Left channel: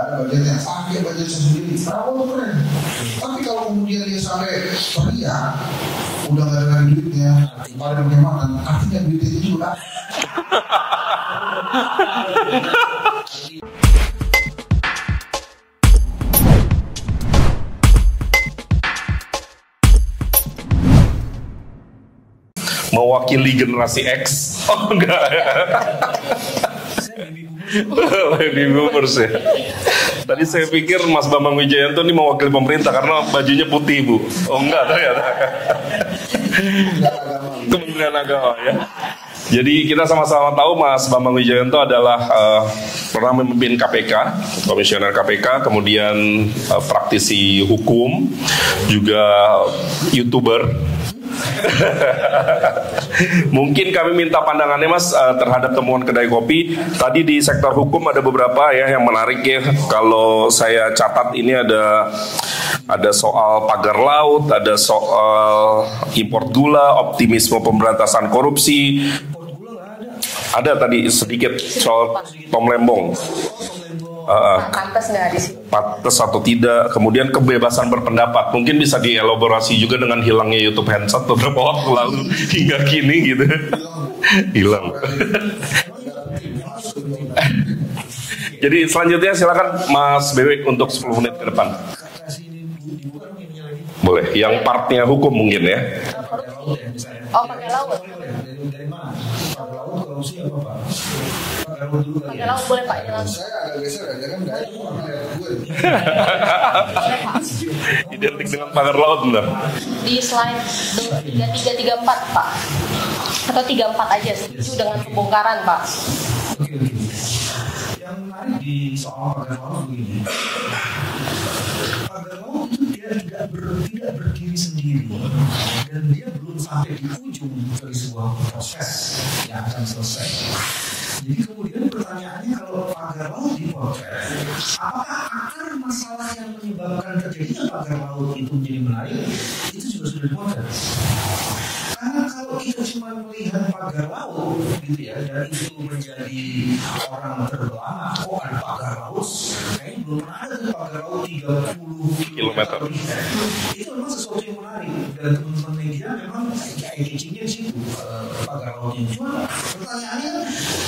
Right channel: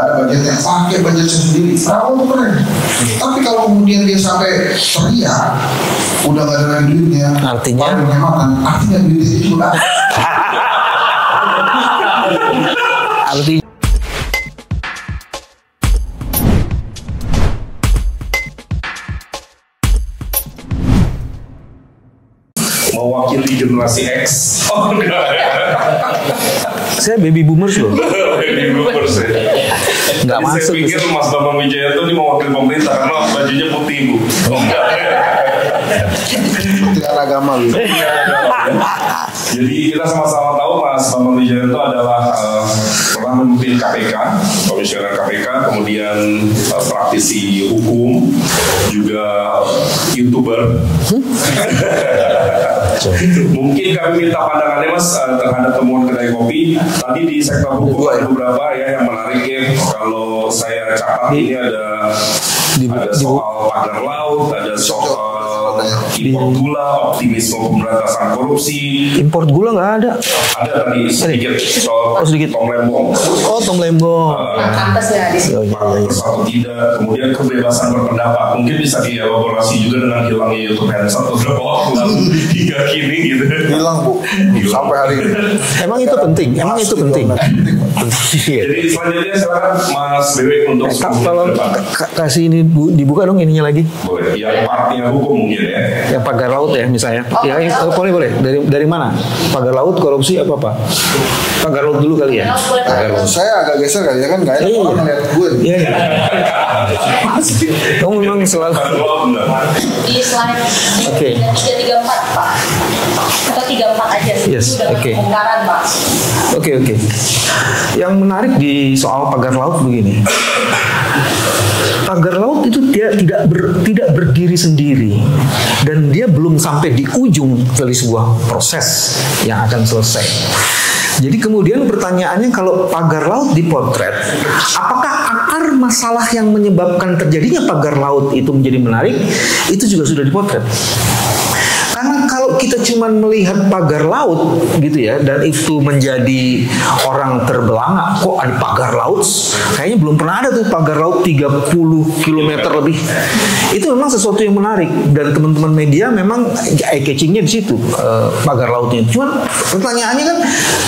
ada budgetnya, pakai budgetnya sendiri, perawat tuh keren. Tapi kalau kemudian dia sampai teriak, udah gak ada duitnya, artinya duitnya itu juga. artinya mewakili generasi X. Oh enggak ya. saya baby boomers loh. Baby boomers ya. Tadi saya pikir Mas Bambang Wijayanto ini mewakili pemerintah karena bajunya putih Bu. Oh enggak ya. Tidak agama lu. Jadi kita sama-sama tahu Mas Bambang Wijayanto adalah pernah memimpin KPK, komisioner KPK, kemudian praktisi hukum, juga YouTuber. Mungkin kami minta pandangannya Mas terhadap temuan kedai kopi. Tadi di sektor hukum ada beberapa ya yang menarik ya. Kalau saya catat ini ada soal pagar laut, ada soal impor gula, optimisme pemberantasan korupsi. Impor gula nggak ada. Ada tadi sedikit soal Tom Lembong. Oh, Tom Lembong. Pantas ya di sini. Pantas atau tidak. Kemudian kebebasan berpendapat. Mungkin bisa dielaborasi juga dengan hilangnya YouTube Handset beberapa waktu lalu hingga kini gitu. Hilang Bu. Hilang. Sampai hari ini. Emang itu penting. Jadi selanjutnya silakan Mas Dewi untuk kalau kasih ini dibuka dong ininya lagi. Boleh. Yang partnya hukum mungkin ya. Yang pagar laut ya misalnya. Boleh. Dari mana? Pagar laut, korupsi apa? Pagar laut dulu kali ya. Pagar laut. Saya agak geser kali ya kan nggak enak orang ngeliat gue. Iya. Kamu memang soal pagar laut enggak? Di slide 334 Pak. Atau 34 aja sih. Yes, oke. Pembongkaran Pak. Oke. Yang menarik di soal pagar laut begini. Pagar laut itu dia tidak berdiri sendiri dan dia belum sampai di ujung dari sebuah proses yang akan selesai. Jadi kemudian pertanyaannya kalau pagar laut dipotret, apakah akar masalah yang menyebabkan terjadinya pagar laut itu menjadi menarik? Itu juga sudah dipotret. Karena kalau kita cuma melihat pagar laut gitu ya, dan itu menjadi orang terbelanga, kok ada pagar laut? Kayaknya belum pernah ada tuh pagar laut 30 km lebih. Itu memang sesuatu yang menarik dan teman-teman media memang eye-catchingnya di situ, pagar lautnya. Cuman pertanyaannya kan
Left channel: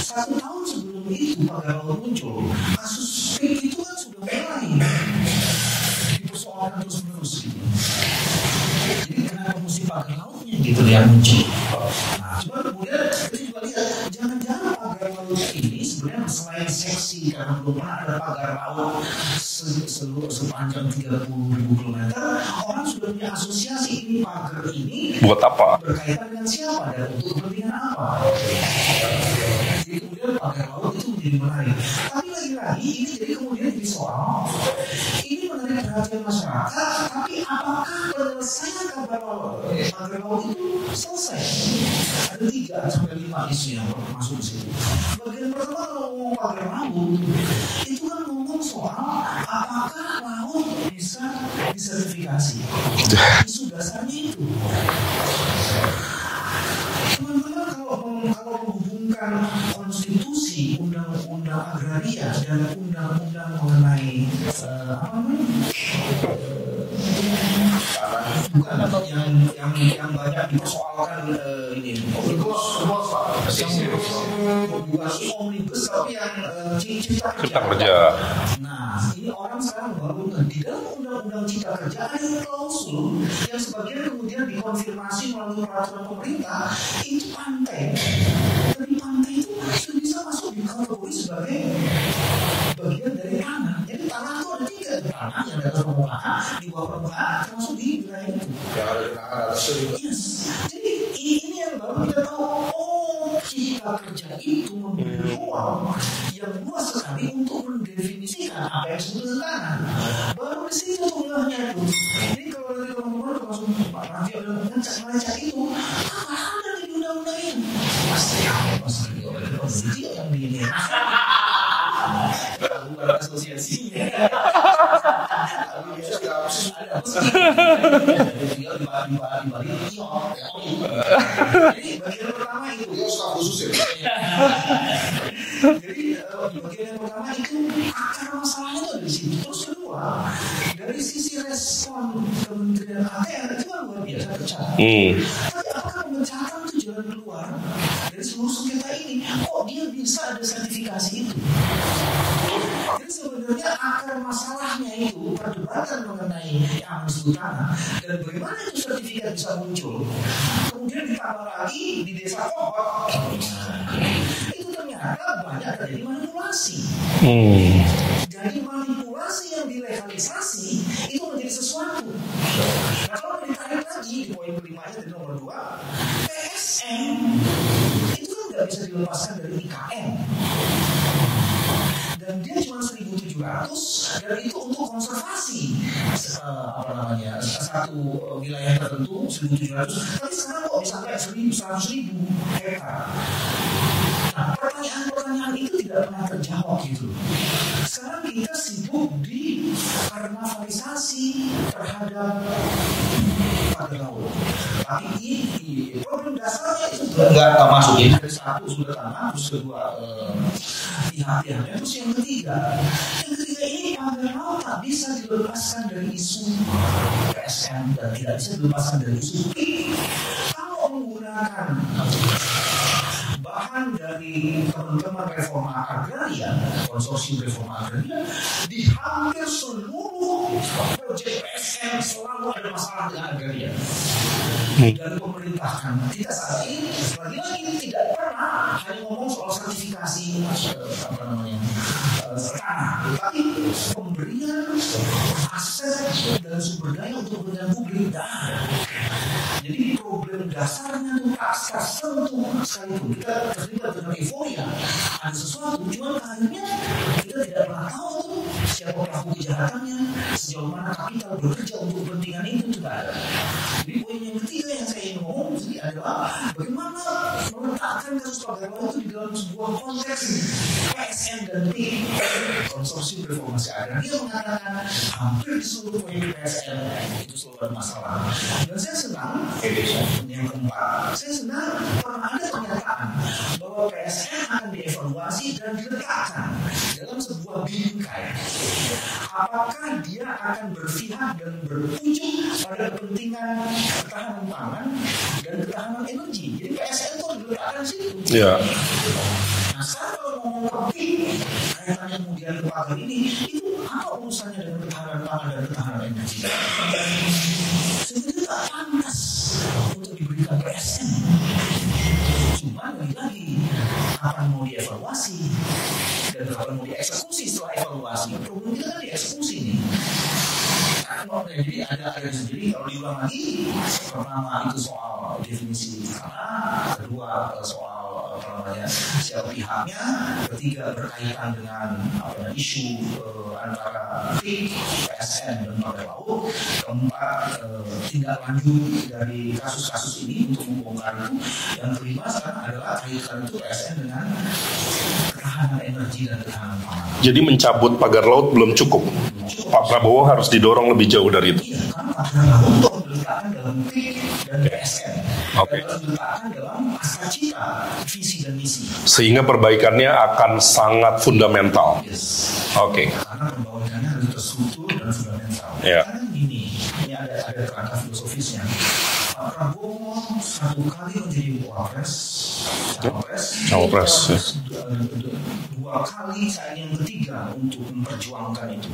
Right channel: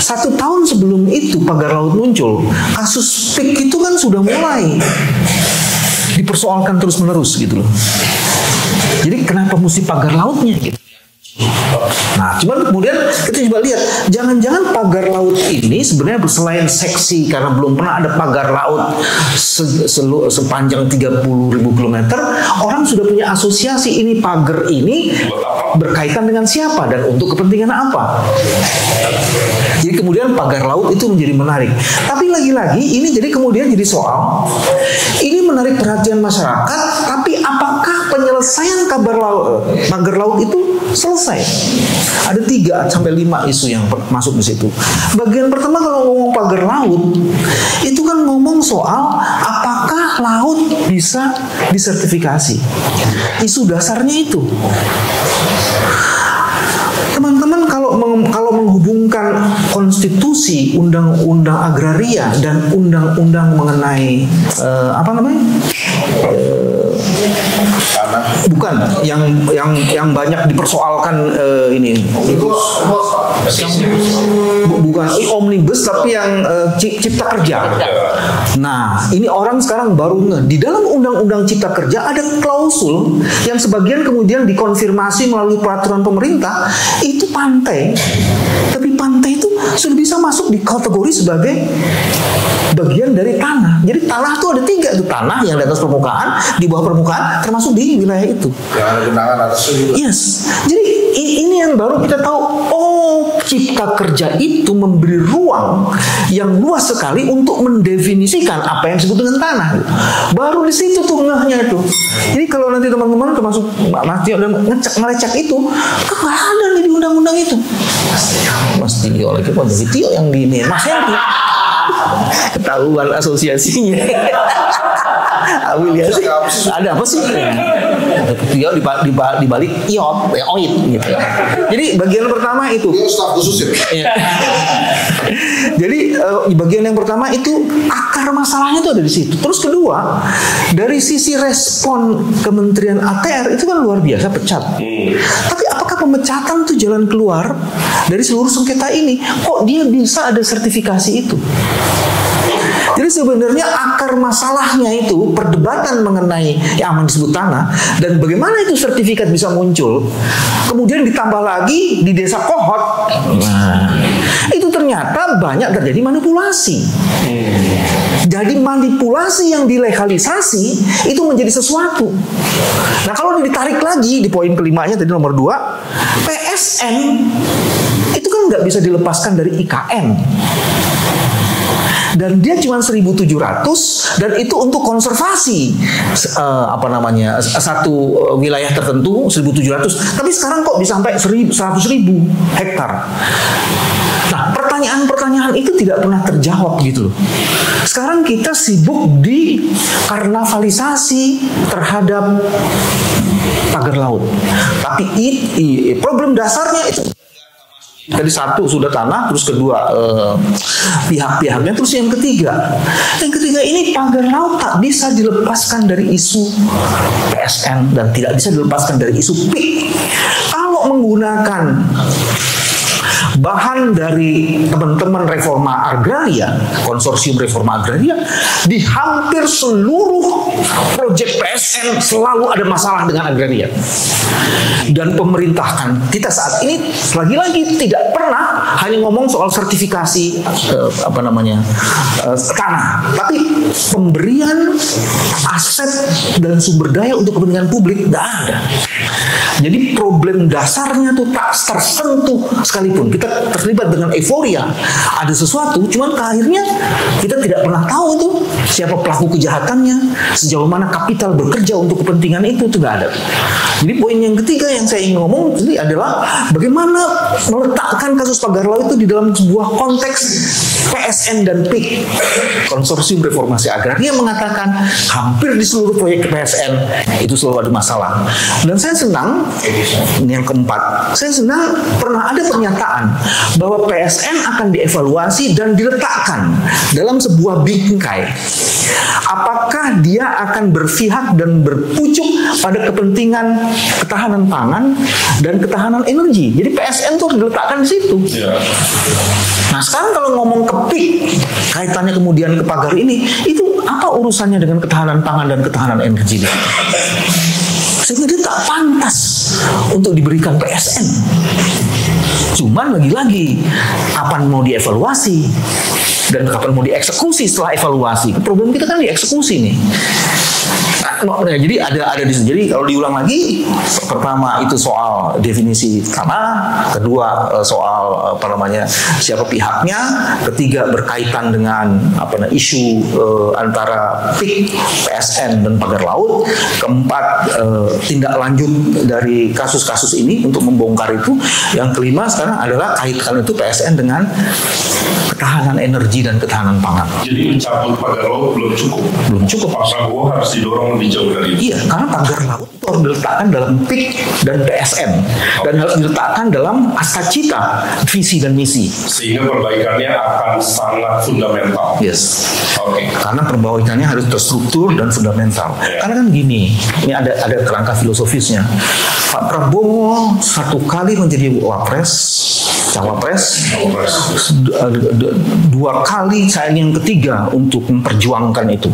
1 tahun sebelum itu pagar laut muncul, kasus PIK itu kan sudah mulai dipersoalkan terus-menerus gitu loh. Jadi kenapa mesti pagar lautnya gitu yang muncul? Nah, cuman kemudian kita coba lihat, jangan-jangan pagar laut ini sebenarnya selain seksi karena belum pernah ada pagar laut sepanjang 30.000 km, orang sudah punya asosiasi ini pagar ini berkaitan dengan siapa dan untuk kepentingan apa. Jadi kemudian pagar laut itu menjadi menarik. Tapi lagi-lagi ini jadi kemudian jadi soal ini menarik perhatian masyarakat, tapi apakah penyelesaian pagar laut itu selesai? Ada 3 sampai 5 isu yang masuk di situ. Bagian pertama kalau ngomong pagar laut itu kan ngomong soal apakah laut bisa disertifikasi. Isu dasarnya itu. Teman-teman kalau menghubungkan konstitusi, undang-undang agraria dan undang-undang mengenai bukan yang banyak dipersoalkan ini bukan omnibus tapi yang cipta kerja. Nah, ini orang sekarang baru di dalam undang-undang cipta kerja ada klausul yang sebagian kemudian dikonfirmasi melalui peraturan pemerintah itu pantai. Tapi pantai itu sudah bisa masuk di kategori sebagai bagian dari tanah. Jadi tanah itu ada 3 tuh, tanah yang di atas permukaan, di bawah permukaan, termasuk di wilayah itu. Yang ada genangan atas itu. Yes. Jadi ini yang baru kita tahu. Oh, cipta kerja itu memberi ruang yang luas sekali untuk mendefinisikan apa yang disebut dengan tanah. Baru di situ tuh ngehnya itu. Jadi kalau nanti teman-teman termasuk Mas Tio dan ngelecek itu, nggak ada nih di undang-undang itu. Mas Tio lagi Mas Tio yang di ini, Mas Henry. Ketahuan asosiasinya. Afiliasi. Ada apa sih? Dia di balik oit gitu. Jadi bagian pertama itu. Dia staf khusus ya. Jadi bagian yang pertama itu akar masalahnya itu ada di situ. Terus kedua, dari sisi respon Kementerian ATR itu kan luar biasa pecat. Tapi apakah pemecatan itu jalan keluar dari seluruh sengketa ini? Kok dia bisa ada sertifikasi itu? Jadi sebenarnya akar masalahnya itu perdebatan mengenai yang aman disebut tanah dan bagaimana itu sertifikat bisa muncul. Kemudian ditambah lagi di desa Kohot. Nah, itu ternyata banyak terjadi manipulasi. Jadi manipulasi yang dilegalisasi itu menjadi sesuatu. Nah, kalau ditarik lagi di poin kelimanya tadi nomor 2, PSN itu kan nggak bisa dilepaskan dari IKN. Dan dia cuma 1.700 dan itu untuk konservasi satu wilayah tertentu 1.700. Tapi sekarang kok bisa sampai 100.000 hektar. Nah, pertanyaan-pertanyaan itu tidak pernah terjawab gitu loh. Sekarang kita sibuk di karnavalisasi terhadap pagar laut. Tapi problem dasarnya itu nggak masuk. Tadi satu sudah tanah, terus kedua pihak-pihaknya, terus yang ketiga ini pagar laut tak bisa dilepaskan dari isu PSN dan tidak bisa dilepaskan dari isu PIK. Kalau menggunakan bahan dari teman-teman reforma agraria, konsorsium reforma agraria, di hampir seluruh proyek PSN selalu ada masalah dengan agraria. Dan pemerintah kita saat ini lagi-lagi tidak pernah hanya ngomong soal sertifikasi tanah, tapi pemberian aset dan sumber daya untuk kepentingan publik tidak ada. Jadi problem dasarnya tuh tak tersentuh sekalipun. Kita terlibat dengan euforia, ada sesuatu, cuman akhirnya kita tidak pernah tahu tuh siapa pelaku kejahatannya, sejauh mana kapital bekerja untuk kepentingan itu nggak ada. Jadi poin yang ketiga yang saya ingin ngomong tadi adalah bagaimana meletakkan kasus pagar laut itu di dalam sebuah konteks PSN dan PIK. Konsorsium Reformasi Agraria mengatakan hampir di seluruh proyek PSN itu selalu ada masalah. Dan saya senang, ini yang keempat, saya senang pernah ada pernyataan bahwa PSN akan dievaluasi dan diletakkan dalam sebuah bingkai. Apakah dia akan berpihak dan berpucuk pada kepentingan ketahanan pangan dan ketahanan energi. Jadi PSN tuh diletakkan di situ. Ya. Nah, sekarang kalau ngomong ke PIK, kaitannya kemudian ke pagar ini, itu apa urusannya dengan ketahanan pangan dan ketahanan energi? Sehingga dia tak pantas untuk diberikan PSN. Cuman lagi-lagi, kapan mau dievaluasi dan kapan mau dieksekusi setelah evaluasi? Problem kita kan dieksekusi nih. Nah, jadi ada di situ. Jadi kalau diulang lagi, pertama itu soal definisi tanah, kedua soal siapa pihaknya, ketiga berkaitan dengan isu antara PIK, PSN dan pagar laut, keempat tindak lanjut dari kasus-kasus ini untuk membongkar itu, yang kelima sekarang adalah kaitkan itu PSN dengan ketahanan energi dan ketahanan pangan. Jadi mencabut pagar laut belum cukup. Pak Prabowo harus didorong lebih jauh dari itu. Iya, karena pagar laut harus diletakkan dalam PIK dan PSN dan harus diletakkan dalam cita, visi dan misi. Sehingga perbaikannya akan sangat fundamental. Yes. Oke. Karena perbaikannya harus terstruktur dan fundamental. Yeah. Karena kan gini, ini ada kerangka filosofisnya. Pak Prabowo satu kali menjadi cawapres, dua kali saya yang ketiga untuk memperjuangkan untuk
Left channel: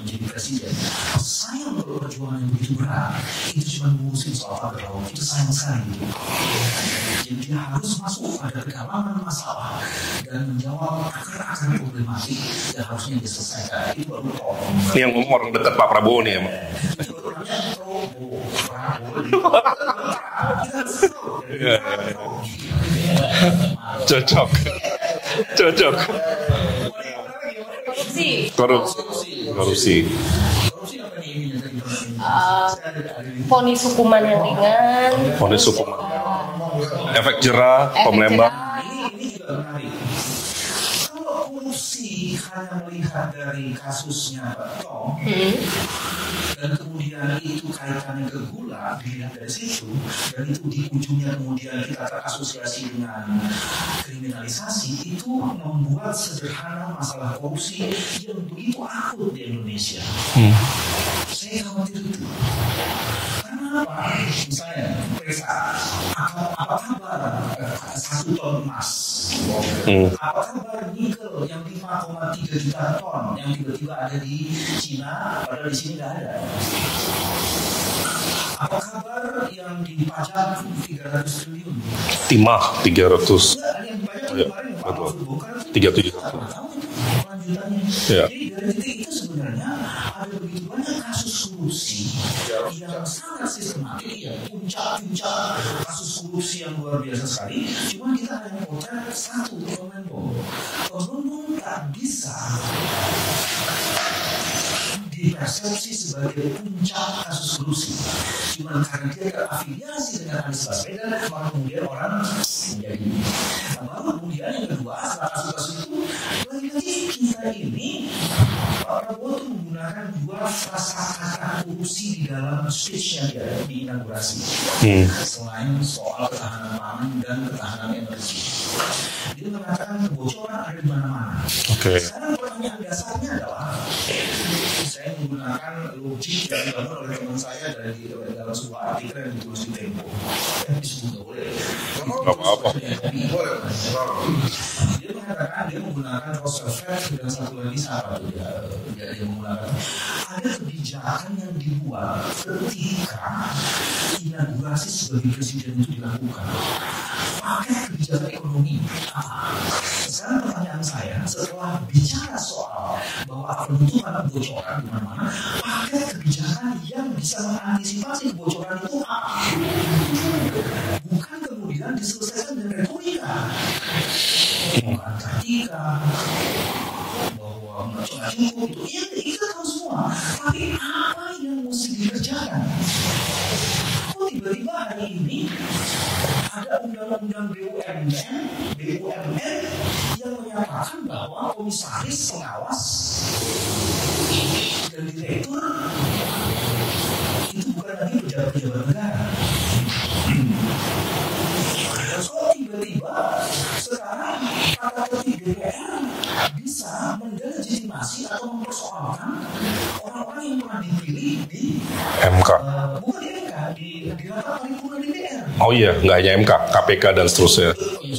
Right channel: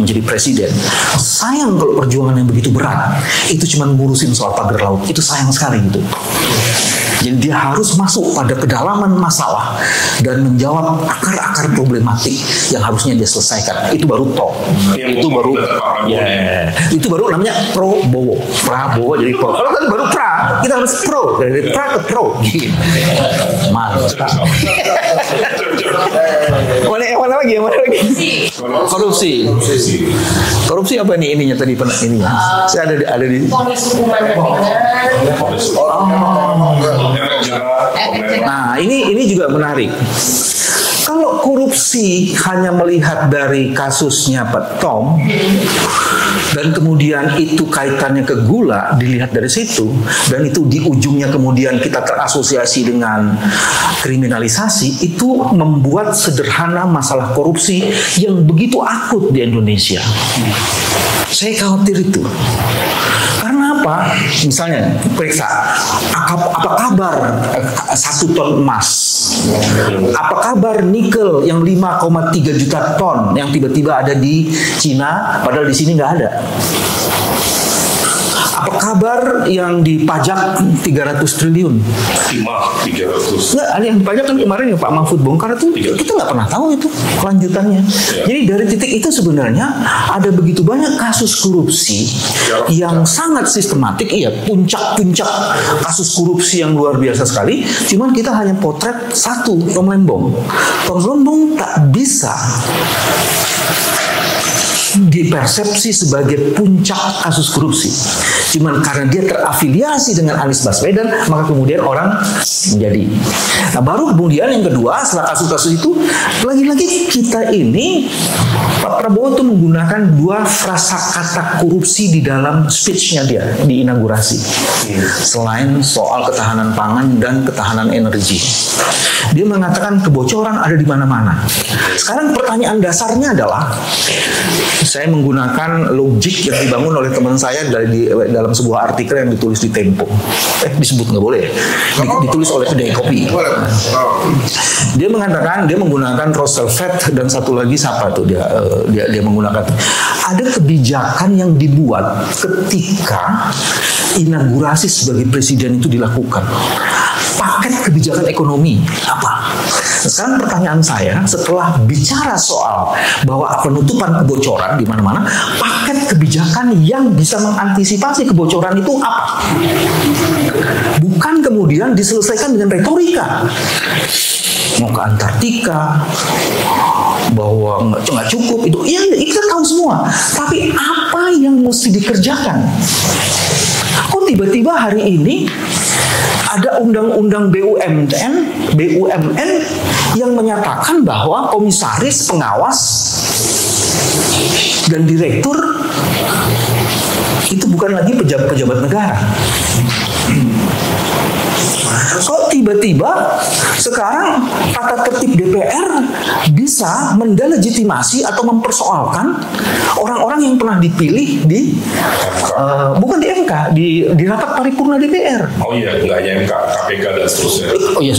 menjadi presiden. Sayang kalau perjuangan yang begitu berat itu cuma ngurusin soal pagar laut, itu sayang sekali gitu. Jadi dia harus masuk pada kedalaman masalah dan menjawab akar-akar problematik yang harusnya dia selesaikan. Itu baru top. Itu baru Pak Prabowo. Itu baru namanya Prabowo jadi pro. Kalau tadi baru pra, kita harus pro dari pra ke pro. Mantap. Cocok. Mana lagi? Korupsi apa nih ininya tadi ininya? Saya ada di Vonis hukuman ringan. Efek jerah, Nah, ini juga menarik. Kalau korupsi hanya melihat dari kasusnya Pak Tom dan kemudian itu kaitannya ke gula dilihat dari situ dan itu di ujungnya kemudian kita terasosiasi dengan kriminalisasi, itu membuat sederhana masalah korupsi yang begitu akut di Indonesia. Saya khawatir itu. Karena apa? Misalnya periksa apa kabar 1 ton emas, apa kabar nikel yang 5,3 juta ton yang tiba-tiba ada di Cina padahal di sini nggak ada. Apa kabar yang dipajak 300 triliun? 300. Nggak, ada yang dipajak kan kemarin ya Pak Mahfud bongkar itu, kita nggak pernah tahu itu kelanjutannya. Jadi dari titik itu sebenarnya ada begitu banyak kasus korupsi yang sangat sistematik, puncak-puncak kasus korupsi yang luar biasa sekali. Cuman kita hanya potret satu, Tom Lembong. Tom Lembong tak bisa dipersepsi sebagai puncak kasus korupsi. Cuman karena dia terafiliasi dengan Anies Baswedan, maka kemudian orang menjadi. Nah, baru kemudian yang kedua setelah kasus-kasus itu, lagi-lagi kita ini Pak Prabowo itu menggunakan 2 frasa kata korupsi di dalam speech-nya dia di inaugurasi. Selain soal ketahanan pangan dan ketahanan energi, dia mengatakan kebocoran ada di mana-mana. Sekarang pertanyaan dasarnya adalah, saya menggunakan logik yang dibangun oleh teman saya dalam sebuah artikel yang ditulis di Tempo. Disebut nggak boleh. Ditulis oleh kedai kopi. Dia mengatakan dia menggunakan Roosevelt dan satu lagi siapa tuh dia menggunakan. Ada kebijakan yang dibuat ketika inaugurasi sebagai presiden itu dilakukan. Paket kebijakan ekonomi apa? Sekarang pertanyaan saya, setelah bicara soal bahwa penutupan kebocoran di mana-mana, paket kebijakan yang bisa mengantisipasi kebocoran itu apa? Bukan kemudian diselesaikan dengan retorika. Mau ke Antartika, bahwa nggak cukup itu, kita tahu semua. Tapi apa yang mesti dikerjakan? Kok tiba-tiba hari ini ada undang-undang BUMN yang menyatakan bahwa komisaris, pengawas, dan direktur itu bukan lagi pejabat-pejabat negara. Kok tiba-tiba sekarang tata tertib DPR bisa mendelegitimasi atau mempersoalkan orang-orang yang pernah dipilih di MK. Bukan di MK, di rapat paripurna DPR. Oh iya, nggak hanya MK, KPK dan seterusnya. Oh iya,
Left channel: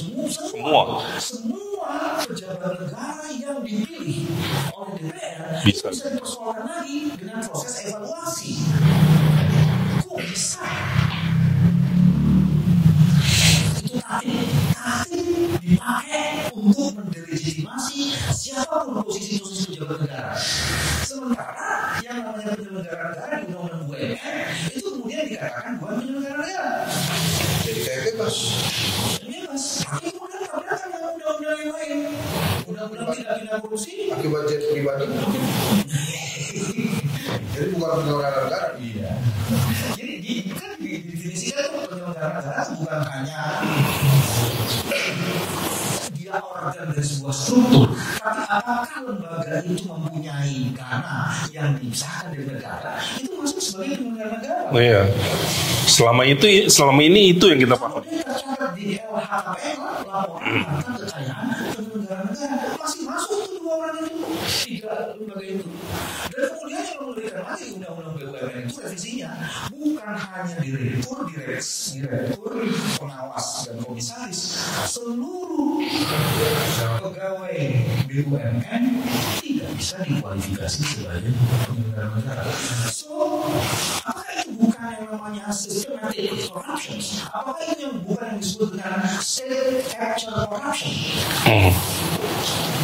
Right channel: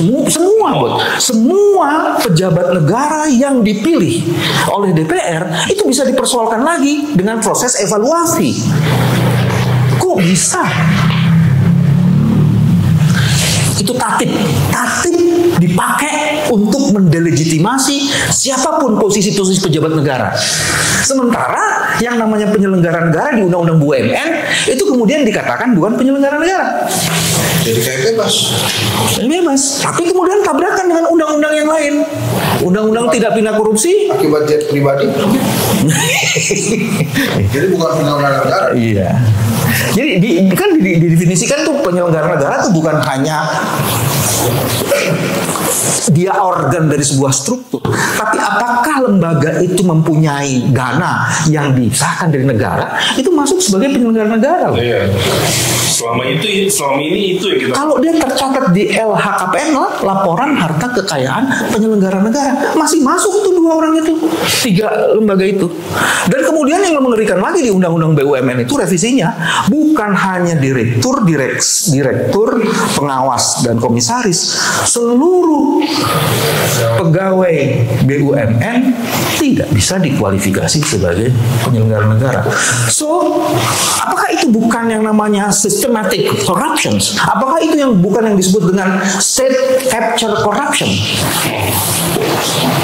semua pejabat negara yang dipilih oleh DPR itu bisa dipersoalkan lagi dengan proses evaluasi. Kok bisa? Itu tatib dipakai untuk mendelegitimasi siapapun posisi-posisi pejabat negara. Sementara yang namanya penyelenggara negara di Undang-Undang BUMN itu kemudian dikatakan bukan penyelenggara negara. Jadi kayak bebas. Tapi kemudian tabrakan dengan undang-undang yang lain. Undang-undang tidak pidana korupsi akibat jet pribadi. Jadi bukan penyelenggara negara. Iya. Jadi didefinisikan tuh penyelenggara negara tuh bukan hanya dia organ dari sebuah struktur, tapi apakah lembaga itu mempunyai dana yang disahkan dari negara, itu masuk sebagai penyelenggara negara. Oh, iya. Selama ini itu yang kita. Kalau dia tercatat di LHKPN, laporan harta kekayaan penyelenggara negara, masih masuk tuh 2 orang itu, 3 lembaga itu. Dan kemudian yang mengerikan lagi di Undang-Undang BUMN itu revisinya bukan hanya direktur, pengawas dan komisaris, seluruh pegawai BUMN tidak bisa dikualifikasi sebagai penyelenggara negara. So, apakah itu bukan yang namanya systematic corruptions? Apakah itu yang bukan yang disebut dengan state capture corruption?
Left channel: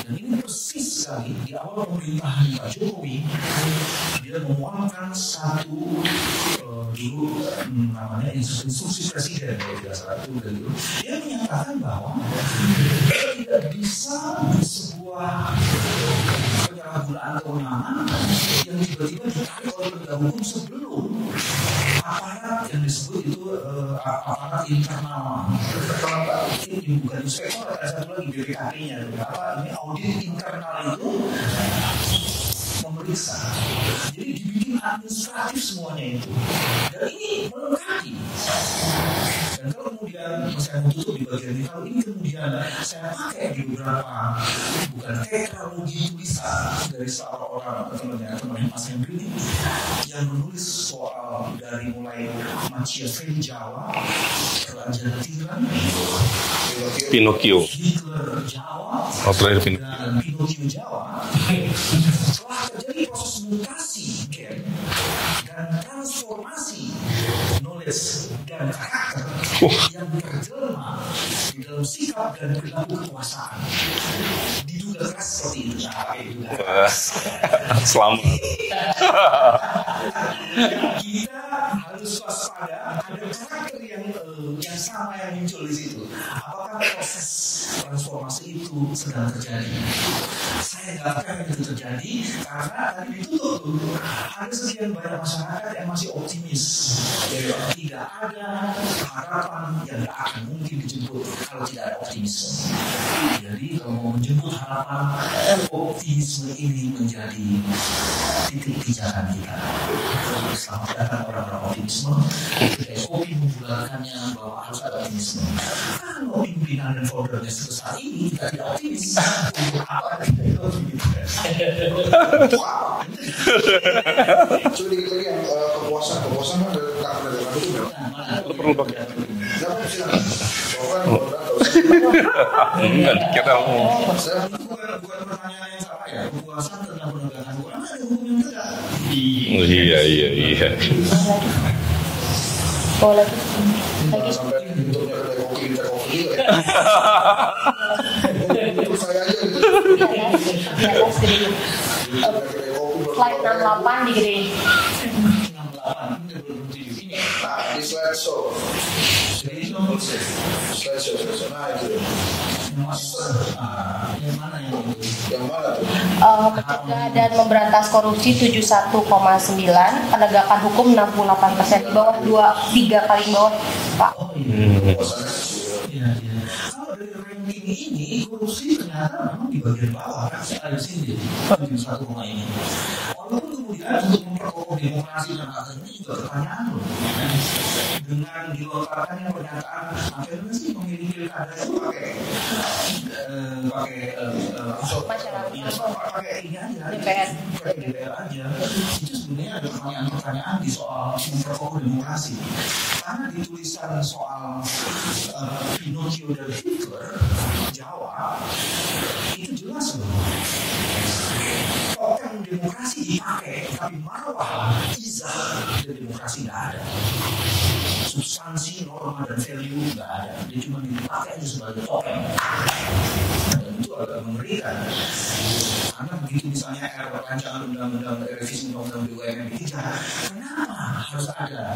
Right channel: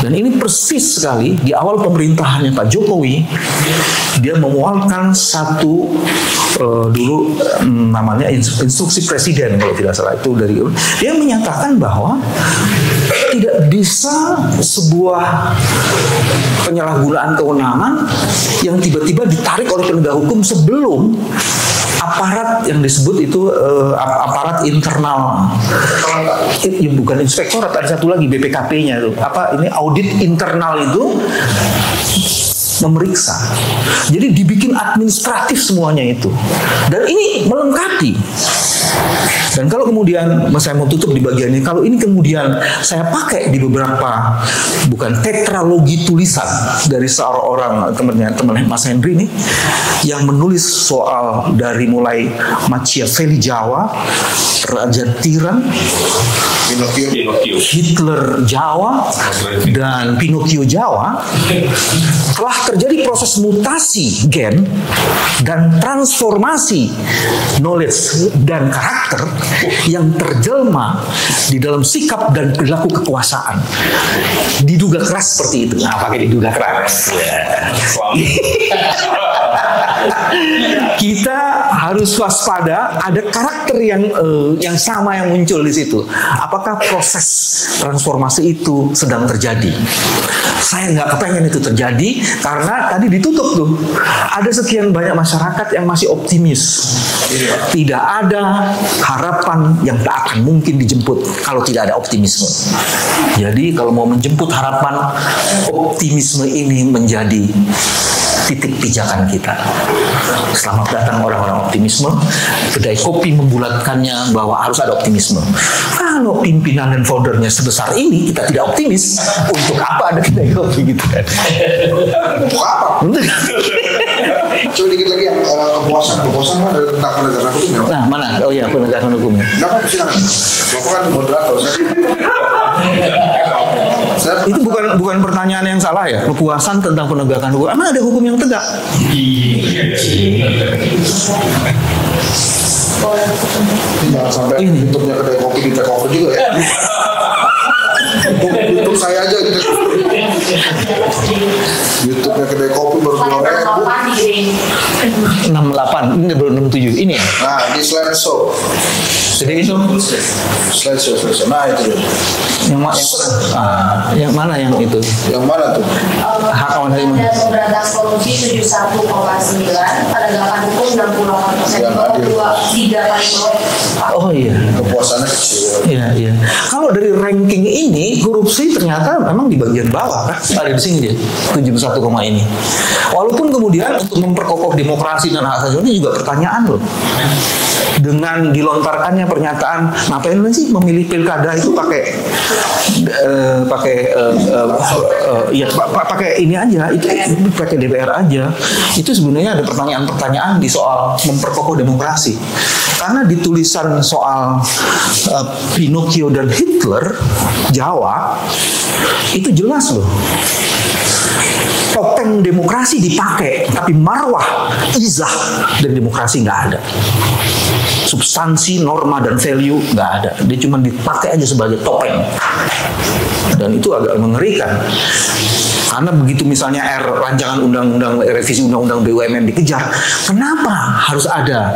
Dan ini persis sekali di awal pemerintahannya Pak Jokowi, dia memualkan satu dulu namanya instruksi presiden kalau tidak salah itu dia menyatakan bahwa tidak bisa sebuah penyalahgunaan kewenangan yang tiba-tiba ditarik oleh penegak hukum sebelum aparat yang disebut itu aparat internal. Bukan inspektorat, ada satu lagi BPKP-nya itu. Apa ini audit internal itu memeriksa. Jadi dibikin administratif semuanya itu. Dan ini melengkapi. Dan kalau kemudian saya mau tutup di bagian ini, kalau ini kemudian saya pakai di beberapa, bukan tetralogi tulisan dari seorang teman Mas Henry ini, yang menulis soal dari mulai Machiavelli Jawa, Raja Tiran, Pinocchio, Hitler Jawa, dan Pinocchio Jawa, telah terjadi proses mutasi gen dan transformasi knowledge dan karakter yang terjelma di dalam sikap dan perilaku kekuasaan. Diduga keras seperti itu. Nah, pakai diduga keras. Kita harus waspada, ada karakter yang sama yang muncul di situ. Apakah proses transformasi itu sedang terjadi? Saya nggak kepengen itu terjadi karena tadi ditutup tuh. Ada sekian banyak masyarakat yang masih optimis. Tidak ada harapan yang tak akan mungkin dijemput kalau tidak ada optimisme. Jadi kalau mau menjemput harapan, optimisme ini menjadi titik pijakan kita. Selamat datang orang-orang optimisme. Kedai kopi membulatkannya bahwa harus ada optimisme. Kalau pimpinan dan foundernya sebesar ini, kita tidak optimis. Untuk apa ada kedai kopi gitu kan? Untuk apa? Coba dikit lagi yang kepuasan mah dari tentang penegakan hukum ya. Nah, mana? Oh iya, penegakan hukumnya. Kenapa silakan? Bapak kan moderator. Itu bukan pertanyaan yang salah ya. Kepuasan tentang penegakan hukum. Emang ada hukum yang tegak? Jangan sampai YouTube-nya kedai kopi di take over juga ya. YouTube saya aja gitu. YouTube-nya kedai kopi baru 68, ini baru 67. Ini ya? Nah, di slideshow. Jadi itu Slideshow. Nah, itu dia. yang mana yang itu? Yang mana tuh? Hak orang terima. Ada pemberantas korupsi 71,9, penegakan hukum 68%, di bawah 3 paling bawah. Oh iya. Kepuasannya kecil. Iya. Kalau dari ranking ini korupsi ternyata memang di bagian bawah kan? Ada di sini dia 71, ini. Walaupun kemudian untuk memperkokoh demokrasi dan hak asasi ini juga pertanyaan loh. Dengan dilontarkannya pernyataan, ngapain sih memilih pilkada itu pakai ini aja, itu pakai DPR aja. Itu sebenarnya ada pertanyaan-pertanyaan di soal memperkokoh demokrasi. Karena di tulisan soal Pinocchio dan Hitler Jawa itu jelas loh. Topeng demokrasi dipakai, tapi marwah, izah dan demokrasi nggak ada. Substansi, norma dan value nggak ada. Dia cuma dipakai aja sebagai topeng. Dan itu agak mengerikan. Karena begitu misalnya rancangan undang-undang revisi undang-undang BUMN dikejar, kenapa harus ada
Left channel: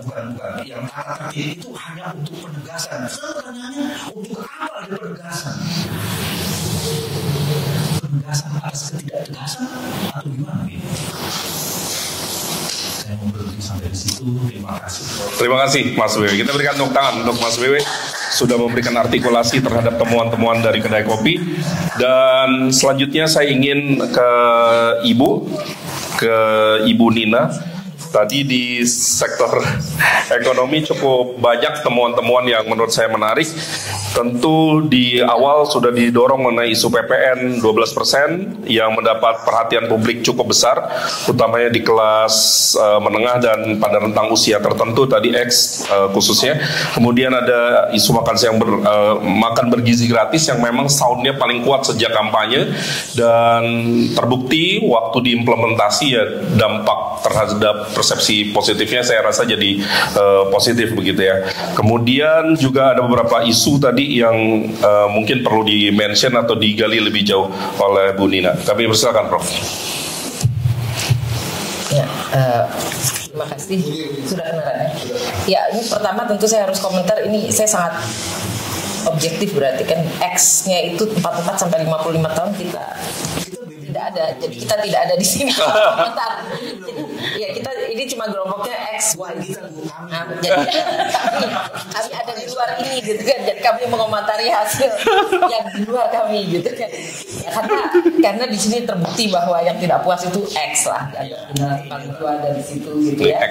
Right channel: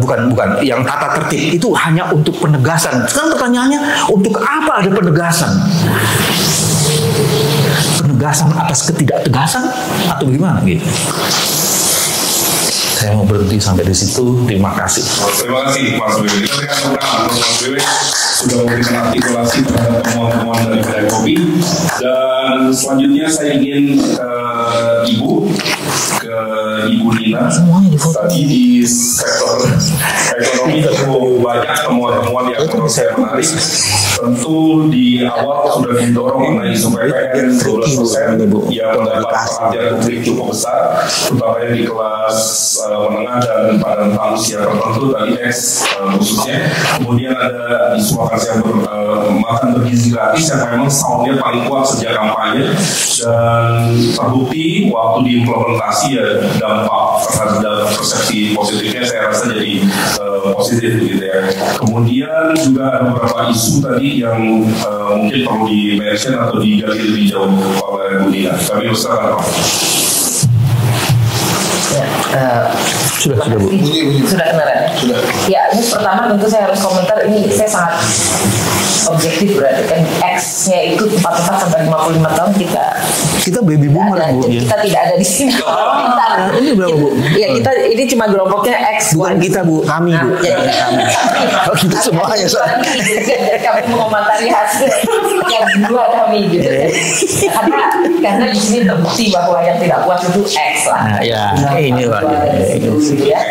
bukan yang tata tertib itu hanya untuk penegasan. Sekarang pertanyaannya, untuk apa ada penegasan? Penegasan atas ketidaktegasan atau gimana gitu? Saya mau berhenti sampai di situ. Terima kasih. Terima kasih Mas Wiwi. Kita berikan tepuk tangan untuk Mas Wiwi sudah memberikan artikulasi terhadap temuan-temuan dari kedai kopi. Dan selanjutnya saya ingin ke Ibu Nina. Tadi di sektor ekonomi cukup banyak temuan-temuan yang menurut saya menarik. Tentu di awal sudah didorong mengenai isu PPN 12% yang mendapat perhatian publik cukup besar, terutamanya di kelas menengah dan pada rentang usia tertentu tadi X khususnya. Kemudian ada isu makan siang makan bergizi gratis yang memang soundnya paling kuat sejak kampanye, dan terbukti waktu diimplementasi ya dampak terhadap persepsi positifnya saya rasa jadi positif begitu ya. Kemudian juga ada beberapa isu tadi yang mungkin perlu di-mention atau digali lebih jauh oleh Bu Nina. Kami persilakan Prof. Ya, Sudah Bu. Sudah kedengaran ya? Sudah. Ya, ini pertama tentu saya harus komentar, ini saya sangat objektif berarti kan X-nya itu 44 sampai 55 tahun kita baby boomer Bu. Kita tidak ada di sini. Komentar. Ini berapa Bu? Ya kita ini cuma kelompoknya X. Bukan kita Bu, kami Bu. Kami. Oh kita semuanya. Jadi kami mengomentari hasil yang dua kami gitu. Karena di sini terbukti bahwa yang tidak puas itu X lah. Nah, ya, ini Pak.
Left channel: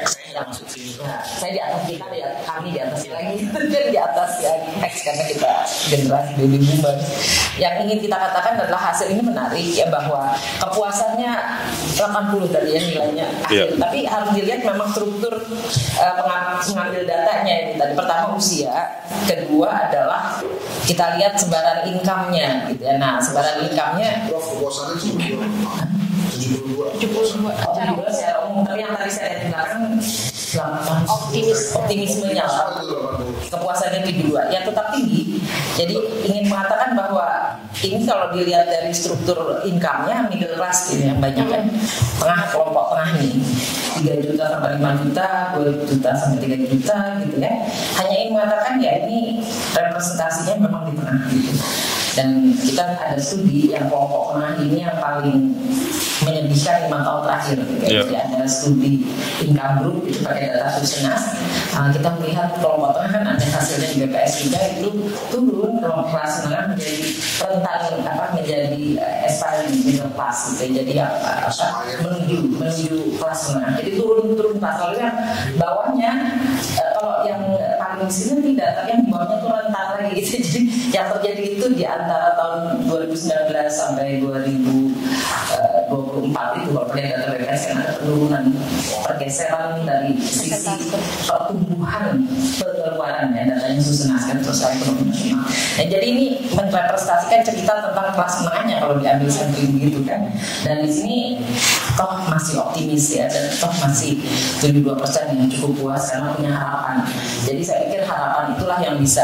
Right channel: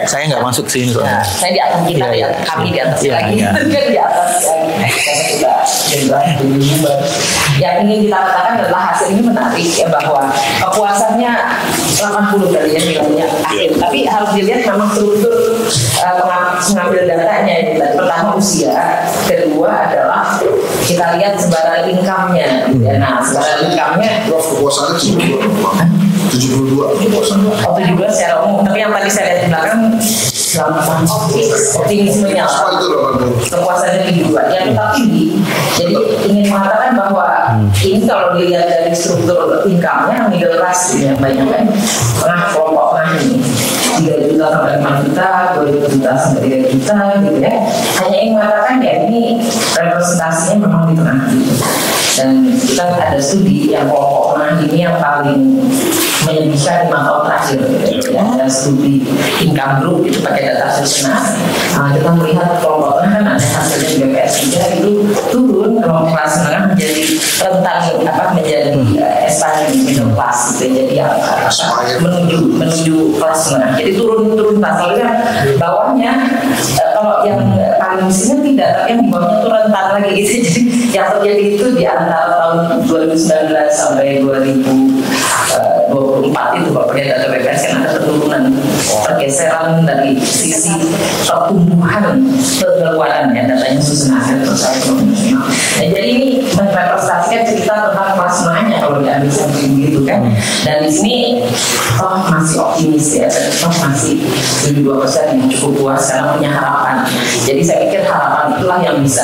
Saya nggak masuk sini soalnya. Saya di atas kita, kami di atas lagi. Ya. Di atas lagi. Karena kita jadi yang ingin kita katakan adalah hasil ini menarik ya, bahwa kepuasannya 80 tadi yang bilangnya akhir. Tapi harus dilihat memang struktur pengambil datanya itu. Pertama usia, kedua adalah kita lihat sebaran income-nya. Ya. Nah, sebaran income-nya kepuasannya 72 kepuasan. 72 secara umum. Tapi yang tadi saya lihat di belakang optimismenya kepuasannya tinggi juga. Yang tetap tinggi. Jadi ingin mengatakan bahwa ini kalau dilihat dari struktur income-nya middle class yang banyak kan, kelompok tengah ini 3 juta sampai 5 juta, 2 juta sampai 3 juta gitu ya. Hanya ingin mengatakan ya ini representasinya memang di tengah gitu. Dan kita ada studi yang kelompok tengah ini yang paling menyedihkan 5 tahun terakhir gitu. Ya. Ada studi income group itu pakai data Susena. Kita melihat kelompok tengah kan ada hasilnya di BPS 3 itu turun kelompok kelas menengah menjadi rentan menjadi aspiring middle class gitu. Jadi menuju kelas menengah. Jadi turun kelas. Lalu yang bawahnya kalau yang paling miskinnya tidak, tapi yang di bawahnya tuh rentan lagi gitu. Jadi yang terjadi itu di antara tahun 2019 sampai 2024 itu Bapak lihat data BPS kan ada penurunan, pergeseran dari sisi pertumbuhan pengeluaran ya, datanya Susena terus saya nasional. Nah, jadi ini merepresentasikan cerita tentang kelas menengahnya kalau diambil sampling gitu kan. Dan di sini toh masih optimis ya, toh masih 72% yang cukup puas karena punya harapan. Jadi saya pikir harapan itulah yang bisa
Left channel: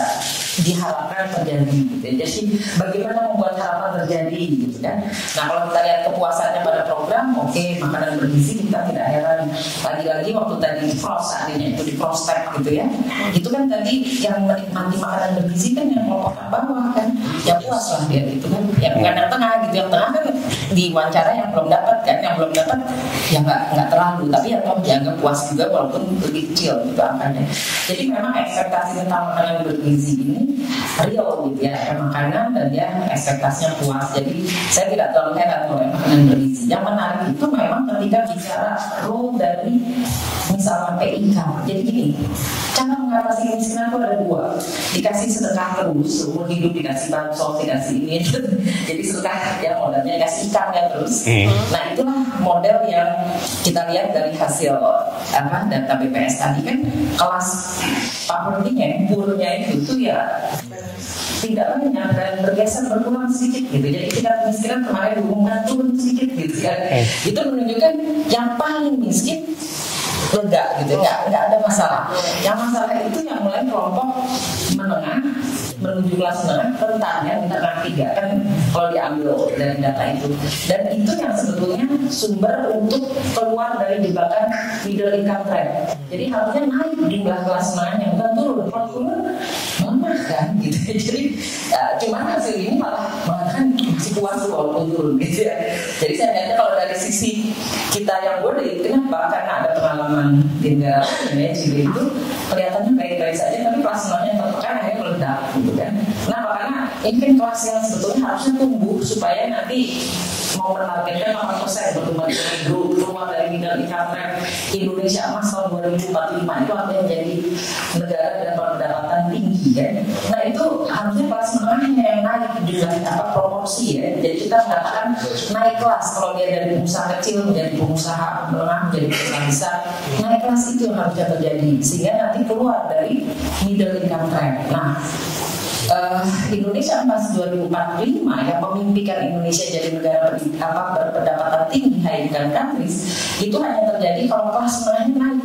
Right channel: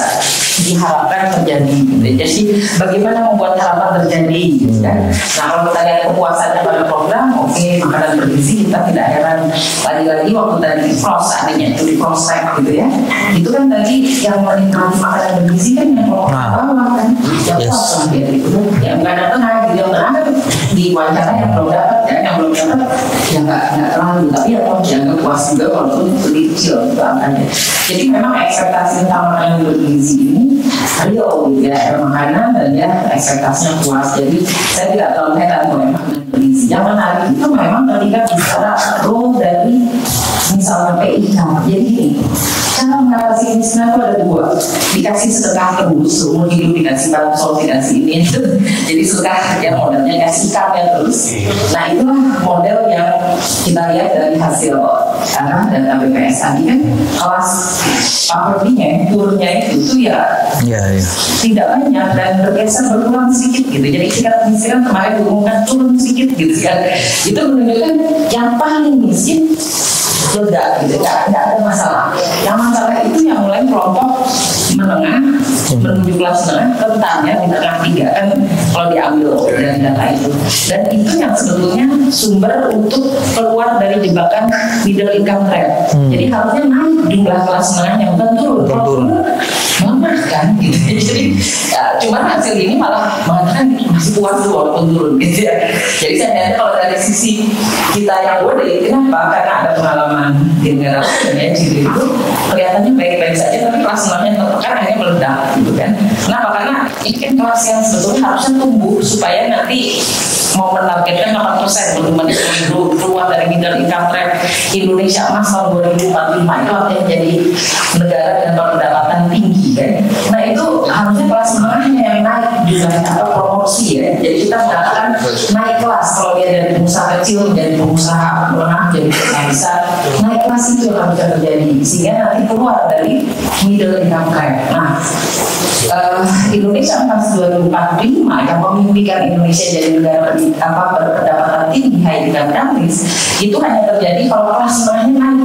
diharapkan terjadi. Jadi bagaimana membuat harapan terjadi gitu kan. Nah kalau kita lihat kepuasannya pada program, oke, makanan bergizi kita tidak heran. Lagi-lagi waktu tadi di pros artinya itu di prospek gitu ya. Itu kan tadi yang menikmati makanan bergizi kan yang bawah kan. Yang puas lah dia gitu. Yang nggak ada tengah, yang tengah kan di wawancara yang belum dapat dan yang belum dapat ya nggak terlalu, tapi ya kalau jangan puas juga walaupun kecil gitu angkanya. Jadi memang ekspektasi tentang makanan bergizi ini real ya, makanan dan ya ekspektasinya puas. Jadi saya tidak terlalu heran kalau makanan bergizi. Yang menarik itu memang ketika bicara role dari misalnya PIK. Jadi gini, cara mengatasi kemiskinan itu ada dua. Dikasih sedekah terus, seumur hidup dikasih solusi dikasih ini itu. Jadi sedekah ya modelnya kasih ikannya terus. Nah itulah model yang kita lihat dari hasil dan BPS tadi kan kelas poverty-nya, turunnya itu ya tidak banyak dan bergeser berkurang sedikit gitu. Jadi kita misalkan kemarin diumumkan turun sedikit gitu kan. Itu menunjukkan yang paling miskin lega gitu, nggak ada masalah. Yang masalah itu yang mulai kelompok menengah menuju kelas menengah rentannya di tengah 3 kan kalau diambil dari data itu. Dan itu yang sebetulnya sumber untuk keluar dari jebakan middle income trap. Jadi harusnya naik jumlah kelas menengahnya bukan turun. Lemah kan gitu. Jadi cuma hasil ini malah mengatakan masih puas walaupun turun gitu ya. Jadi saya lihat kalau dari sisi kita yang boleh, kenapa? Karena ada pengalaman di negara lain ya, Chile itu kelihatannya baik-baik saja, tapi kelas menengahnya tertekan hanya meledak gitu kan. Kenapa? Karena ini kan kelas yang sebetulnya harusnya tumbuh supaya nanti mau menargetkan 8% pertumbuhan ekonomi keluar dari middle income trap Indonesia emas tahun 2045 itu artinya jadi negara dengan pendapatan tinggi kan. Nah itu harusnya kelas menengahnya yang naik juga atau promosi ya. Jadi kita mengatakan naik kelas kalau dia dari pengusaha kecil menjadi pengusaha menengah jadi pengusaha besar. Naik kelas itu yang harus terjadi sehingga nanti keluar dari middle income trap. Nah Indonesia emas 2045 yang memimpikan Indonesia jadi negara berpendapatan tinggi high income countries itu hanya terjadi kalau kelas menengahnya naik.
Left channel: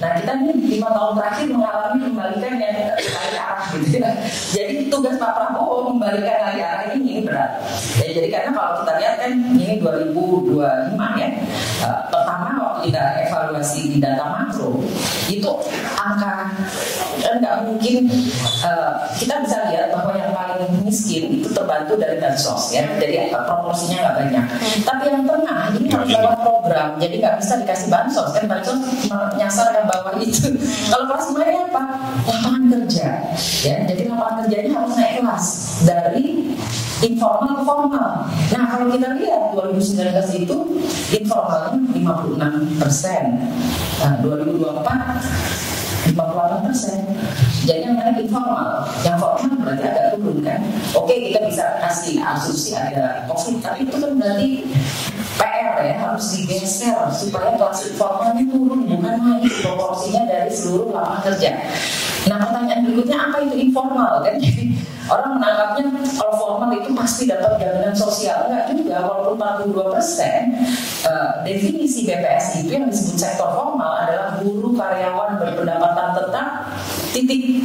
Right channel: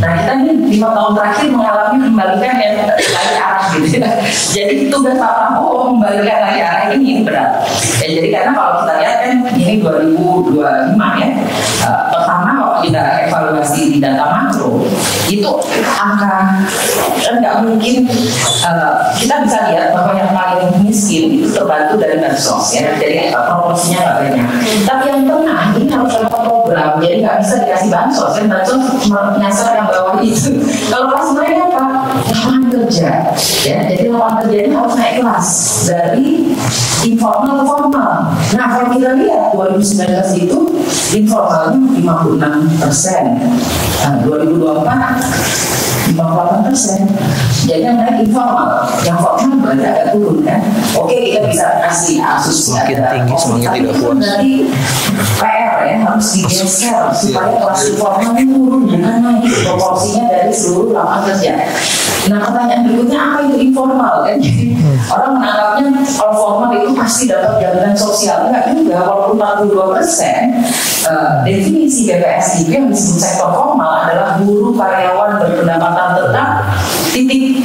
Nah kita ini 5 tahun terakhir mengalami kembalikan yang lagi arah gitu ya. Jadi tugas Pak Prabowo membalikan lagi arah ini berat. Ya, jadi karena kalau kita lihat kan ini 2025 ya. Pertama waktu kita evaluasi di data makro itu angka kan nggak mungkin kita bisa lihat bahwa yang paling miskin itu terbantu dari bansos ya. Jadi proporsinya nggak banyak. Tapi yang tengah ini harus ada program, jadi nggak bisa dikasih bansos kan, bansos menyasar yang bawah itu. Kalau kelas menengah apa? Lapangan kerja, ya. Jadi lapangan kerja ini harus naik kelas dari informal ke formal. Nah kalau kita lihat 2019 itu informalnya 56%, 2024 58%. Jadi yang naik informal, yang formal berarti agak turun kan. Oke, kita bisa kasih asumsi semakin tinggi semakin tidak puas. Berarti PR ya harus digeser supaya kelas informal ini turun, bukan naik proporsinya dari seluruh lapangan kerja. Nah pertanyaan berikutnya, apa itu informal kan? Jadi orang menganggapnya kalau formal itu pasti dapat jaminan sosial. Enggak juga, walaupun 42%, definisi BPS itu yang disebut sektor formal adalah buruh karyawan berpendapatan tetap, titik,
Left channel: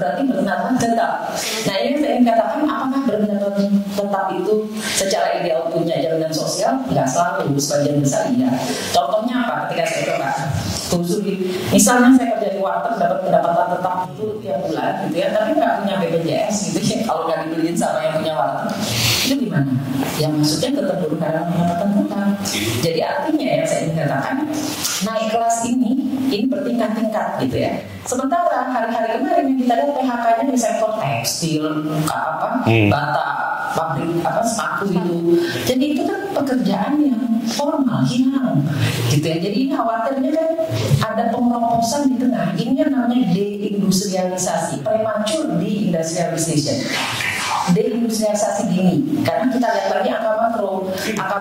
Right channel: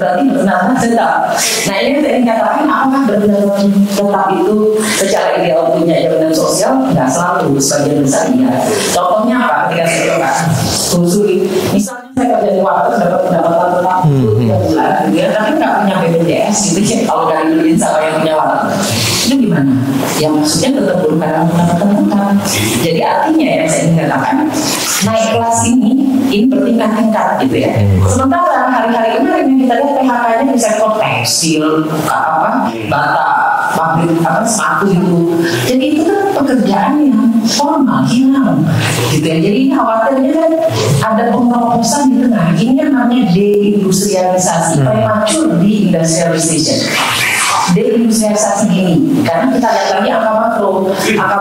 berarti berpendapatan tetap. Nah ini yang tadi katakan, apakah berpendapatan tetap itu secara ideal punya jaminan sosial? Nggak selalu, sebagian besar iya. Contohnya apa? Ketika saya coba telusuri, misalnya saya kerja di waktu dapat pendapatan tetap 3 bulan, gitu ya, tapi nggak punya BPJS, gitu ya. Kalau nggak dibeliin sama yang punya waktu, itu gimana? Ya maksudnya tetap buruh karyawan pendapatan tetap. Jadi artinya yang saya ingin katakan, naik kelas ini bertingkat-tingkat gitu ya. Sementara hari-hari kemarin yang kita lihat PHK-nya di sektor tekstil, bata, pabrik sepatu itu. Jadi itu kan pekerjaan yang formal hilang gitu ya. Jadi ini khawatirnya kan ada pengeroposan di tengah. Ini yang namanya deindustrialisasi, premature deindustrialization. Deindustrialisasi gini, karena kita lihat lagi angka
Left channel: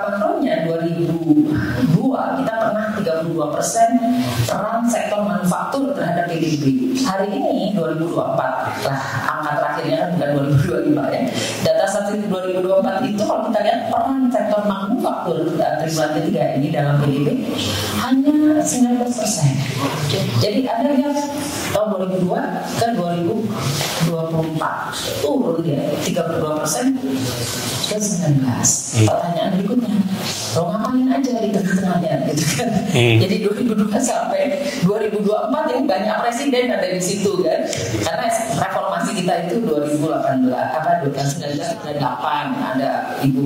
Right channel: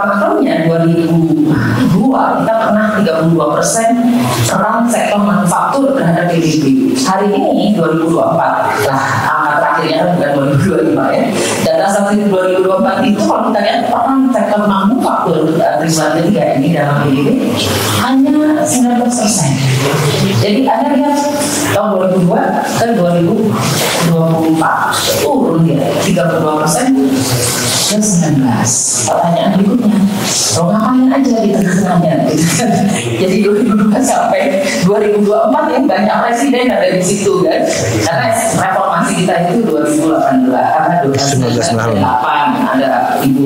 makronya 2002 kita pernah 32% peran sektor manufaktur terhadap PDB. Hari ini 2024 lah, angka terakhirnya kan bukan 2025 ya. Data statistik 2024 itu kalau kita lihat peran sektor manufaktur triwulan 3 ini dalam PDB hanya 19%. Jadi Anda lihat tahun 2002 ke 2024 turun dia 32% ke 19. Pertanyaan berikutnya, ngapain aja di tengah-tengahnya gitu kan? Jadi 2002 sampai 2024 ini banyak presiden ada di situ kan? Karena reformasi kita itu 2018 karena 2008 ada Ibu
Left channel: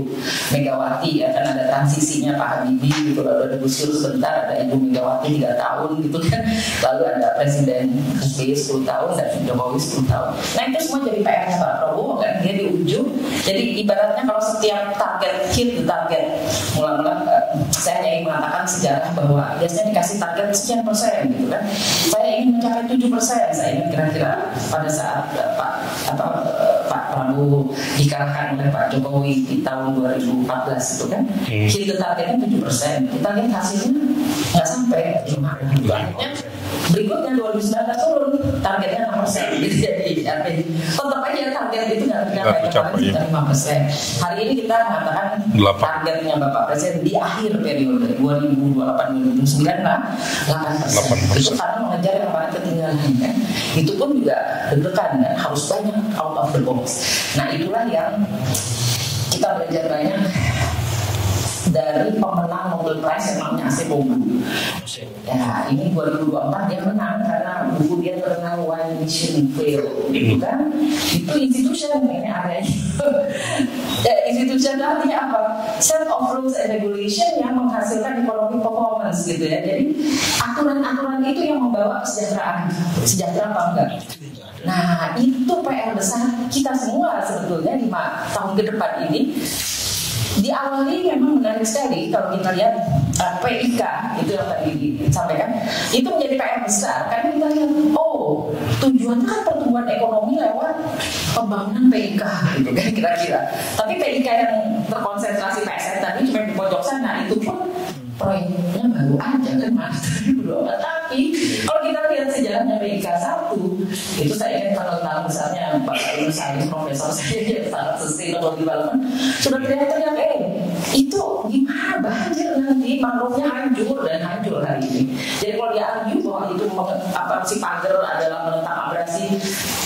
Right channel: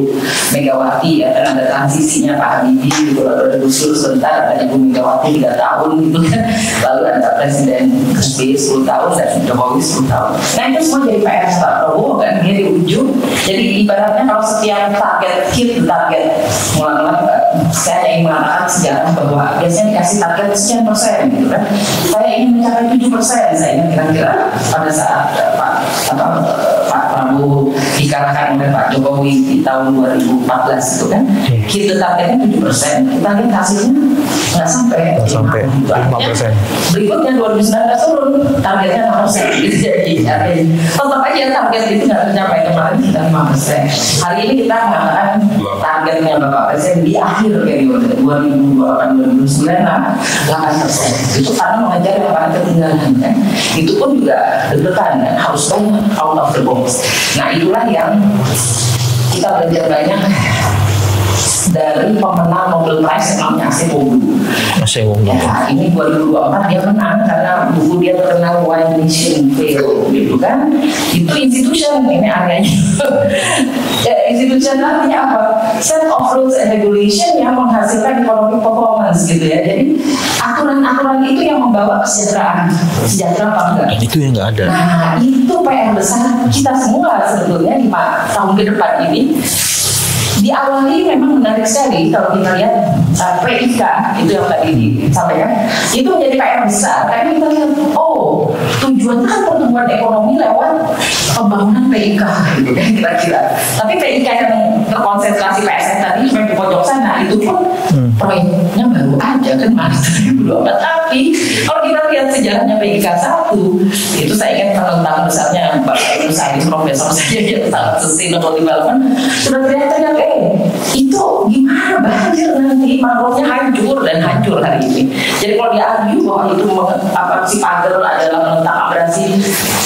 Megawati ya, kan ada transisinya Pak Habibie, ada Gus Dur sebentar, ada Ibu Megawati 3 tahun gitu kan, lalu ada Presiden SBY 10 tahun dan Jokowi 10 tahun. Nah itu semua jadi PR Pak Prabowo kan, dia di ujung. Jadi ibaratnya kalau setiap target mulai saya ingin mengatakan sejarah bahwa biasanya dikasih target sekian persen gitu kan. Saya ingin mencapai 7%, saya ingin kira-kira pada saat Pak Prabowo dikalahkan oleh Pak Jokowi di tahun 2014 itu kan, kita targetnya 7%, kita lihat hasilnya nggak sampai 5%. Berikutnya 2019 turun, targetnya 6%. Gitu jadi tetap aja target itu nggak tercapai, kemarin kita 5%. Hari ini kita mengatakan targetnya Bapak Presiden di akhir periode 2028-2029 8%. Itu karena mengejar yang paling ketinggalan kan. Itu pun juga deg-degan kan, harus banyak out of the box. Nah itulah yang kita belajar banyak dari pemenang Nobel Prize yang namanya Acemoglu. Ya, ini 2024 dia menang karena buku dia terkenal Why Nation Fail, gitu kan? Itu institution, ini areanya. Institution artinya apa? Set of rules and regulation yang menghasilkan economic performance gitu ya. Jadi aturan-aturan itu yang membawa kesejahteraan, sejahtera apa enggak? Itu yang nggak ada. Nah itu PR besar kita semua sebetulnya di tahun ke depan ini. Diawali memang menarik sekali kalau kita lihat PIK itu yang tadi disampaikan, itu menjadi PR besar karena kita lihat tujuannya kan pertumbuhan ekonomi lewat pembangunan PIK gitu kan kira-kira. Tapi PIK yang terkonsentrasi PSN tadi cuma di pojok sana itu pun proyeknya baru aja kan tapi kalau kita lihat sejarahnya PIK 1 itu saya ingat tentang besarnya Bapak Ibu saya profesor saya yang sangat sustainable development sudah terlihat itu gimana banjir nanti makrofnya hancur dan hancur hari ini. Jadi kalau dia argue bahwa itu si pagar adalah menentang abrasi,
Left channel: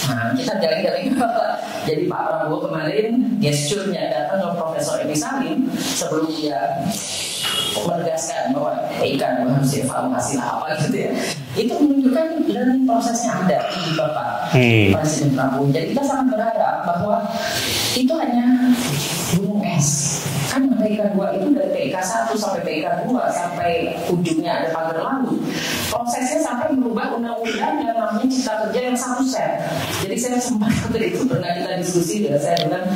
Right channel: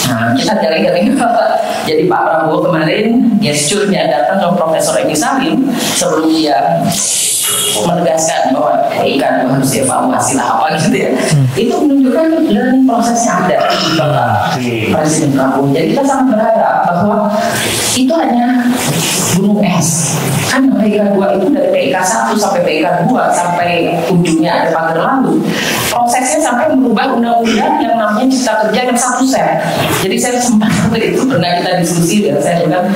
nah kita jaring-jaring. Jadi Pak Prabowo kemarin gesturnya datang ke Profesor Edi Salim sebelum dia menegaskan bahwa ikan harus dievaluasi lah apa gitu ya. Itu menunjukkan learning prosesnya ada di Presiden Prabowo. Jadi kita sangat berharap bahwa itu hanya gunung es. Kan yang PIK 2 itu dari PIK 1 sampai PIK 2 sampai ujungnya ada pagar laut. Prosesnya sampai merubah undang-undang yang namanya Cipta Kerja yang 1 Sep. Jadi saya sempat waktu itu pernah kita diskusi ya, saya bilang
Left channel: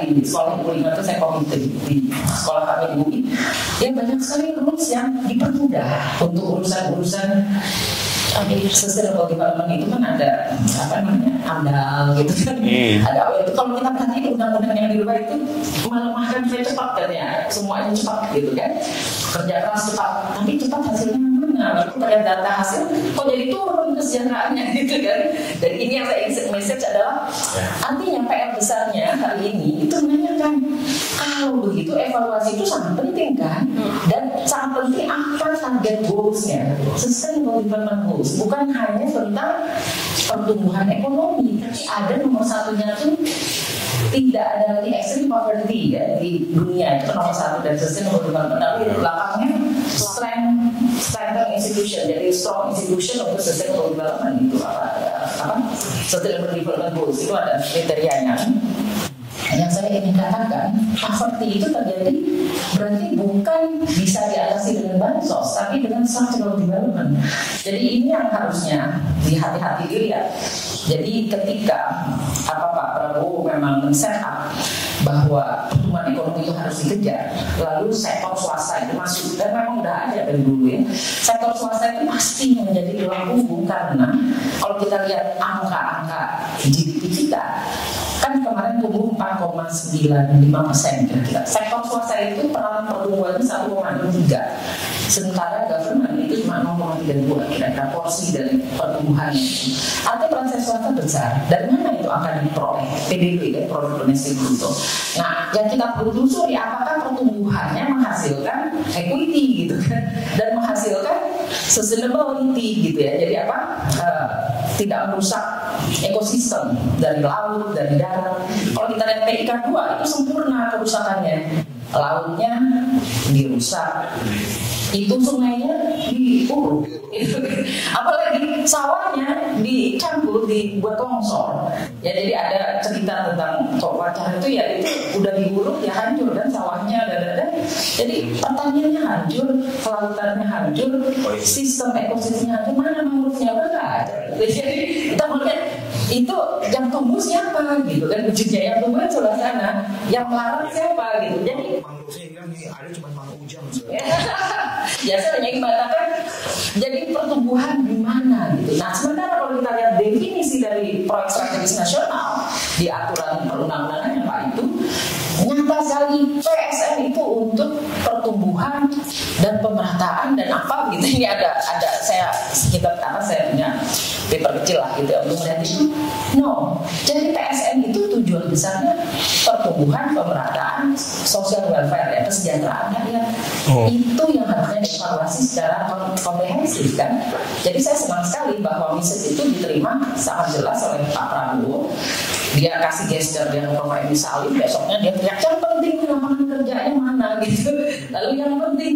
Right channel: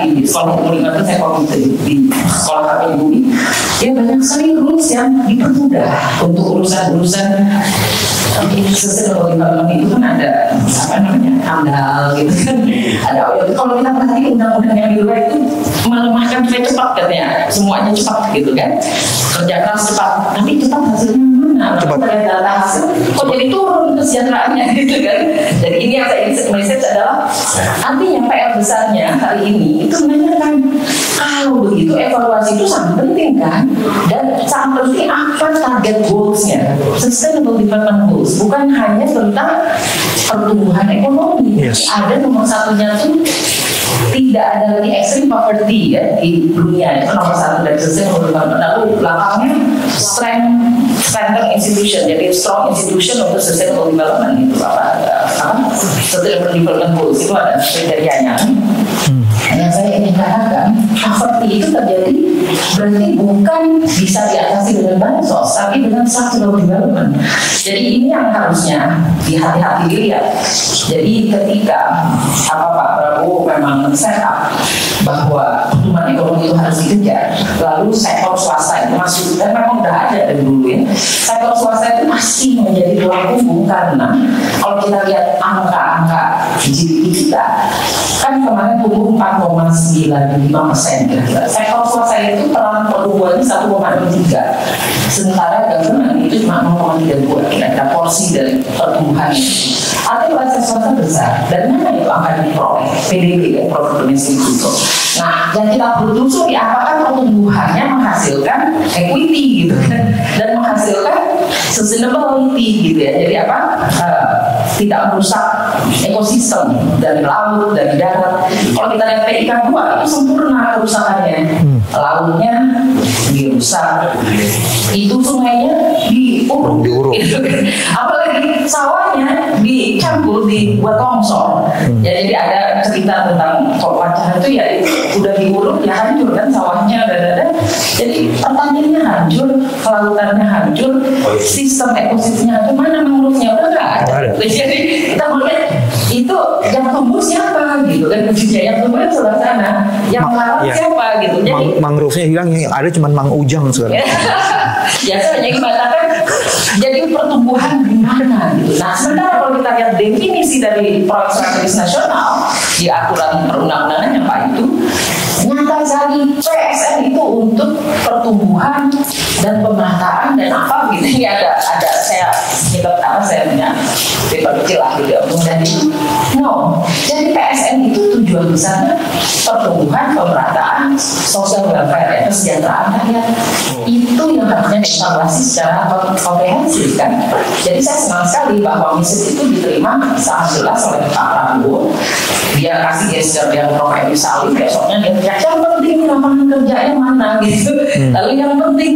di sekolah umum 5 itu saya waktu di sekolah kami di Bumi. Ya banyak sekali rules yang dipermudah untuk urusan-urusan sustainable development itu kan ada AMDAL gitu kan. Ada kalau kita perhatikan undang-undang yang di luar itu melemahkan supaya cepat katanya, semuanya cepat gitu kan, kerja keras cepat, tapi cepat hasilnya mana? Dari data hasil kok jadi turun kesejahteraannya gitu kan. Jadi ini yang saya message adalah artinya PR besarnya hari ini itu menanyakan kalau begitu evaluasi itu sangat penting kan, dan sangat penting apa target goals-nya, sustainable development goals, bukan hanya tentang pertumbuhan ekonomi. Ada nomor satunya tuh tidak ada lagi extreme poverty ya di dunia, itu nomor satu dari sustainable development. Lalu belakangnya strengthen institution, jadi strong institution untuk sustainable development itu sustainable development goals itu ada kriterianya. Yang saya ingin katakan, poverty itu terjadi berarti bukan bisa diatasi dengan bansos, tapi dengan sustainable development. Jadi ini yang harusnya hati-hati dilihat. Jadi ketika Pak Prabowo memang set up bahwa pertumbuhan ekonomi itu harus dikejar, lalu sektor swasta itu masuk, dan memang udah ada dari dulu ya, sektor swasta itu masih menjadi tulang punggung karena kalau kita lihat angka-angka GDP kita kan kemarin tumbuh 4,95% kira-kira. Sektor swasta itu peran pertumbuhannya 1,23, sementara government itu cuma 0,32 kira-kira porsi dari pertumbuhan itu. Artinya sektor swasta besar, dan mana itu akan diperoleh PDB ya, produk domestik bruto. Nah, yang kita telusuri apakah pertumbuhannya menghasilkan equity gitu kan, dan menghasilkan sustainability gitu ya. Jadi apa? Tidak merusak ekosistem dari laut, dari darat. Kalau kita lihat PIK 2 itu sempurna kerusakannya. Lautnya dirusak, itu sungainya diuruk. Gitu. Apalagi sawahnya dicampur, dibuat longsor. Ya, jadi ada cerita tentang wacana itu ya udah diuruk ya hancur kan sawahnya, jadi pertaniannya hancur, kelautannya hancur, sistem ekosistemnya hancur, mana mangrovenya udah nggak ada. Jadi kita melihat itu yang tumbuh siapa gitu kan, yang tumbuh sebelah sana, yang melarang siapa gitu. Jadi mangrovenya hilang, yang ada cuma Mang Ujang sekarang. Ya saya hanya mengatakan jadi pertumbuhan di mana gitu. Nah sementara kalau kita lihat definisi dari proyek strategis nasional di aturan perundang-undangannya Pak itu nyata sekali PSN itu untuk pertumbuhan dan pemerataan dan apa gitu. Ini ada saya punya paper kecil lah gitu ya. Dan itu jadi PSN itu tujuan besarnya pertumbuhan, pemerataan, social welfare ya, kesejahteraan rakyat. Itu yang harusnya dievaluasi secara komprehensif kan. Jadi saya senang sekali bahwa misi itu diterima sangat jelas oleh Pak Prabowo. Dia kasih gesture yang Prof. Edi Salim, besoknya dia yang penting lapangan kerjanya mana gitu. Lalu yang penting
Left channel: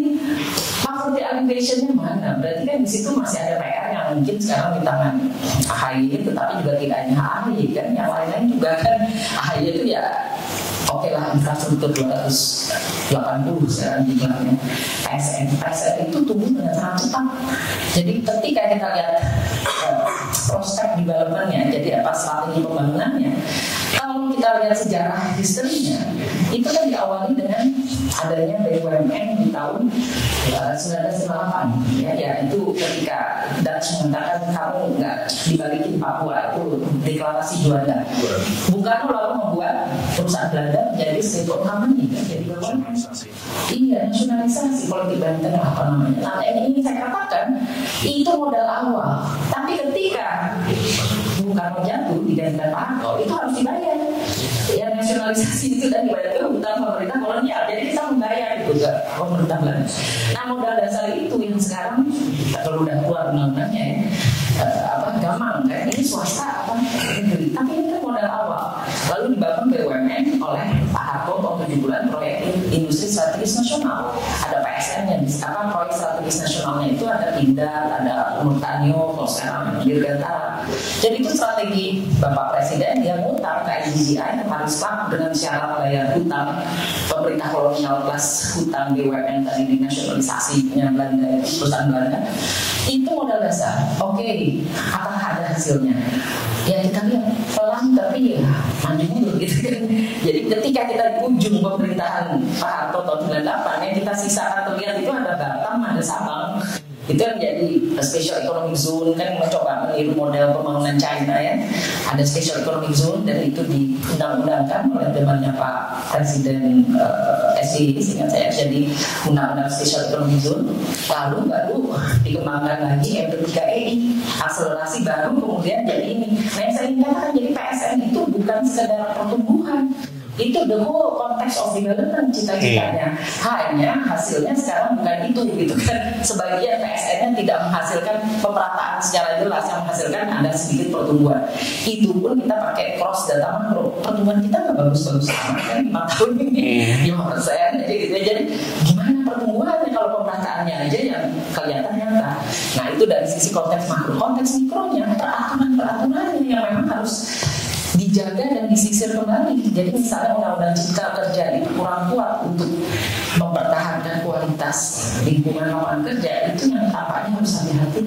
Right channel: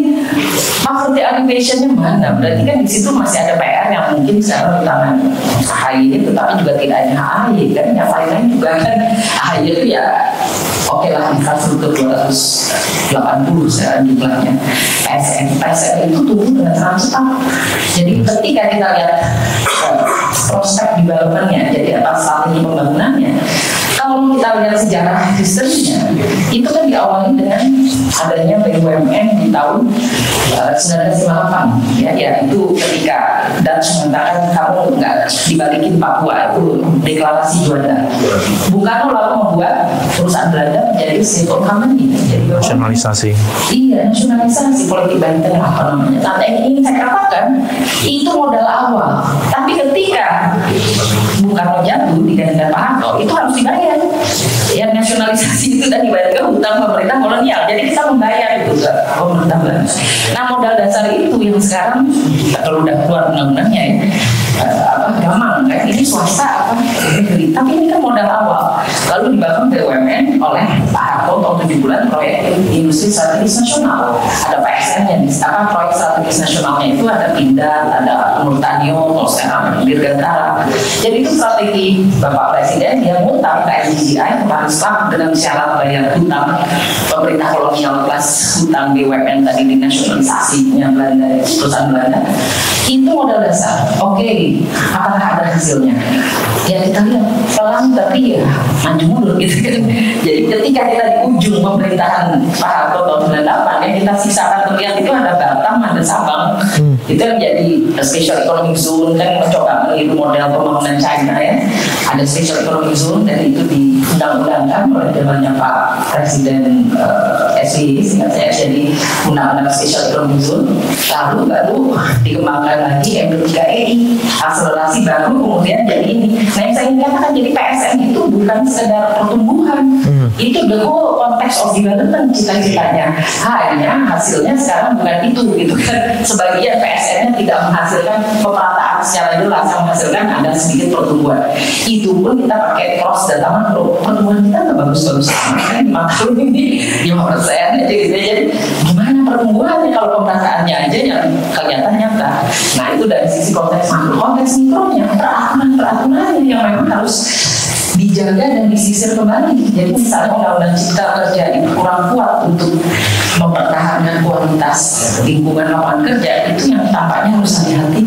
poverty alleviation-nya mana. Berarti kan di situ masih ada PR yang mungkin sekarang di tangan AHY, tetapi juga tidak hanya AHY kan, yang lain-lain juga kan. AHY itu ya oke lah, infrastruktur 280 sekarang jumlahnya. PSN itu tumbuh dengan sangat cepat. Jadi ketika kita lihat prospek development-nya, jadi apa strategi pembangunannya, kalau kita lihat sejarah historinya, itu kan diawali dengan adanya BUMN di tahun 1958. Ya itu ketika Dutch mengatakan kamu nggak dibalikin Papua, itu deklarasi Juanda. Bung Karno lalu membuat perusahaan Belanda menjadi state company, jadi nasionalisasi. Iya, nasionalisasi politik Banten apa namanya. Nah, yang ingin saya katakan itu modal awal. Tapi ketika Bung Karno jatuh digantikan Pak Harto, itu harus dibayar. Yang nasionalisasi itu tadi bayar ke hutang pemerintah kolonial. Jadi kita membayar itu ke pemerintah Belanda. Nah, modal dasar itu yang sekarang kalau udah keluar undang-undangnya ya, gampang kan? Ini swasta apa negeri, tapi ini kan modal awal. Lalu dibangun BUMN oleh Pak Harto tahun 7 bulan proyek industri industri strategis nasional, ada PSN-nya, proyek strategis nasionalnya itu ada Pindad, ada Multanio, kalau sekarang Dirgantara. Jadi itu strategi Bapak Presiden yang ngutang ke LGDI Islam dengan syarat bayar hutang pemerintah kolonial plus hutang BUMN tadi dinasionalisasinya Belanda, perusahaan Belanda. Itu modal dasar. Oke, apakah ada hasilnya? Ya kita lihat pelan tapi ya maju mundur gitu kan. Jadi ketika kita di ujung pemerintahan Pak Harto tahun 98 yang kita sisakan terlihat itu ada Batam, ada Sabang. Itu yang jadi special economic zone kan, mencoba meniru model pembangunan China ya. Ada special economic zone dan itu diundang-undangkan oleh zamannya Pak Presiden SBY sehingga saya jadi undang-undang special economic zone. Lalu baru dikembangkan lagi MD3EI, akselerasi baru kemudian jadi ini. Nah yang saya ingin katakan jadi PSN itu bukan sekedar pertumbuhan, itu the whole context of development cita-citanya. Hanya hasilnya sekarang bukan itu gitu kan. Sebagian PSN-nya tidak menghasilkan pemerataan secara jelas, yang menghasilkan ada sedikit pertumbuhan. Itu pun kita pakai cross data makro. Pertumbuhan kita nggak bagus-bagus amat kan 5 tahun ini 5%. Jadi gimana pertumbuhannya kalau pemerataannya aja yang kelihatan nyata. Nah itu dari sisi konteks makro. Konteks mikronya peraturan-peraturannya yang memang harus dijaga dan disisir kembali. Jadi misalnya undang-undang cipta kerja itu kurang kuat untuk mempertahankan kualitas lingkungan lapangan kerja, itu yang tampaknya harus hati-hati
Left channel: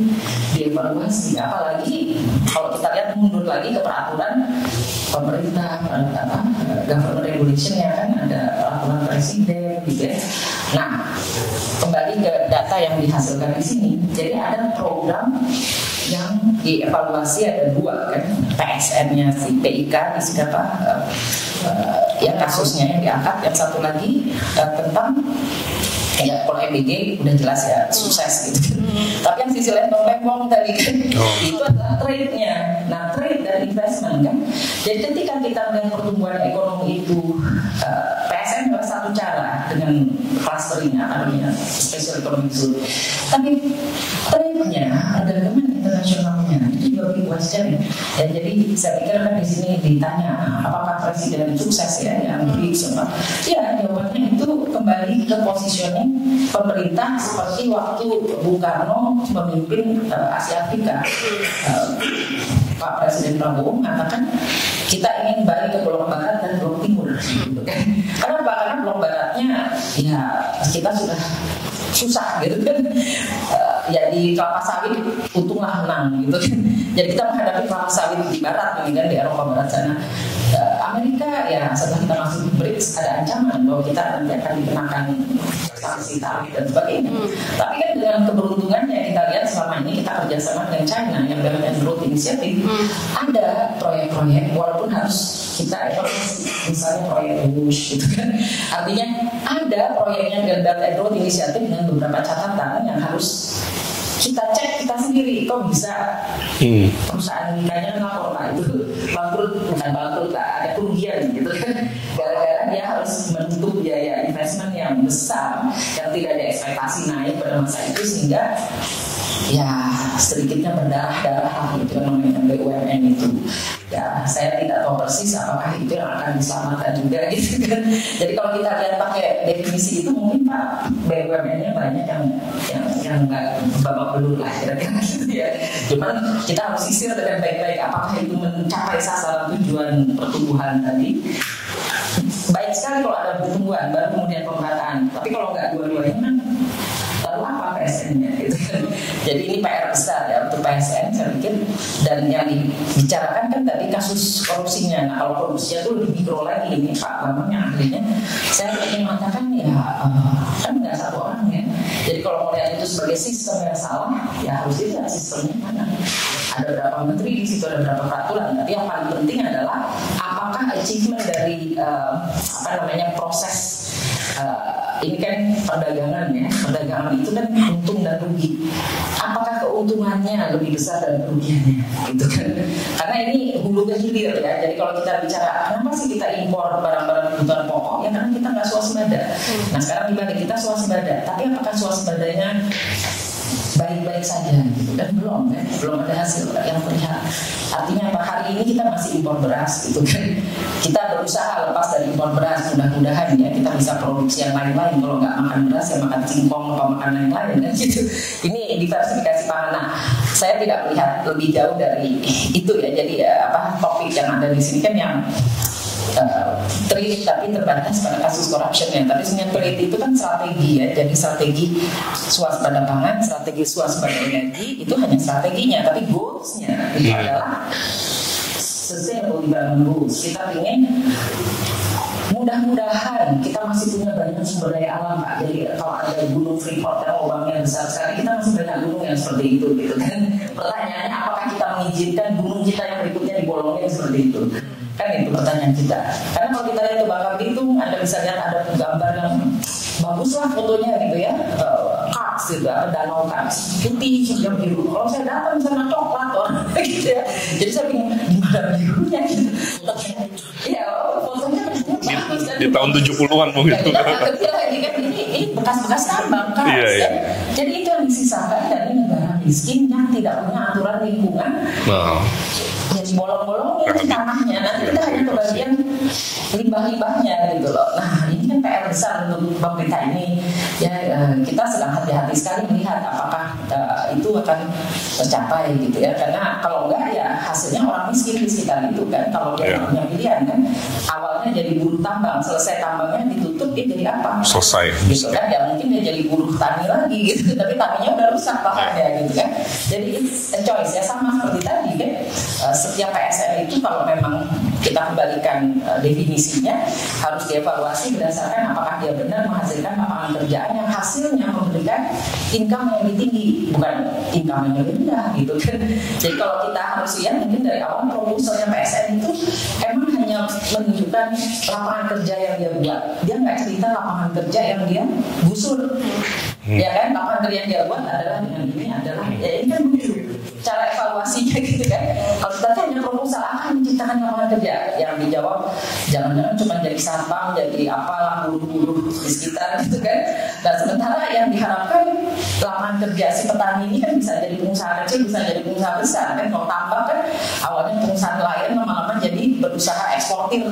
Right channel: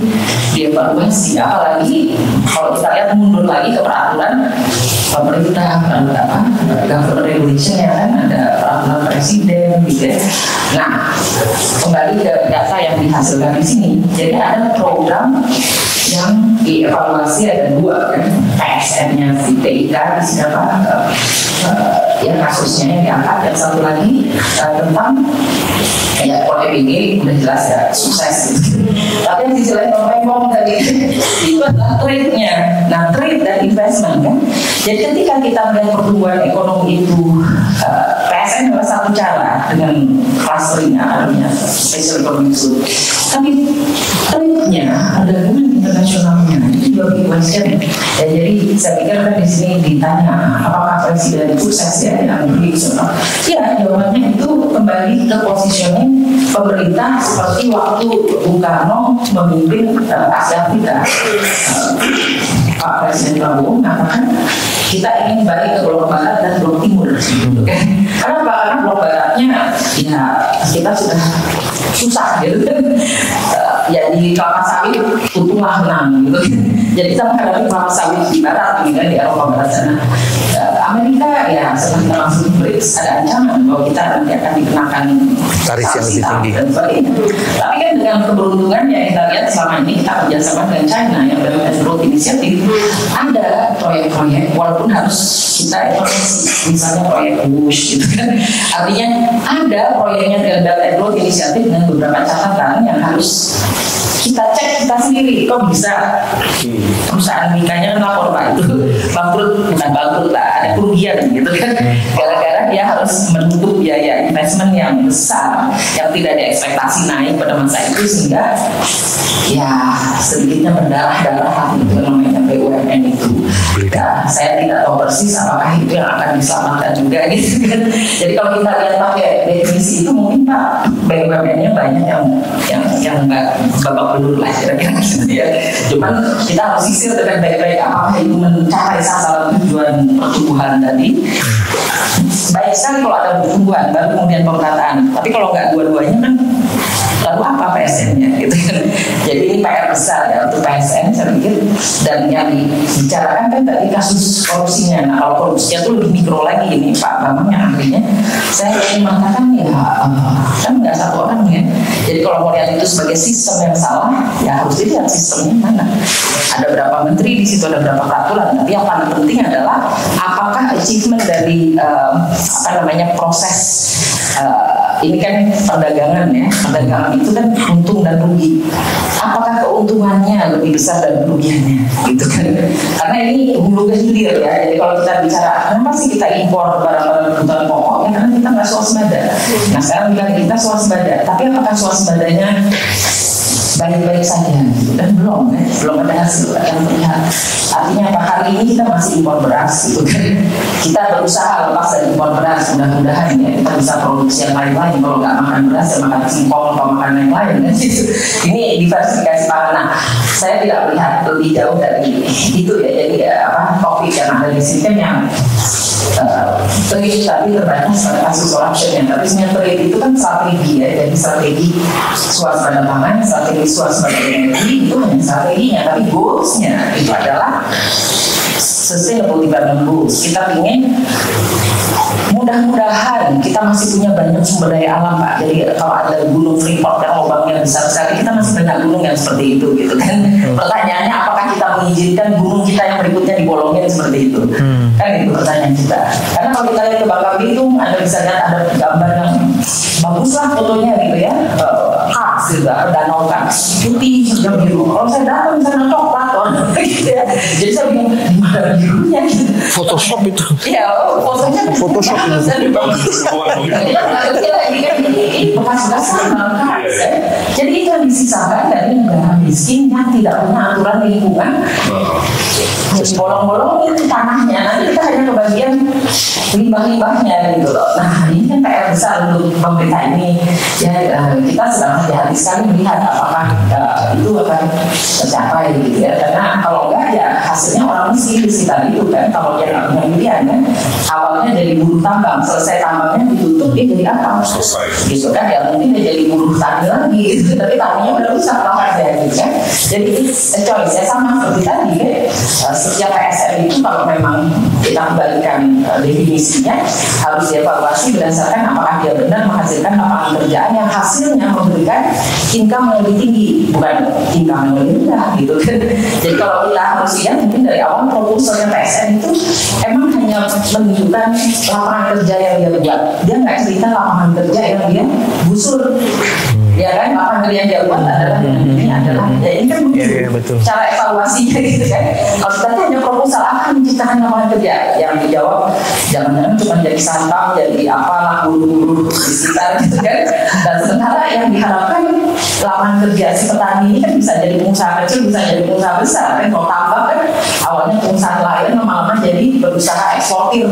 dievaluasi. Apalagi kalau kita lihat mundur lagi ke peraturan pemerintah, government regulation ya kan, ada peraturan presiden gitu ya. Nah kembali ke data yang dihasilkan di sini, jadi ada program yang dievaluasi ada 2 kan, PSN-nya si PIK di sini yang kasusnya yang diangkat, dan satu lagi tentang ya kalau EBG udah jelas ya sukses gitu. Tapi yang sisi lain Bang tadi itu adalah trade-nya. Nah trade dan investment kan. Jadi ketika kita melihat pertumbuhan ekonomi itu PSN adalah satu cara dengan clustering adanya special economic zone. Tapi trade-nya ada hubungan internasionalnya itu juga big question. Ya, jadi saya pikir kan di sini ditanya apakah presiden sukses ya yang regional. Ya jawabannya itu kembali ke positioning pemerintah seperti waktu Bung Karno memimpin Asia Afrika. Pak Presiden Prabowo mengatakan kita ingin balik ke blok barat dan blok timur. Kenapa? Karena blok baratnya ya kita sudah susah gitu kan. Ya di kelapa sawit untunglah menang gitu. Jadi kita menghadapi kelapa sawit di barat gitu kan, di Eropa barat sana. Amerika ya setelah kita masuk BRICS ada ancaman bahwa kita nanti akan dikenakan tarif yang lebih tinggi dan sebagainya. Tapi kan dengan keberuntungan yang kita lihat selama ini kita kerjasama dengan China yang Belt and Road Initiative, ada proyek-proyek walaupun harus kita evaluasi, misalnya proyek Bush gitu kan. Artinya ada proyeknya dari Belt and Road Initiative dengan beberapa catatan yang harus kita cek kita sendiri, kok bisa perusahaan Mikanya kan lapor Pak itu bangkrut, bukan bangkrut lah, ada kerugian gitu kan, gara-gara dia harus menutup biaya investment yang besar yang tidak diekspektasi naik pada masa itu, sehingga ya sedikitnya berdarah-darah itu namanya BUMN itu. Ya, saya tidak tahu persis apakah itu yang akan diselamatkan juga gitu kan. Jadi kalau kita lihat pakai definisi itu mungkin Pak BUMN-nya banyak yang nggak babak belur lah kira-kira gitu ya. Cuman kita harus sisir dengan baik-baik apakah itu mencapai sasaran tujuan pertumbuhan tadi. Baik sekali kalau ada pertumbuhan baru kemudian pemerataan. Tapi kalau nggak dua-duanya kan lalu apa PSN-nya gitu kan. Jadi ini PR besar ya untuk PSN saya pikir. Dan yang dibicarakan kan tadi kasus korupsinya. Nah kalau korupsinya itu lebih mikro lagi ini Pak Bambang yang akhirnya saya ingin mengatakan ya kan nggak satu orang ya. Jadi kalau mau lihat itu sebagai sistem yang salah ya harus dilihat sistemnya mana. Ada berapa menteri di situ, ada berapa peraturan. Tapi yang paling penting adalah apakah achievement dari proses ini kan perdagangan ya, perdagangan itu kan untung dan rugi. Apakah keuntungannya lebih besar dari kerugiannya, gitu kan? Karena ini hulu ke hilir ya. Jadi kalau kita bicara kenapa sih kita impor barang-barang kebutuhan pokok, ya karena kita nggak swasembada. Nah sekarang kita swasembada, tapi apakah swasembadanya baik-baik saja gitu. Dan belum ada hasil yang terlihat. Artinya apa, hari ini kita masih impor beras gitu kan. Kita berusaha lepas dari impor beras, mudah-mudahan ya kita bisa produksi yang lain-lain. Kalau nggak makan beras ya makan singkong atau makan yang lain kan gitu. Ini diversifikasi pangan. Nah, saya tidak melihat lebih jauh dari itu ya. Jadi topik yang ada di sini kan yang trade tadi terbatas pada kasus corruption-nya, tapi sebenarnya trade itu kan strategi ya, jadi strategi swasembada pangan, strategi swasembada energi itu hanya strateginya, tapi goals-nya itu adalah sustainable development goals. Kita ingin mudah-mudahan kita masih punya banyak sumber daya alam Pak. Jadi kalau ada gunung Freeport yang lubangnya besar sekali, kita masih banyak gunung yang seperti itu gitu kan. Pertanyaannya apakah kita mengizinkan gunung kita yang berikutnya dibolongin seperti itu? Kan itu pertanyaan kita. Karena kalau kita lihat ke Bangka Belitung, Anda bisa lihat ada gambar yang bagus lah fotonya gitu ya. Kars gitu, danau Kars putih hijau biru. Kalau saya datang misalnya coklat gitu ya. Jadi saya bingung di mana birunya gitu. Photoshop itu. Ya, fotonya Photoshop Di tahun 70-an mungkin. Ini bekas-bekas Kars ya. Jadi itu yang disisakan dari negara miskin yang tidak punya aturan lingkungan. Bolong-bolong itu tanahnya, nanti kita hanya kebagian limbah-limbahnya gitu loh. Nah ini kan PR besar untuk pemerintah ini ya, kita sedang hati-hati sekali melihat apakah itu akan tercapai gitu ya. Karena kalau enggak ya hasilnya orang miskin di sekitar itu kan. Kalau dia nggak punya pilihan kan, awalnya jadi buruh tambang, selesai tambangnya ditutup dia jadi apa? Selesai gitu kan, ya mungkin dia jadi buruh tani lagi gitu, tapi taninya udah rusak lahannya gitu kan. Jadi it's a choice ya, sama seperti tadi kan. Setiap PSN itu kalau memang kita kembalikan definisinya harus dievaluasi berdasarkan apakah dia benar menghasilkan lapangan kerjaan yang hasilnya memberikan income yang lebih tinggi, bukan income yang lebih rendah gitu kan. Jadi kalau kita harus lihat mungkin dari awal proposalnya PSN itu emang hanya menunjukkan lapangan kerja yang dia buat, dia nggak cerita lapangan kerja yang dia gusur. Ya kan, lapangan kerja yang dia buat adalah ini adalah ya ini kan lucu cara evaluasinya gitu kan. Kalau kita hanya proposal akan menciptakan lapangan kerja, yang dijawab jangan-jangan cuma jadi santap, jadi apalah bulu-bulu di sekitar gitu kan. Dan sementara yang diharapkan lapangan kerja si petani ini kan bisa jadi pengusaha kecil, bisa jadi pengusaha besar kan. Kalau tambah kan awalnya pengusaha nelayan lama-lama jadi berusaha eksportir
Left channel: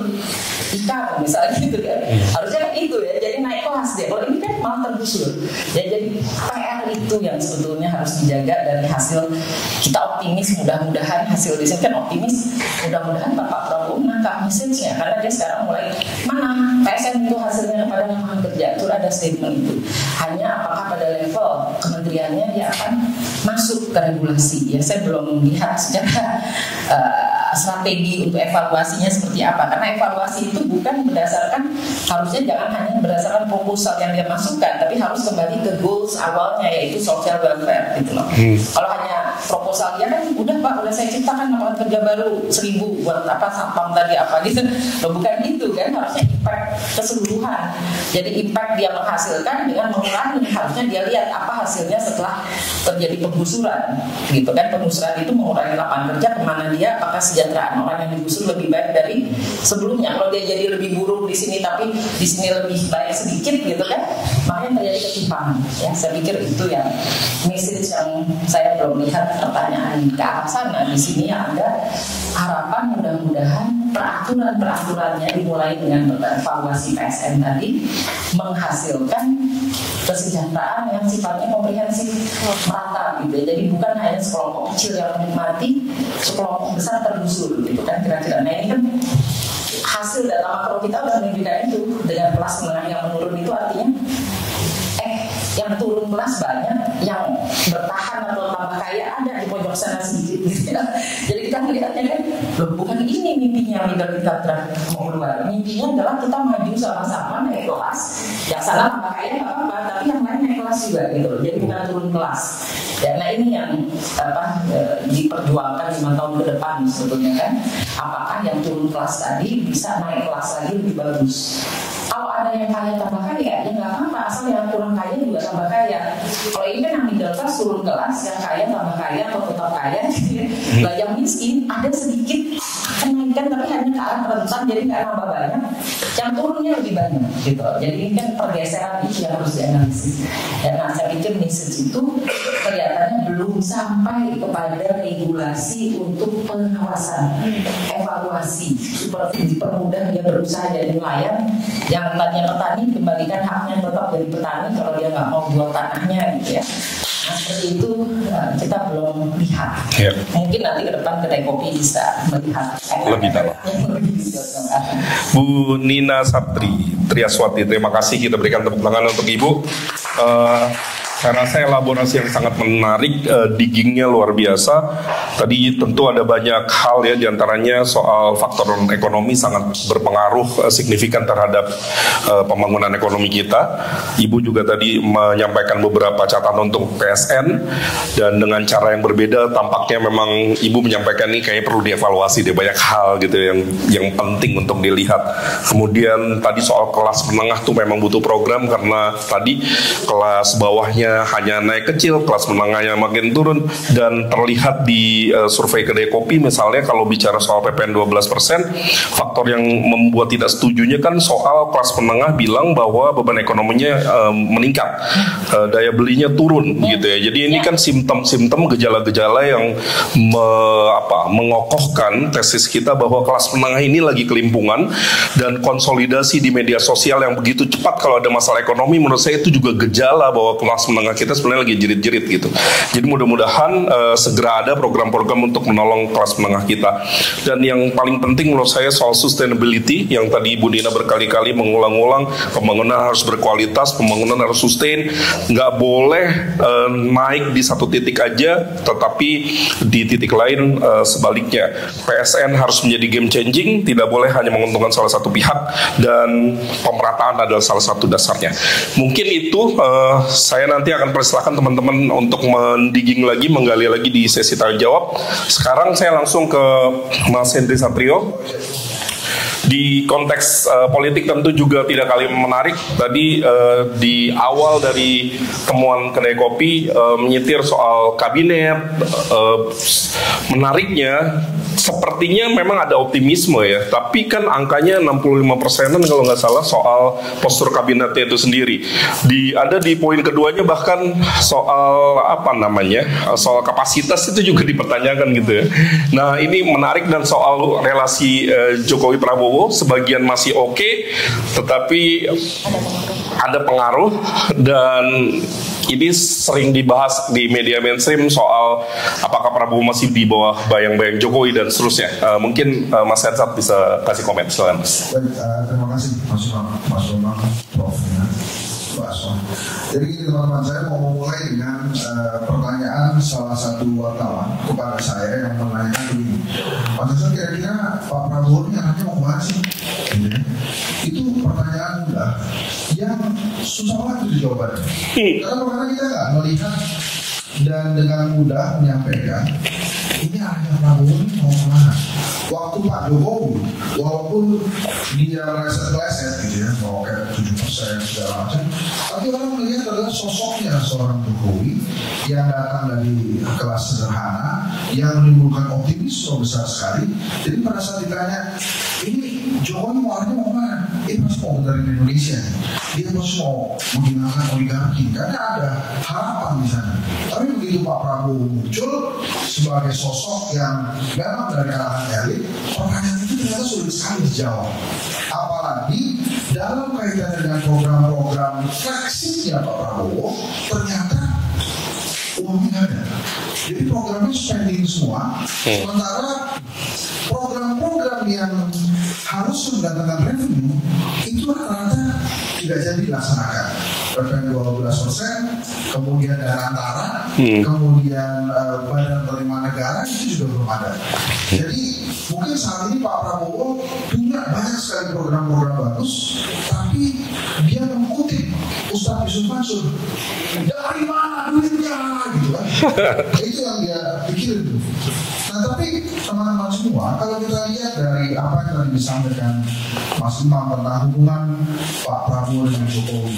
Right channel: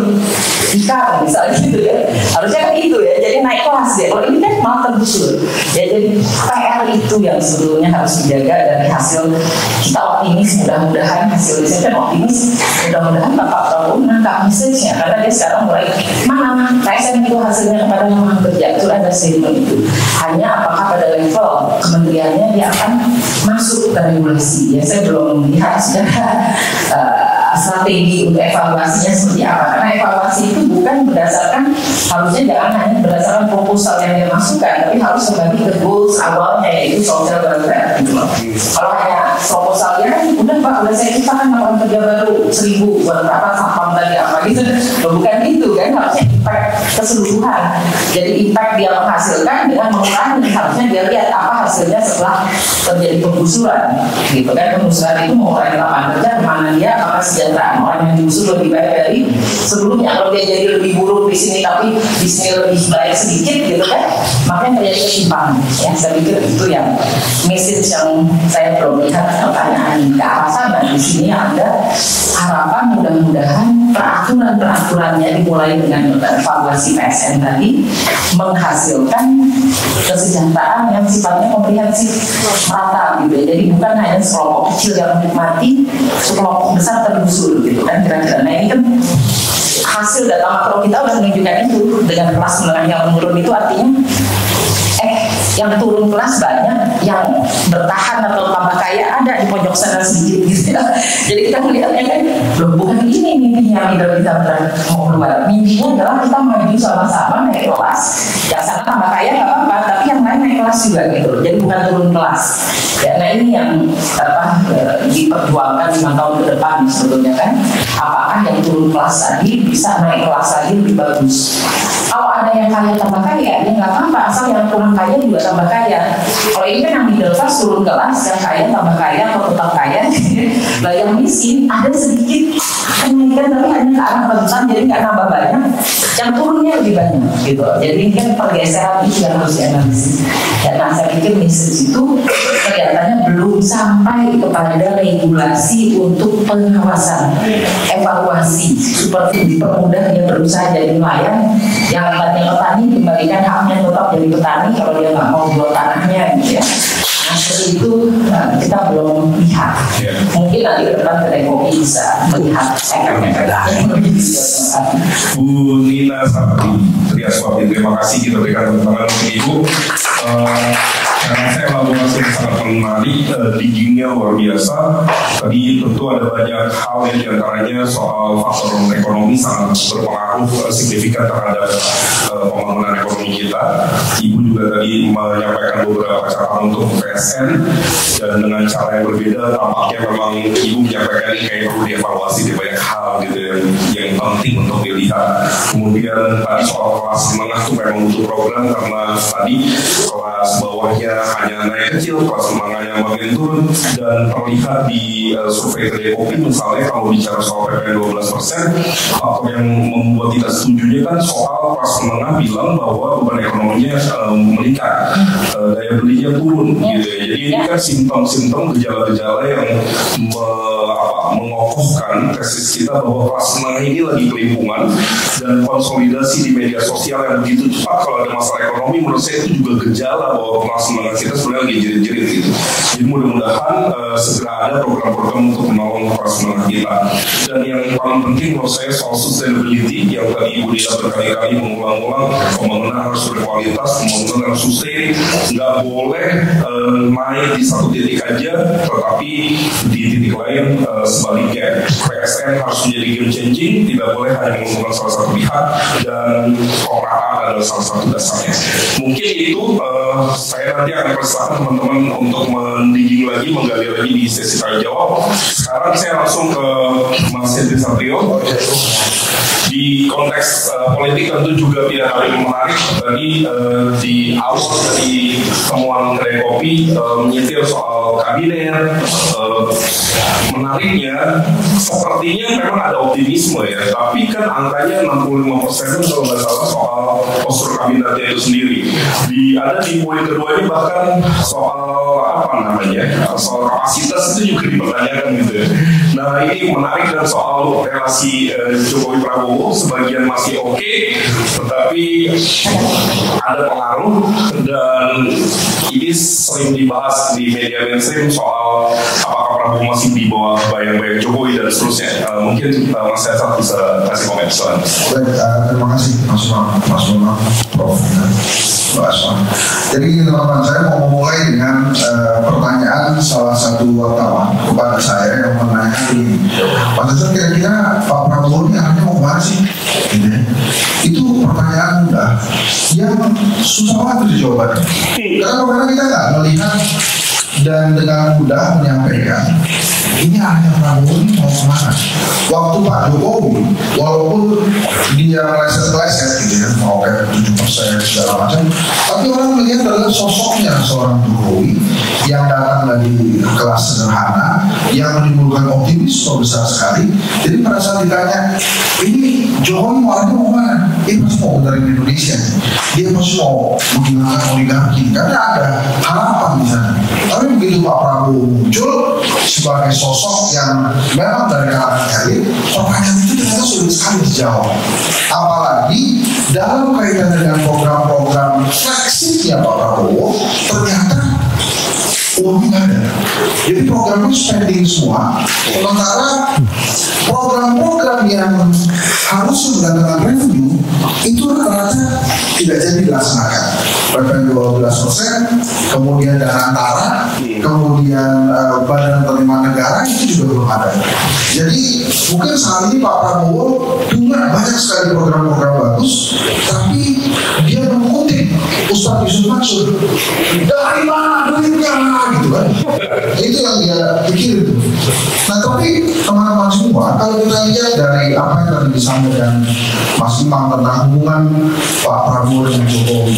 ikan misalnya gitu kan. Harusnya kan itu ya, jadi naik kelas deh. Kalau ini kan malah tergusur ya. Jadi PR itu yang sebetulnya harus dijaga dari hasil. Kita optimis, mudah-mudahan hasil riset kan optimis, mudah-mudahan Bapak Prabowo menangkap message-nya, karena dia sekarang mulai mana PSN itu hasilnya kepada lapangan kerja, itu ada statement itu. Hanya apakah pada level kementeriannya dia akan masuk ke regulasi ya, saya belum melihat secara strategi untuk evaluasinya seperti apa, karena evaluasi itu bukan berdasarkan, harusnya jangan hanya berdasarkan proposal yang dia masukkan, tapi harus kembali ke goals awalnya yaitu social welfare gitu loh. Kalau hanya proposalnya kan udah Pak, udah saya ciptakan lapangan kerja baru 1.000 buat apa sapam tadi apa gitu, bukan itu kan, harusnya impact keseluruhan. Jadi impact dia menghasilkan dengan mengurangi, harusnya dia lihat apa hasilnya setelah terjadi penggusuran gitu kan. Penggusuran itu mengurangi lapangan kerja kemana dia, apakah kesejahteraan orang yang digusur lebih baik dari sebelumnya. Kalau dia jadi lebih buruk di sini tapi di sini lebih baik sedikit gitu kan, makanya terjadi ketimpangan ya. Saya pikir itu yang message yang saya belum lihat pertanyaan ke arah sana. Di sini ada harapan mudah-mudahan peraturan-peraturannya dimulai dengan evaluasi PSN tadi menghasilkan kesejahteraan yang sifatnya komprehensif merata gitu ya. Jadi bukan hanya sekelompok kecil yang menikmati, sekelompok besar tergusur gitu kan kira-kira. Nah ini kan hasil data makro kita sudah menunjukkan itu, dengan kelas menengah yang menurun itu artinya yang turun kelas banyak, yang bertahan atau tambah kaya ada di pojok sana sedikit gitu ya. Jadi kita melihatnya kan bukan ini mimpinya kita mau keluar. Mimpinya adalah kita maju sama-sama naik kelas. Yang sana tambah kaya nggak apa-apa, tapi yang lain naik kelas juga gitu. Jadi bukan turun kelas. Ya, nah ini yang diperjuangkan 5 tahun ke depan sebetulnya kan. Apakah yang turun kelas tadi bisa naik kelas lagi lebih bagus? Kalau ada yang kaya tambah kaya, ya nggak apa-apa, asal yang kurang kaya juga tambah kaya. Kalau ini kan yang middle class turun kelas, yang kaya tambah kaya atau tetap kaya. Lah yang miskin ada sedikit kenaikan tapi hanya ke arah bagusan, jadi nggak nambah banyak, yang turunnya lebih banyak gitu. Jadi kan pergeseran itu yang harus dianalisis. Dan nah, saya pikir message itu kelihatannya belum sampai kepada regulasi untuk pengawasan, evaluasi, seperti dipermudah dia berusaha jadi nelayan, yang tadinya petani kembalikan haknya tetap jadi petani kalau dia nggak mau jual tanahnya gitu ya. Nah seperti itu kita belum lihat. Mungkin nanti ke depan kedai kopi bisa melihat Bu Nina Sapri Triaswati, terima kasih, kita berikan tepuk tangan untuk Ibu. Karena saya elaborasi yang sangat menarik, diggingnya luar biasa. Tadi tentu ada banyak hal ya, diantaranya soal faktor ekonomi sangat berpengaruh signifikan terhadap pembangunan ekonomi kita. Ibu juga tadi menyampaikan beberapa catatan untuk PSN, dan dengan cara yang berbeda tampaknya memang Ibu menyampaikan ini kayak perlu dievaluasi di banyak hal gitu yang penting untuk dilihat. Kemudian tadi soal kelas menengah tuh memang butuh program, karena tadi kelas bawahnya hanya naik kecil, kelas menengahnya makin turun, dan terlihat di survei kedai kopi misalnya kalau bicara soal PPN 12%, faktor yang membuat tidak setujunya kan soal kelas menengah bilang bahwa beban ekonominya meningkat, daya belinya turun gitu ya. Jadi ini kan simptom-simptom gejala-gejala yang mengokohkan tesis kita bahwa kelas menengah ini lagi kelimpungan, dan konsolidasi di media sosial yang begitu cepat kalau ada masalah ekonomi, menurut saya itu juga gejala bahwa kelas menengah kita sebenarnya lagi jerit-jerit gitu. Jadi mudah-mudahan segera ada program-program untuk menolong kelas menengah kita. Dan yang paling penting menurut saya soal sustainability, yang tadi Ibu Dina berkali-kali mengulang-ulang, pembangunan harus berkualitas, pembangunan harus sustain, nggak boleh naik di satu titik aja, tetapi di titik lain sebaliknya. PSN harus menjadi game changing, tidak boleh hanya menguntungkan salah satu pihak, dan pemerataan adalah salah satu dasarnya. Mungkin itu saya nanti akan persilakan teman-teman untuk mendigging lagi, menggali lagi di sesi tanya jawab. Sekarang saya langsung ke Mas Hendri Satrio. Di konteks politik tentu juga tidak kalah menarik. Tadi di awal dari temuan kedai kopi menyetir soal kabinet. Menariknya sepertinya memang ada optimisme ya, tapi kan angkanya 65% kalau nggak salah soal postur kabinetnya itu sendiri. Ada di poin keduanya bahkan soal soal kapasitas itu juga dipertanyakan gitu ya. Nah ini menarik, dan soal relasi Jokowi Prabowo sebagian masih oke, tetapi ada pengaruh, dan ini sering dibahas di media mainstream soal apakah Prabowo masih di bawah bayang-bayang Jokowi dan seterusnya. Mungkin Mas Hensat bisa kasih komen. Terima kasih Mas Bima, Prof. Jadi teman-teman, saya mau memulai dengan pertanyaan salah satu wartawan kepada saya yang menanyakan ini, Mas Hensat, kira-kira Pak Prabowo ini hanya mau kemana sih? Itu pertanyaan mudah yang susah banget dijawabannya. Karena kita nggak melihat dan dengan mudah menyampaikan ini hanya Prabowo ini mau kemana. Waktu Pak Jokowi, walaupun dia meleset-leset gitu ya, mau kayak 7% segala macam, tapi orang melihat adalah sosoknya seorang Jokowi yang datang dari kelas sederhana, yang menimbulkan optimisme besar sekali. Jadi pada saat ditanya, ini Jokowi mau mana? Dia pasti mau benerin Indonesia, dia pasti mau menggunakan oligarki, karena ada harapan di sana. Tapi begitu Pak Prabowo muncul sebagai sosok yang memang dari kalangan elit, pertanyaan itu ternyata sulit sekali dijawab. Apalagi dalam kaitan dengan program-program flagshipnya Pak Prabowo, ternyata uangnya ada. Jadi programnya spending semua. Sementara program-program yang harus mendatangkan revenue itu rata-rata tidak jadi dilaksanakan. PPN 12%, kemudian dana antara, kemudian badan penerimaan negara itu juga belum ada. Jadi mungkin saat ini Pak Prabowo punya banyak sekali program-program bagus, tapi dia mengutip Ustadz Yusuf Mansur, dari mana duitnya gitu kan. Itu yang dia pikirin. Nah tapi teman-teman semua, kalau kita lihat dari apa yang tadi disampaikan Mas Imam tentang hubungan Pak Prabowo dengan Jokowi,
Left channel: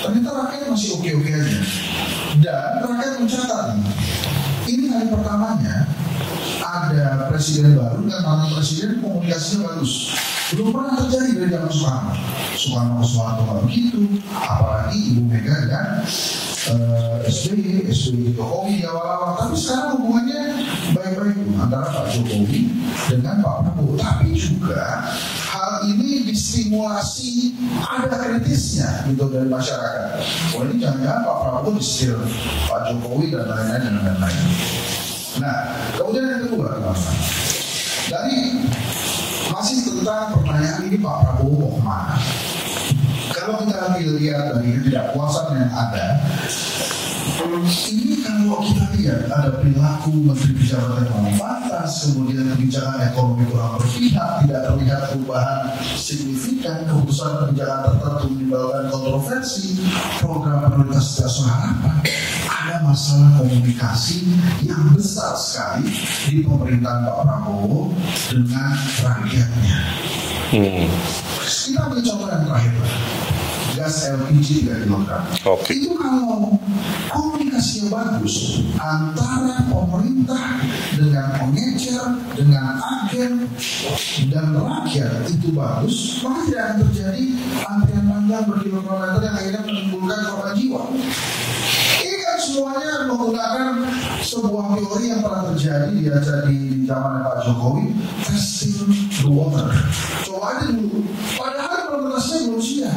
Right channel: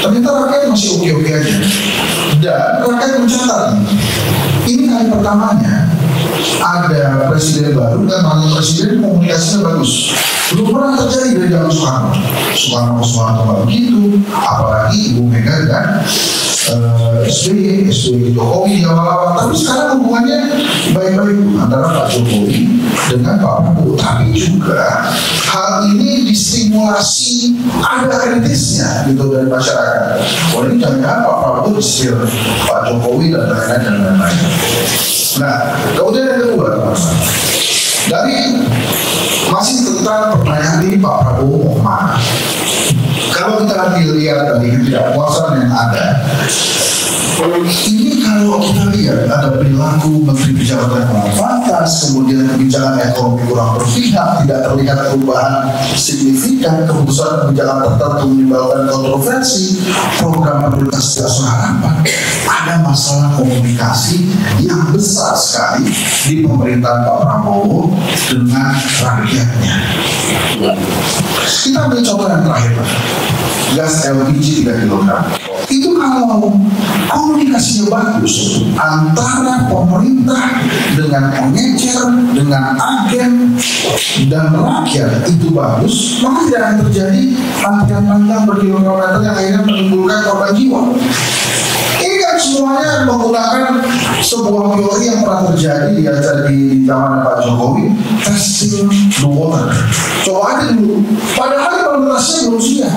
ternyata rakyat masih oke-oke aja. Dan rakyat mencatat ini kali pertamanya ada presiden baru dan mantan presiden komunikasinya bagus. Belum pernah terjadi dari zaman Soekarno. Soekarno nggak begitu, apalagi Ibu Mega dan SBY Jokowi yang awal-awal. Tapi sekarang hubungannya baik-baik antara Pak Jokowi dengan Pak Prabowo. Tapi juga hal ini distimulasi ada kritisnya gitu dari masyarakat. Wah, ini jangan Pak Prabowo disir Pak Jokowi dan lain-lain. Nah, kemudian yang kedua, teman-teman, dari masih tentang pertanyaan ini Pak Prabowo mau kemana? Kalau kita lihat dari ketidakpuasan yang ada, ini kalau kita lihat ada perilaku Menteri Pejabat yang fantas, kemudian kebijakan ekonomi kurang berpihak, tidak terlihat perubahan signifikan, kebijakan tertentu menimbulkan kontroversi, program prioritas tidak seharapan. Ada masalah komunikasi yang besar sekali di pemerintahan Pak Prabowo dengan rakyatnya. Kita ambil contoh yang terakhir, gas LPG 3 kg. Itu kalau komunikasinya bagus antara pemerintah dengan pengecer, dengan agen dan rakyat itu bagus, maka tidak akan terjadi antrian panjang berkilometer yang akhirnya menimbulkan korban jiwa. Ini kan semuanya menggunakan sebuah teori yang pernah terjadi di zaman Pak Jokowi, testing the water. Coba aja dulu. Padahal implementasinya belum siap.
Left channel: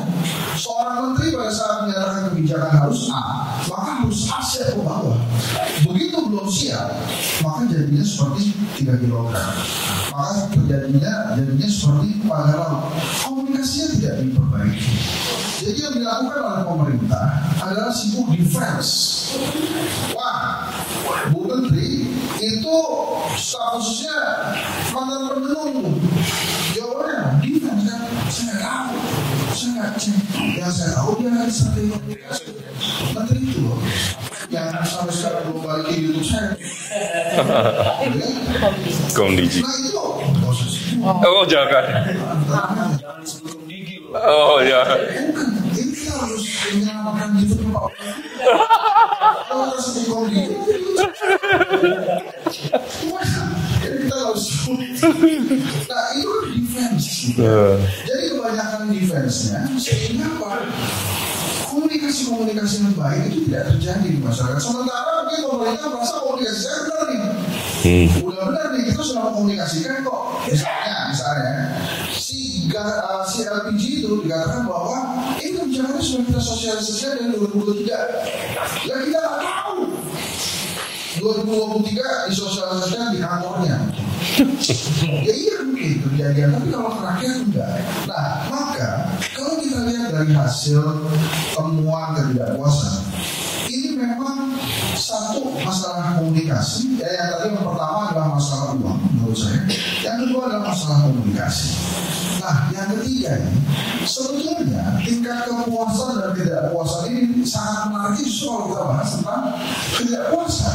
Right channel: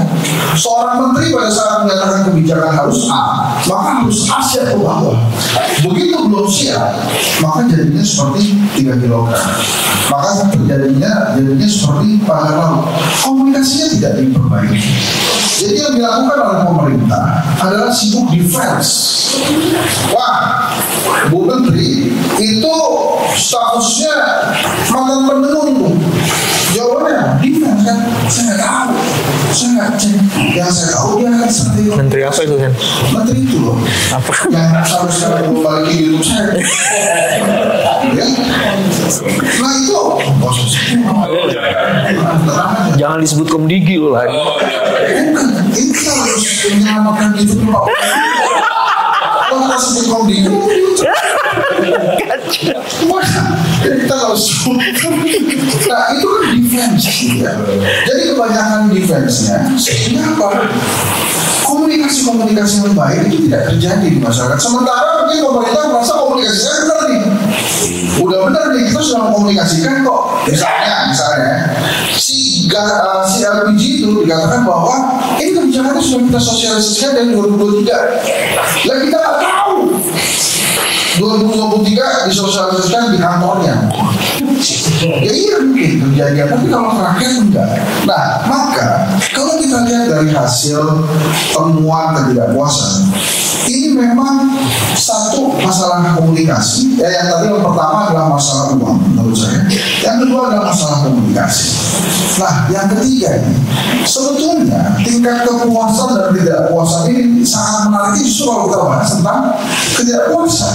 Seorang menteri pada saat menyatakan kebijakan harus A, maka harus A siap ke bawah. Begitu belum siap, maka jadinya seperti 3 kg. Maka jadinya seperti pada lalu. Komunikasinya tidak diperbaiki. Jadi yang dilakukan oleh pemerintah adalah sibuk defense. Wah, Bu Menteri itu statusnya mantan penenun. Jawabannya defense kan? Saya nggak tahu. Saya nggak cek. Yang saya tahu dia akan seperti Menteri apa itu kan? Menteri itu loh. Apa? Yang sampai sekarang belum balik ke YouTube saya. Ya? Nah itu. Oh, Jangan disebut Komdigi loh lah. Oh ya. Bukan, ini kita harus menyelamatkan YouTube loh. Kalau kita sebut Komdigi, jadi kita harus. Nah itu kan defense. Jadi kebanyakan defense-nya, kenapa? Komunikasi yang baik itu tidak terjadi di masyarakat. Sementara mungkin pemerintah merasa komunikasinya benar nih. Udah benar nih, kita sudah mengkomunikasikan kok. Misalnya si LPG itu dikatakan bahwa ini kebijakannya sudah kita sosialisasikan dari 2023. Lah kita nggak tahu 2023 disosialisasikan di kantornya. Ya iya mungkin kejadian, tapi kalau rakyat enggak. Nah maka kalau kita lihat dari hasil temuan ketidakpuasan, ini memang satu masalah komunikasi. Yang tadi yang pertama adalah masalah uang menurut saya. Yang kedua adalah masalah komunikasi. Nah yang ketiga ini sebetulnya tingkat kepuasan dan ketidakpuasan ini sangat menarik justru kalau kita bahas tentang ketidakpuasan.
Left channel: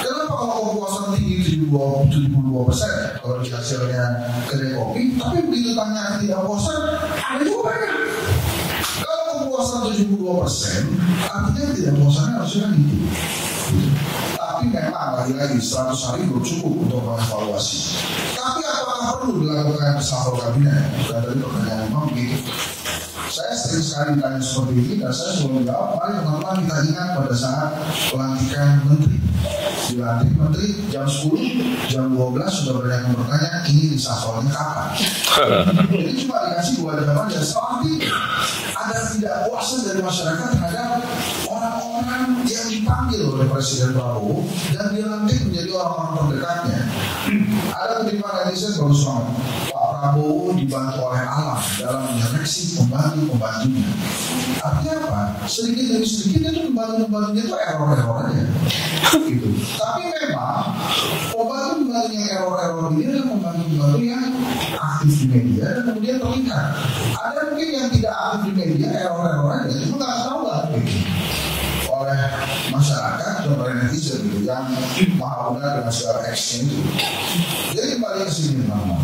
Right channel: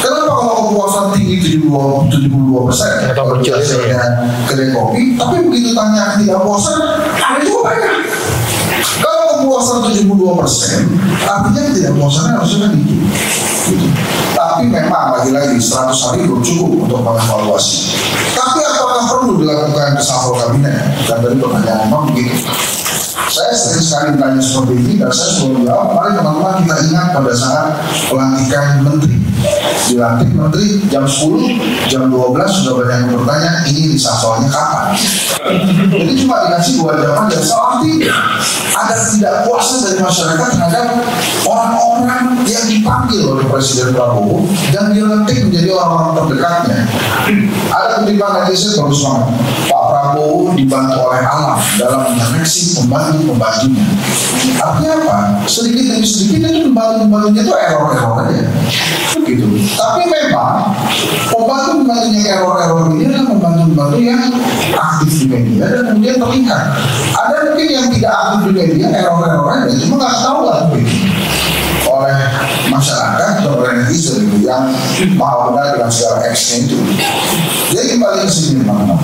Kenapa kalau kepuasan tinggi 72% atau berjaya kedai kopi, tapi begitu tanya ketidakpuasan ada juga banyak. Kalau kepuasan 72%, artinya ketidakpuasannya harusnya tinggi. Gitu. Tapi memang lagi-lagi 100 hari belum cukup untuk mengevaluasi. Tapi apakah perlu dilakukan reshuffle kabinet? Dan dari pertanyaan memang begitu. Saya sering sekali ditanya seperti ini dan saya selalu jawab, mari teman-teman kita ingat pada saat pelantikan menteri. Dilantik menteri jam 10, jam 12 sudah banyak yang bertanya ini reshuffle-nya kapan? Jadi cuma dikasih 2 jawaban dan salah tidak. Ada ketidakpuasan dari masyarakat terhadap orang-orang yang dipanggil oleh Presiden Prabowo dan dilantik menjadi orang-orang terdekatnya. Ada kutipan netizen bagus banget. Pak Prabowo dibantu oleh alam dalam menyeleksi pembantu-pembantunya. Artinya apa? Sedikit demi sedikit itu pembantu-pembantunya itu error-error aja. Gitu. Tapi memang pembantu-pembantunya error-error ini adalah pembantu-pembantu yang aktif di media dan kemudian terlihat. Ada mungkin yang tidak aktif di media, error-error aja, cuma nggak tahu lah oleh masyarakat atau oleh netizen itu yang mahal benar dengan segala X-nya itu. Jadi kembali ke sini teman-teman.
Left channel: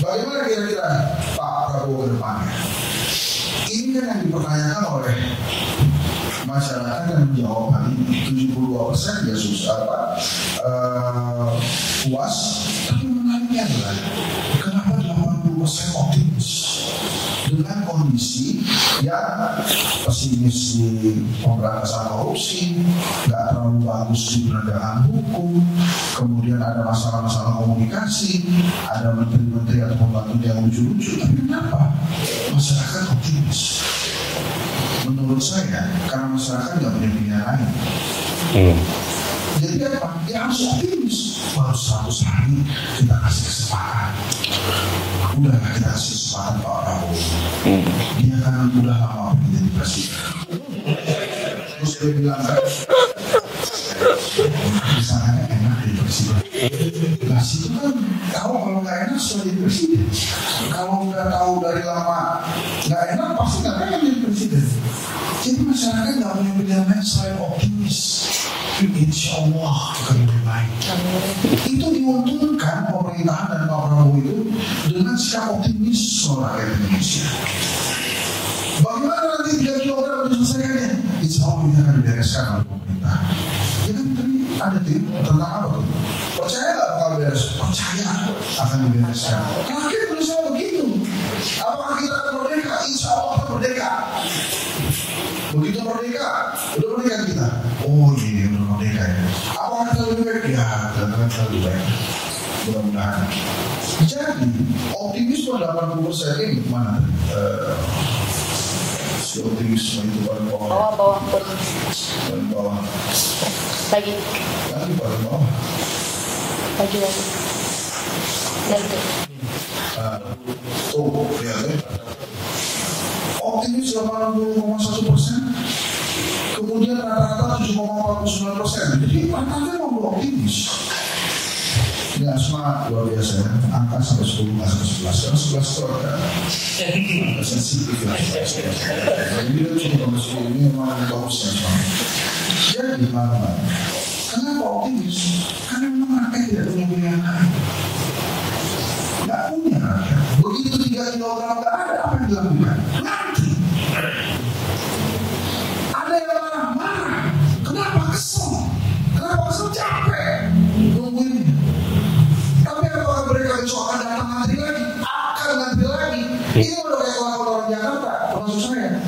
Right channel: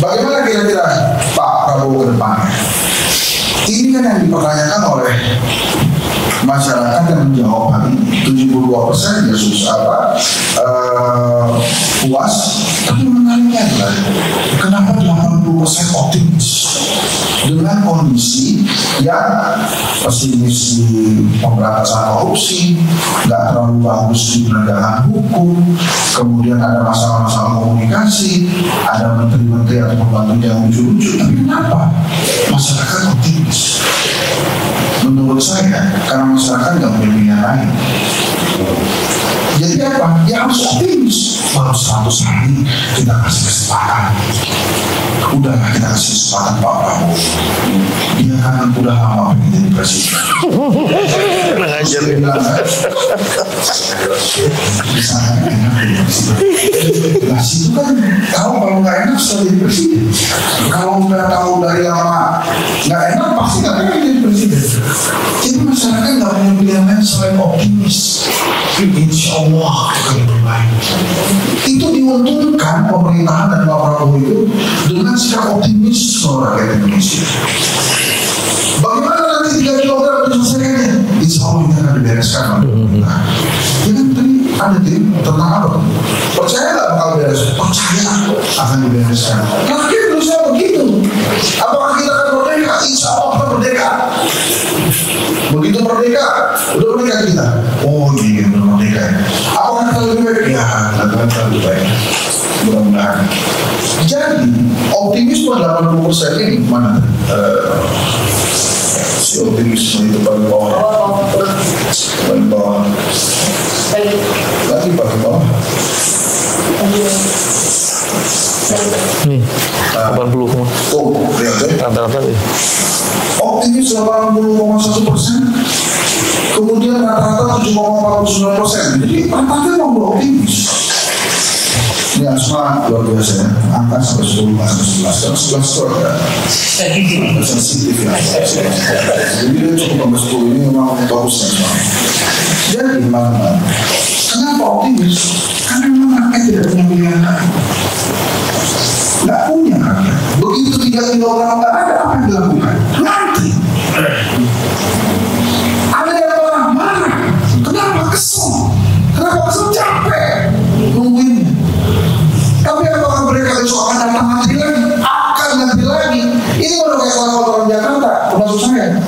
Bagaimana kira-kira Pak Prabowo ke depannya? Ini kan yang dipertanyakan oleh masyarakat yang menjawab hal ini. 72% ya susah apa? puas, tapi menariknya adalah kenapa 80% optimis dengan kondisi yang pesimis di pemberantasan korupsi, nggak terlalu bagus di penegakan hukum, kemudian ada masalah-masalah komunikasi, ada menteri-menteri atau pembantu yang lucu-lucu, tapi kenapa masyarakat optimis? Menurut saya, karena masyarakat nggak punya pilihan lain. Jadi apa? Ya harus optimis. Baru 100 hari kita kasih kesempatan. Udahlah kita kasih kesempatan Pak Prabowo. Dia kan udah lama pengen jadi presiden. Dia bilang kan, bisa enak jadi presiden. Nah situ kan tahu kalau nggak enak sudah jadi presiden. Kalau nggak tahu dari lama nggak enak pasti nggak pengen jadi presiden. Jadi masyarakat nggak punya pilihan lain selain optimis. Insya Allah akan lebih baik. Itu diuntungkan pemerintahan dan Pak Prabowo itu dengan sikap optimis seluruh rakyat Indonesia. Bagaimana nanti 3 kilogram menyelesaikannya? Insya Allah ini akan dibereskan. Nah, ya kan tadi ada tim tentang apa? Percaya nggak bakal beres? Percaya akan dibereskan. Rakyat Indonesia begitu. Apakah kita akan merdeka? Insya Allah akan merdeka. Begitu merdeka, udah merdeka kita. Oh iya, udah merdeka ya. Apakah kita lebih baik? Ya, kita lebih baik. Mudah-mudahan. Jadi, optimisme 80% ini mana? Si optimisme itu paling bawah. Paling bawah. Lagi paling bawah. Nih, 80 koma. Oh, lihat deh. Rata-rata ya. Optimis 80,1%, kemudian rata-rata 7,49%. Jadi rata-rata mau optimis. Ini asma luar biasa ya, angka sampai 10, sampai 11, karena 11 itu ada sensitif ya. Jadi dia cukup sampai 10 ini memang bagusnya semua. Jadi mana? Kenapa optimis? Karena memang rakyat tidak punya pilihan lain. Nggak punya rakyat. Begitu 3 kilogram nggak ada, apa yang dilakukan? Nanti ada yang marah. Kenapa kesel? Kenapa kesel? Capek nungguinnya. Tapi apakah mereka besok akan datang nanti lagi? Akan nanti lagi. Ini udah kayak orang Jakarta, termasuk saya.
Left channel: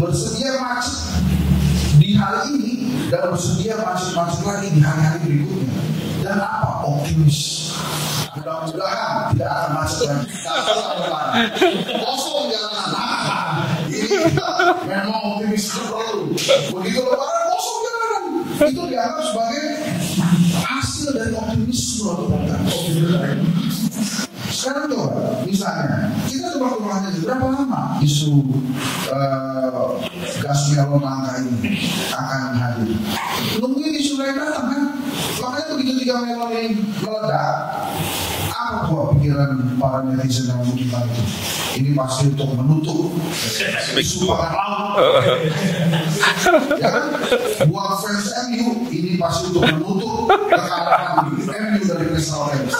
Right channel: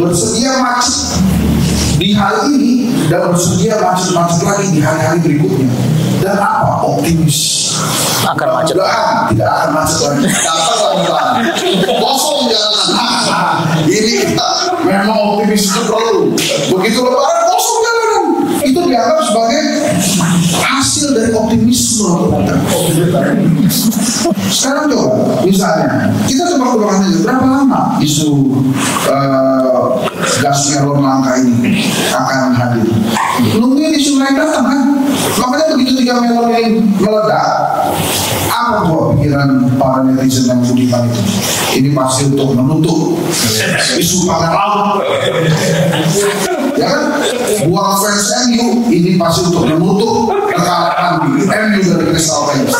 Bersedia macet di hari ini dan bersedia macet-macet lagi di hari-hari berikutnya. Dan apa? Optimis. Akan macet. Tidak akan macet lagi. Kosong jalanan. Ini kita memang optimis itu perlu. Begitu lebaran kosong jalanan. Itu dianggap sebagai hasil dari optimisme. Sekarang coba, misalnya kita tebak-tebakan aja berapa lama isu gas melon langka ini akan hadir. Nungguin isu lain datang kan. Makanya begitu 3 melon ini meledak, apa tuh pikiran para netizen yang budiman itu? Ini pasti untuk menutup isu pangan laut. Ya kan? Buat fans MU, ini pasti untuk menutup kekalahan MU dari Crystal Palace.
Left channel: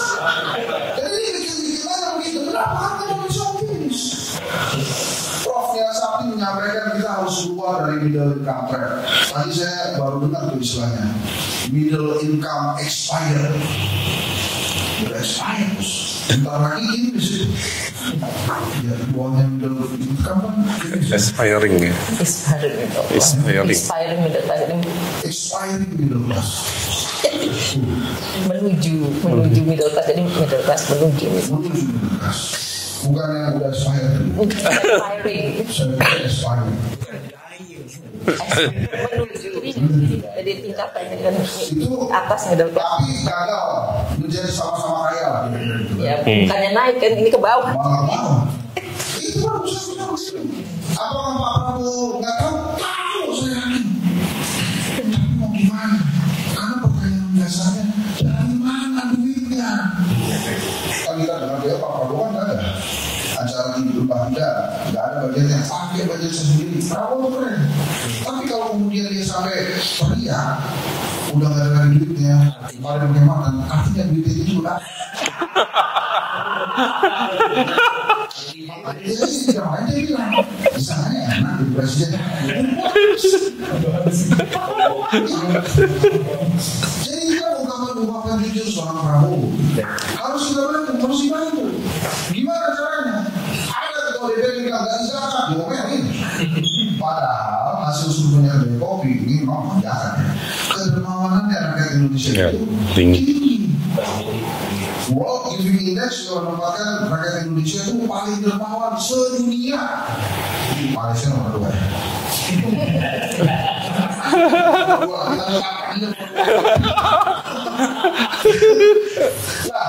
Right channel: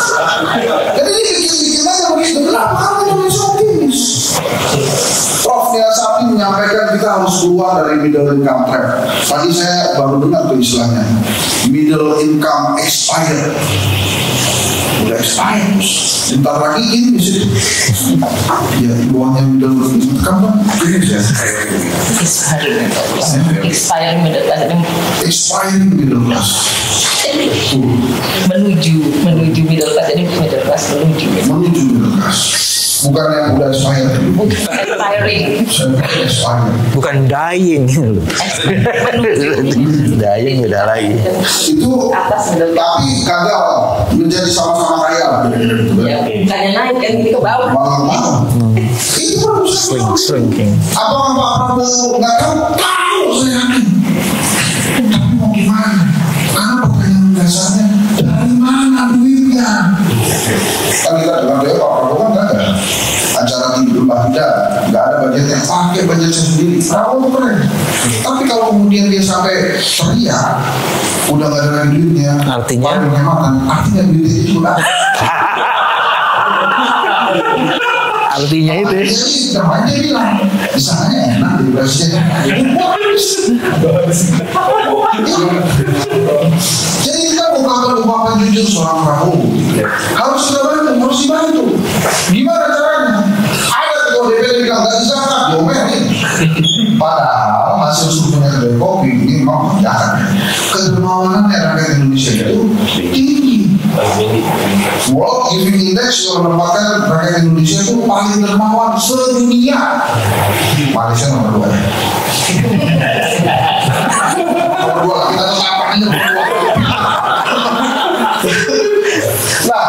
Jadi ini bikin aja begitu. Kenapa kami Indonesia optimis? Prof. Nia Sapi menyampaikan kita harus keluar dari middle income trap. Tadi saya baru dengar tuh istilahnya middle income expired. Udah expired, bentar lagi ini di situ. Ya, uangnya middle income kan expiring middle class. Menuju middle class, jadi middle class menuju middle class. Bukan yang udah expired. Expiring. Bukan dying. Dying beda lagi. Itu tapi gagal menjadi sama-sama kaya. Bukannya naik kan ini ke bawah. Malah. Itu Shrinking. Apakah Pak Prabowo nggak tahu? Tahu saya yakin. Tapi mau gimana? Karena pertanyaan dasarnya dari mana duitnya? Kan kita dengar dia Pak Prabowo kan nggak ada acara di Berbahida, nggak ada budgetnya, pakai budgetnya sendiri. Prabowo keren. Tapi kalau kemudian dia sampai teriak, udah nggak ada duitnya, artinya duitnya itu juga. Artinya itu. Namanya bilang, di sana enak di presiden. Jadi kita bukan jujur seorang Prabowo. Harus kita bantu, harus dibantu. Gimana caranya? Ada ketua DPR bilang nggak dizakat, diomelin. Padahal hasil surveinya Kedai Kopi ini memang menunjukkan kedermawanan rakyat Indonesia itu tinggi. World Giving Index yang menempatkan rakyat Indonesia itu paling dermawan sedunia. Malaysia nomor 2 ya. Nomor 2 kita tetapkan nomor 2. Nah,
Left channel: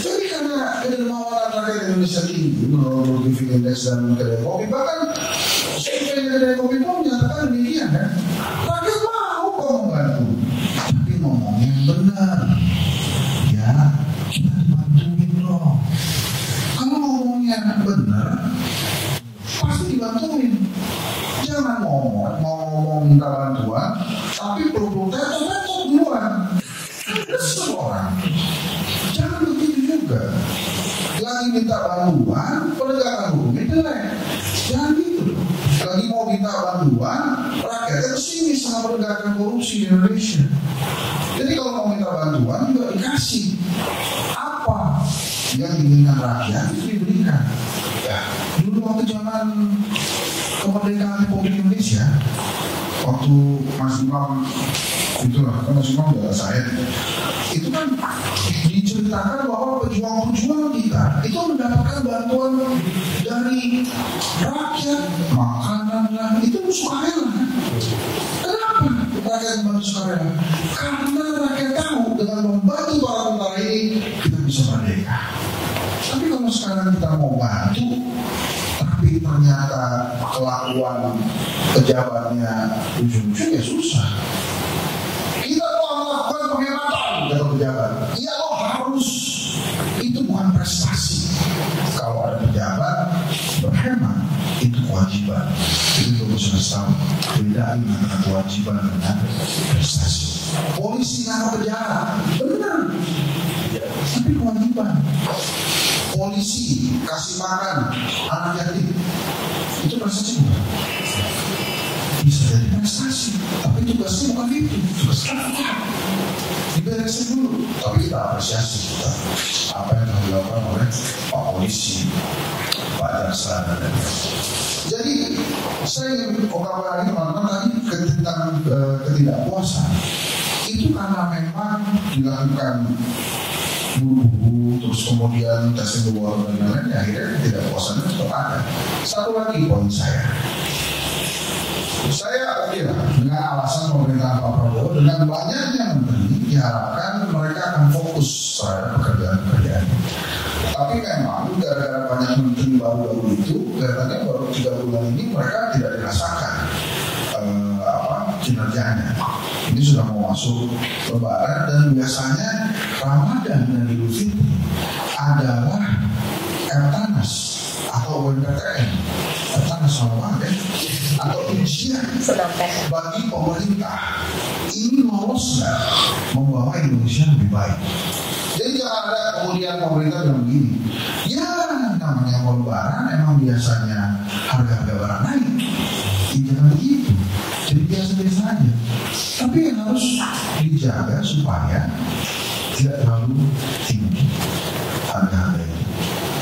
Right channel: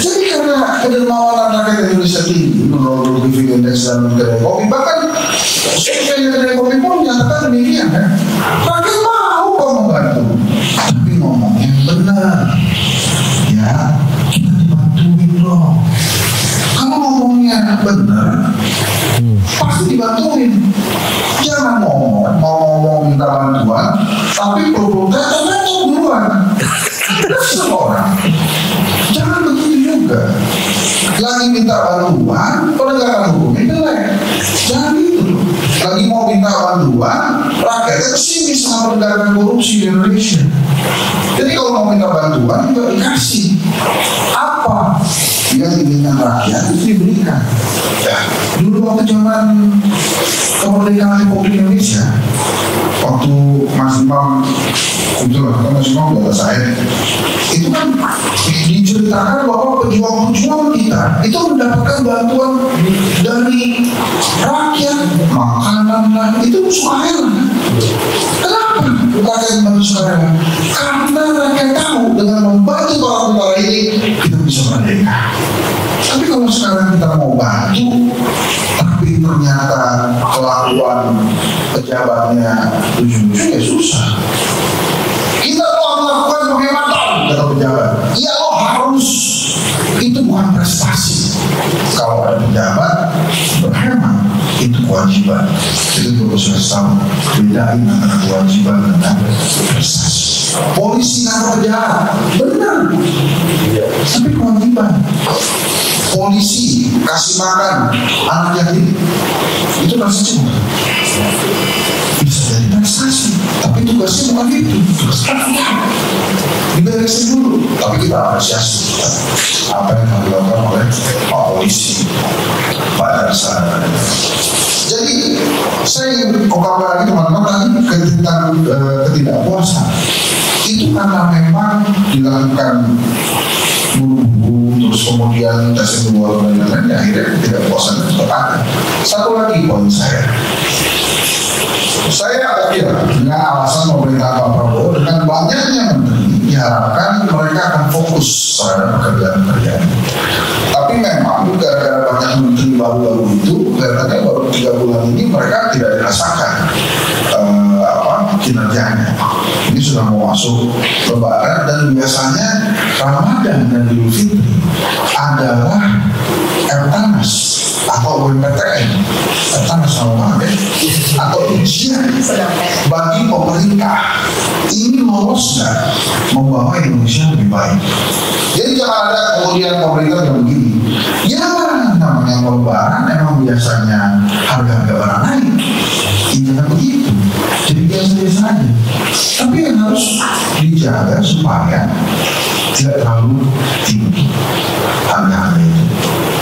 jadi karena kedermawanan rakyat Indonesia tinggi menurut World Giving Index dan Kedai Kopi, bahkan survei Kedai Kopi pun menyatakan demikian kan. Rakyat mau kok membantu, tapi ngomong yang benar. Ya, kita dibantuin dong. Kalau ngomongnya benar, pasti dibantuin. Jangan ngomong minta bantuan, tapi protes duluan. Semua orang. Jangan begitu juga. Lagi minta bantuan, penegakan hukumnya jelek. Jangan gitu. Lagi mau minta bantuan, rakyatnya kesini sama penegakan korupsi di Indonesia. Jadi kalau mau minta bantuan, juga dikasih. Apa yang diinginkan rakyat itu diberikan. Ya, dulu waktu zaman kemerdekaan Republik Indonesia, waktu Mas Imam itu lah, Mas Imam udah saya, itu kan diceritakan bahwa pejuang-pejuang kita itu mendapatkan bantuan dari rakyat, makanan lah, itu suahel. Kenapa rakyat bantu sekarang? Karena rakyat tahu dengan membantu para tentara ini kita bisa merdeka. Tapi kalau sekarang kita mau bantu, tapi ternyata kelakuan pejabatnya lucu-lucu, ya susah. Kita mau melakukan penghematan, kata pejabat. Ya lo harus, itu bukan prestasi. Kalau ada pejabat berhemat, itu kewajiban. Itu perlu saya tahu. Bedain antara kewajiban dan prestasi. Polisi nangkap penjahat, benar. Tapi kewajiban. Polisi kasih makan anak yatim, itu prestasi bukan? Bisa jadi prestasi, tapi tugasnya bukan itu. Tugasnya diberesin dulu, tapi kita apresiasi apa yang dilakukan oleh Pak Polisi, Pak Darsa. Jadi saya ingin ungkapkan lagi teman-teman tadi tentang ketidakpuasan itu karena memang dilakukan buru-buru, terus kemudian tes kedua dan lain-lain, akhirnya ketidakpuasan itu tetap ada. Satu lagi poin saya yakin dengan alasan pemerintah Pak Prabowo dengan banyaknya menteri diharapkan mereka akan fokus terhadap pekerjaan-pekerjaan. Tapi memang gara-gara banyak menteri baru-baru itu, kelihatannya baru 3 bulan ini mereka tidak dirasakan kinerjanya. Ini sudah mau masuk Lebaran dan biasanya Ramadan dan Idul Fitri adalah Eptanas atau UMPTN, Eptanas sama atau ujian bagi pemerintah. Ini lolos nggak membawa Indonesia lebih baik. Jadi jangan ada kemudian pemerintah yang begini. Ya namanya Lebaran emang biasanya harga-harga barang naik. Jangan begitu. Jadi biasa-biasa aja. Tapi yang harus dijaga supaya tidak terlalu tinggi harga-harga itu.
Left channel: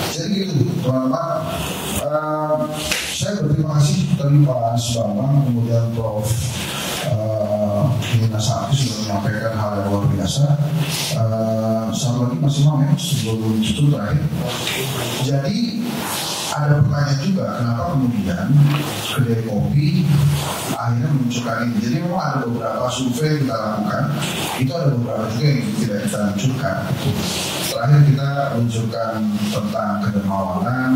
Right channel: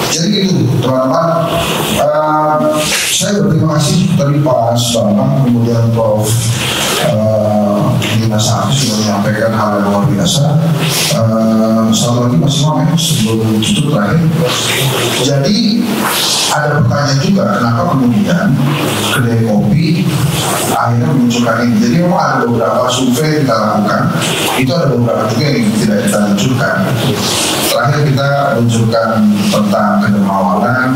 Jadi itu teman-teman. Saya berterima kasih tadi Pak Bambang, kemudian Prof. Nina Sakti sudah menyampaikan hal yang luar biasa. Satu lagi Mas Imam sebelum itu terakhir. Jadi ada pertanyaan juga kenapa kemudian Kedai Kopi akhirnya menunjukkan ini. Jadi memang ada beberapa survei yang kita lakukan, itu ada beberapa juga yang tidak kita luncurkan. Terakhir kita luncurkan tentang kedermawanan,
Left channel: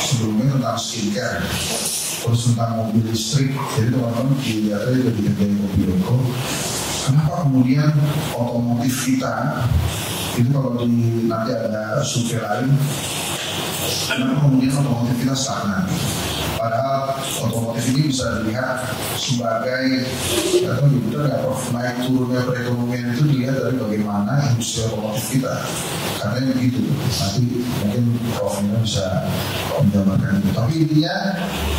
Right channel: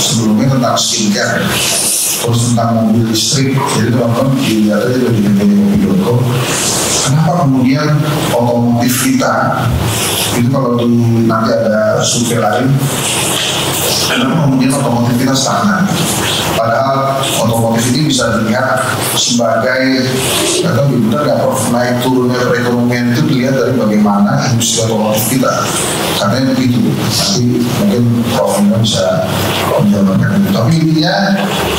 sebelumnya tentang skincare, terus tentang mobil listrik. Jadi teman-teman dilihat aja di kedaikopi.com. Kenapa kemudian otomotif kita itu kalau nanti ada survei lain, kenapa kemudian otomotif kita stagnan? Padahal otomotif ini bisa dilihat sebagai, atau benar nggak Prof, naik turunnya perekonomian itu dilihat dari bagaimana industri otomotif kita. Katanya begitu. Nanti mungkin Prof bisa menjawabkan itu. Tapi intinya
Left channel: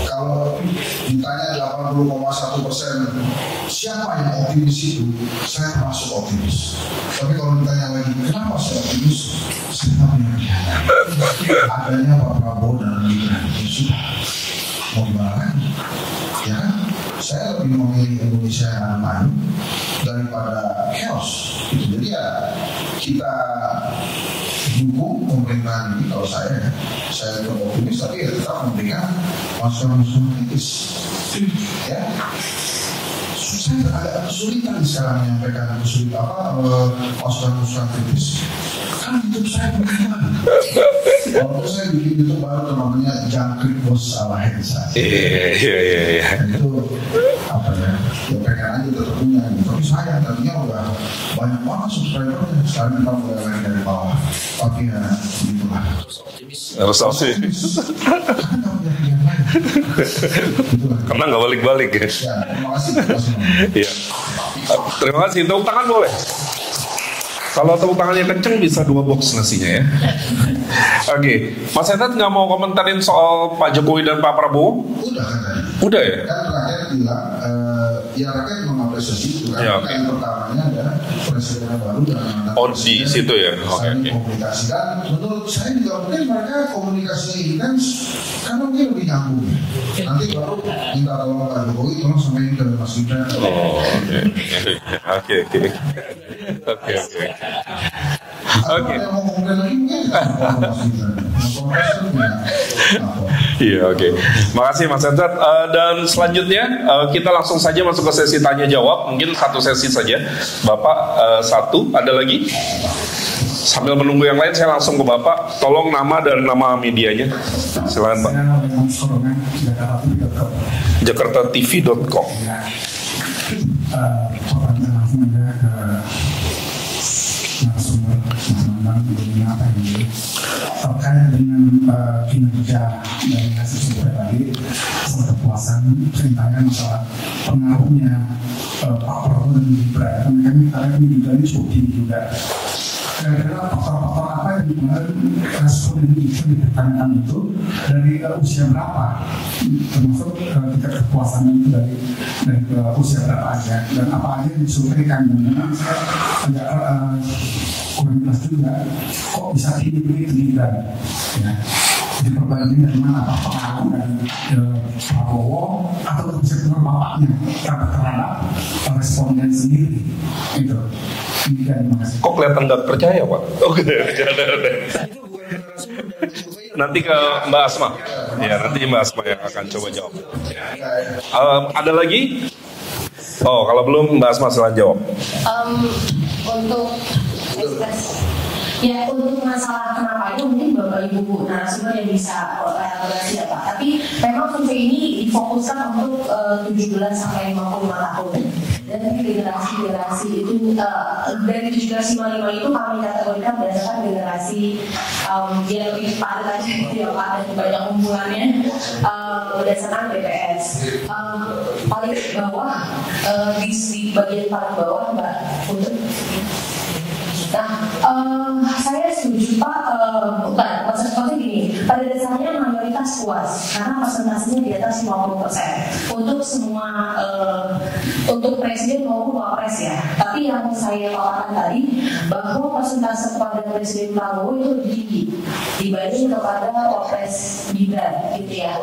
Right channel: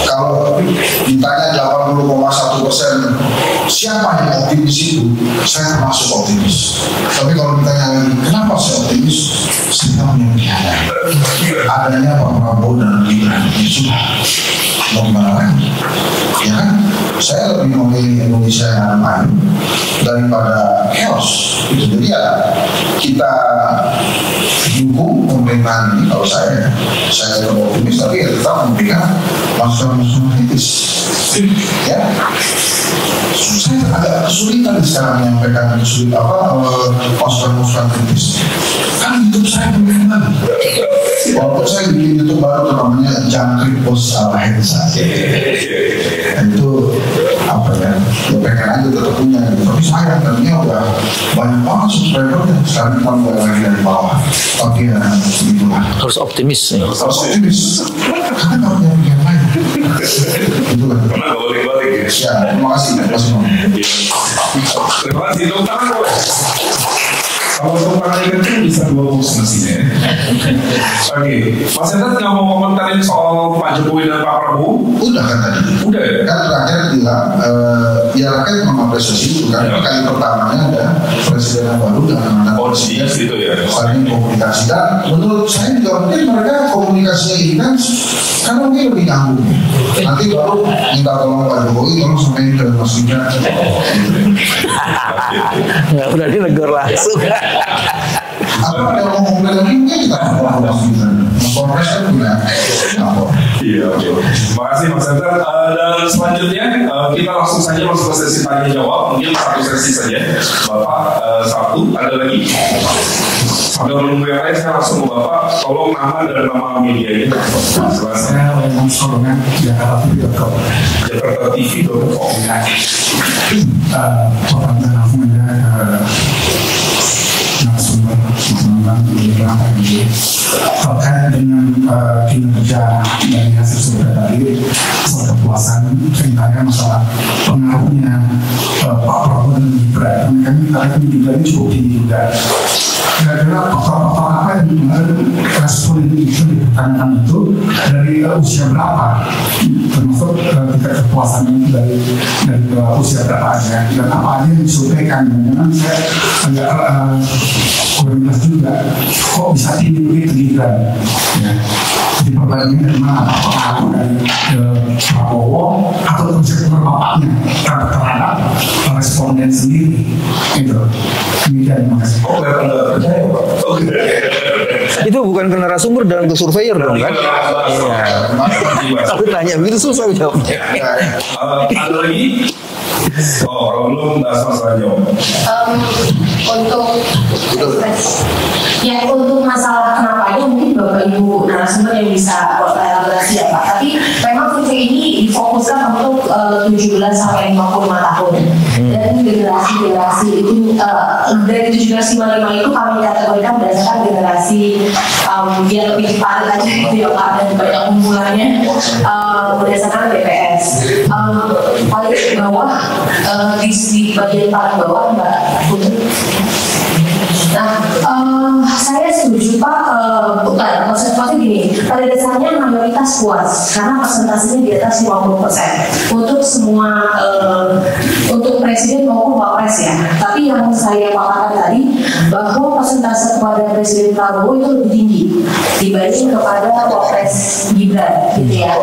kalau ditanya 80,1% siapa yang optimis itu, saya termasuk optimis. Tapi kalau ditanya lagi, kenapa saya optimis? Saya punya pilihan. Adanya Pak Prabowo dan Gibran, ya sudah. Mau gimana lagi? Ya kan? Saya lebih memilih Indonesia yang adem daripada chaos. Jadi ya kita dukung pemerintahan ini. Kalau saya tetap optimis, tapi ya tetap memberikan masukan-masukan kritis. Ya, saya agak kesulitan sekarang menyampaikan masukan-masukan kritis. Kan hidup saya bagaimana? Walaupun saya bikin YouTube baru namanya Jangkrik Bos Alahin saya. Itu apa ya? Ya pengen aja tetap punya gitu. Tapi saya tadinya udah banyak banget subscribernya. Sekarang kita mulai lagi dari bawah. Tapi ya begitulah. Harus optimis. Harus optimis. Karena nggak punya pilihan lain. Itulah. Karena nggak balik-balik ya. Ya, terima kasih. Terima kasih. Tepuk tangan gue. Kalau tepuk tangannya kenceng bisa 2 box mestinya ya. Oke, Mas Hendat nggak mau komentarin soal Pak Jokowi dan Pak Prabowo? Udah kan tadi. Udah ya? Kan terakhir bilang, ya rakyat mengapresiasi itu kan. Ya. Kali pertamanya ada presiden yang baru dengan di situ ya. saling komunikasi. Dan menurut saya juga mungkin mereka komunikasinya ini kan karena mungkin lebih nyambung. Nanti baru minta tolong Pak Jokowi, tolong sampaikan ke Mas Gibran. Oke. Nggak berani negor langsung. Atau ada ngomong lagi mungkin kita ngomong Mas Gibran. Mas Kongres kan punya lapor. Iya, oke. Makasih Mas Hendat. Dan selanjutnya kita langsung saja masuk ke sesi tanya jawab. Mungkin 1 sesi saja. Bapak 1, ada lagi? Sambil menunggu yang lain, saya langsung ke Bapak. Tolong nama dan nama medianya. Silakan. Saya Leman Sorongan, jakartatv.com. jakartatv.com. Pertanyaan aku narasumber mengenai beberapa ini terkait dengan kinerja dari hasil survei tadi, soal kepuasan, ceritanya masalah pengaruhnya Pak Prabowo dan Gibran. Karena Gibran ini cukup tinggi juga. Kira-kira faktor-faktor apa yang kemarin respon Indonesia dipertanyakan itu dari usia berapa, termasuk tingkat kepuasan itu dari usia berapa aja, dan apa aja yang disurveikan. Memang saya agak kurang jelas juga kok bisa tinggi begitu Gibran. Ya. Jadi perbandingan dari mana, apa pengaruh dari Prabowo atau konsekuensi bapaknya terhadap responden sendiri gitu. Demikian, terima kasih. Kok kelihatan nggak percaya Pak? Oke. Itu bukan ke narasumber dan ke surveyor dong Nanti kan? kita bahas. Tapi tanya begitu susah jawabnya. Ada lagi? Oh, kalau belum bahas masalah jawab. Untuk masalah kenapanya mungkin Bapak Ibu narasumber yang bisa elaborasi ya Pak. Tapi memang survei ini difokuskan untuk 17 sampai 55 tahun. Dan generasi itu dari 17-55 itu kami kategorikan berdasarkan generasi biar lebih padat aja gitu ya Pak, dan banyak kumpulannya berdasarkan BPS. Paling bawah di bagian paling bawah Mbak Putri. Nah, saya setuju Pak, bukan, maksudnya gini, pada dasarnya mayoritas puas karena persentasenya di atas 50% untuk semua, untuk presiden maupun wapres ya. Tapi yang saya katakan tadi bahwa persentase kepada Presiden Prabowo itu lebih tinggi dibanding kepada wapres Gibran, gitu ya.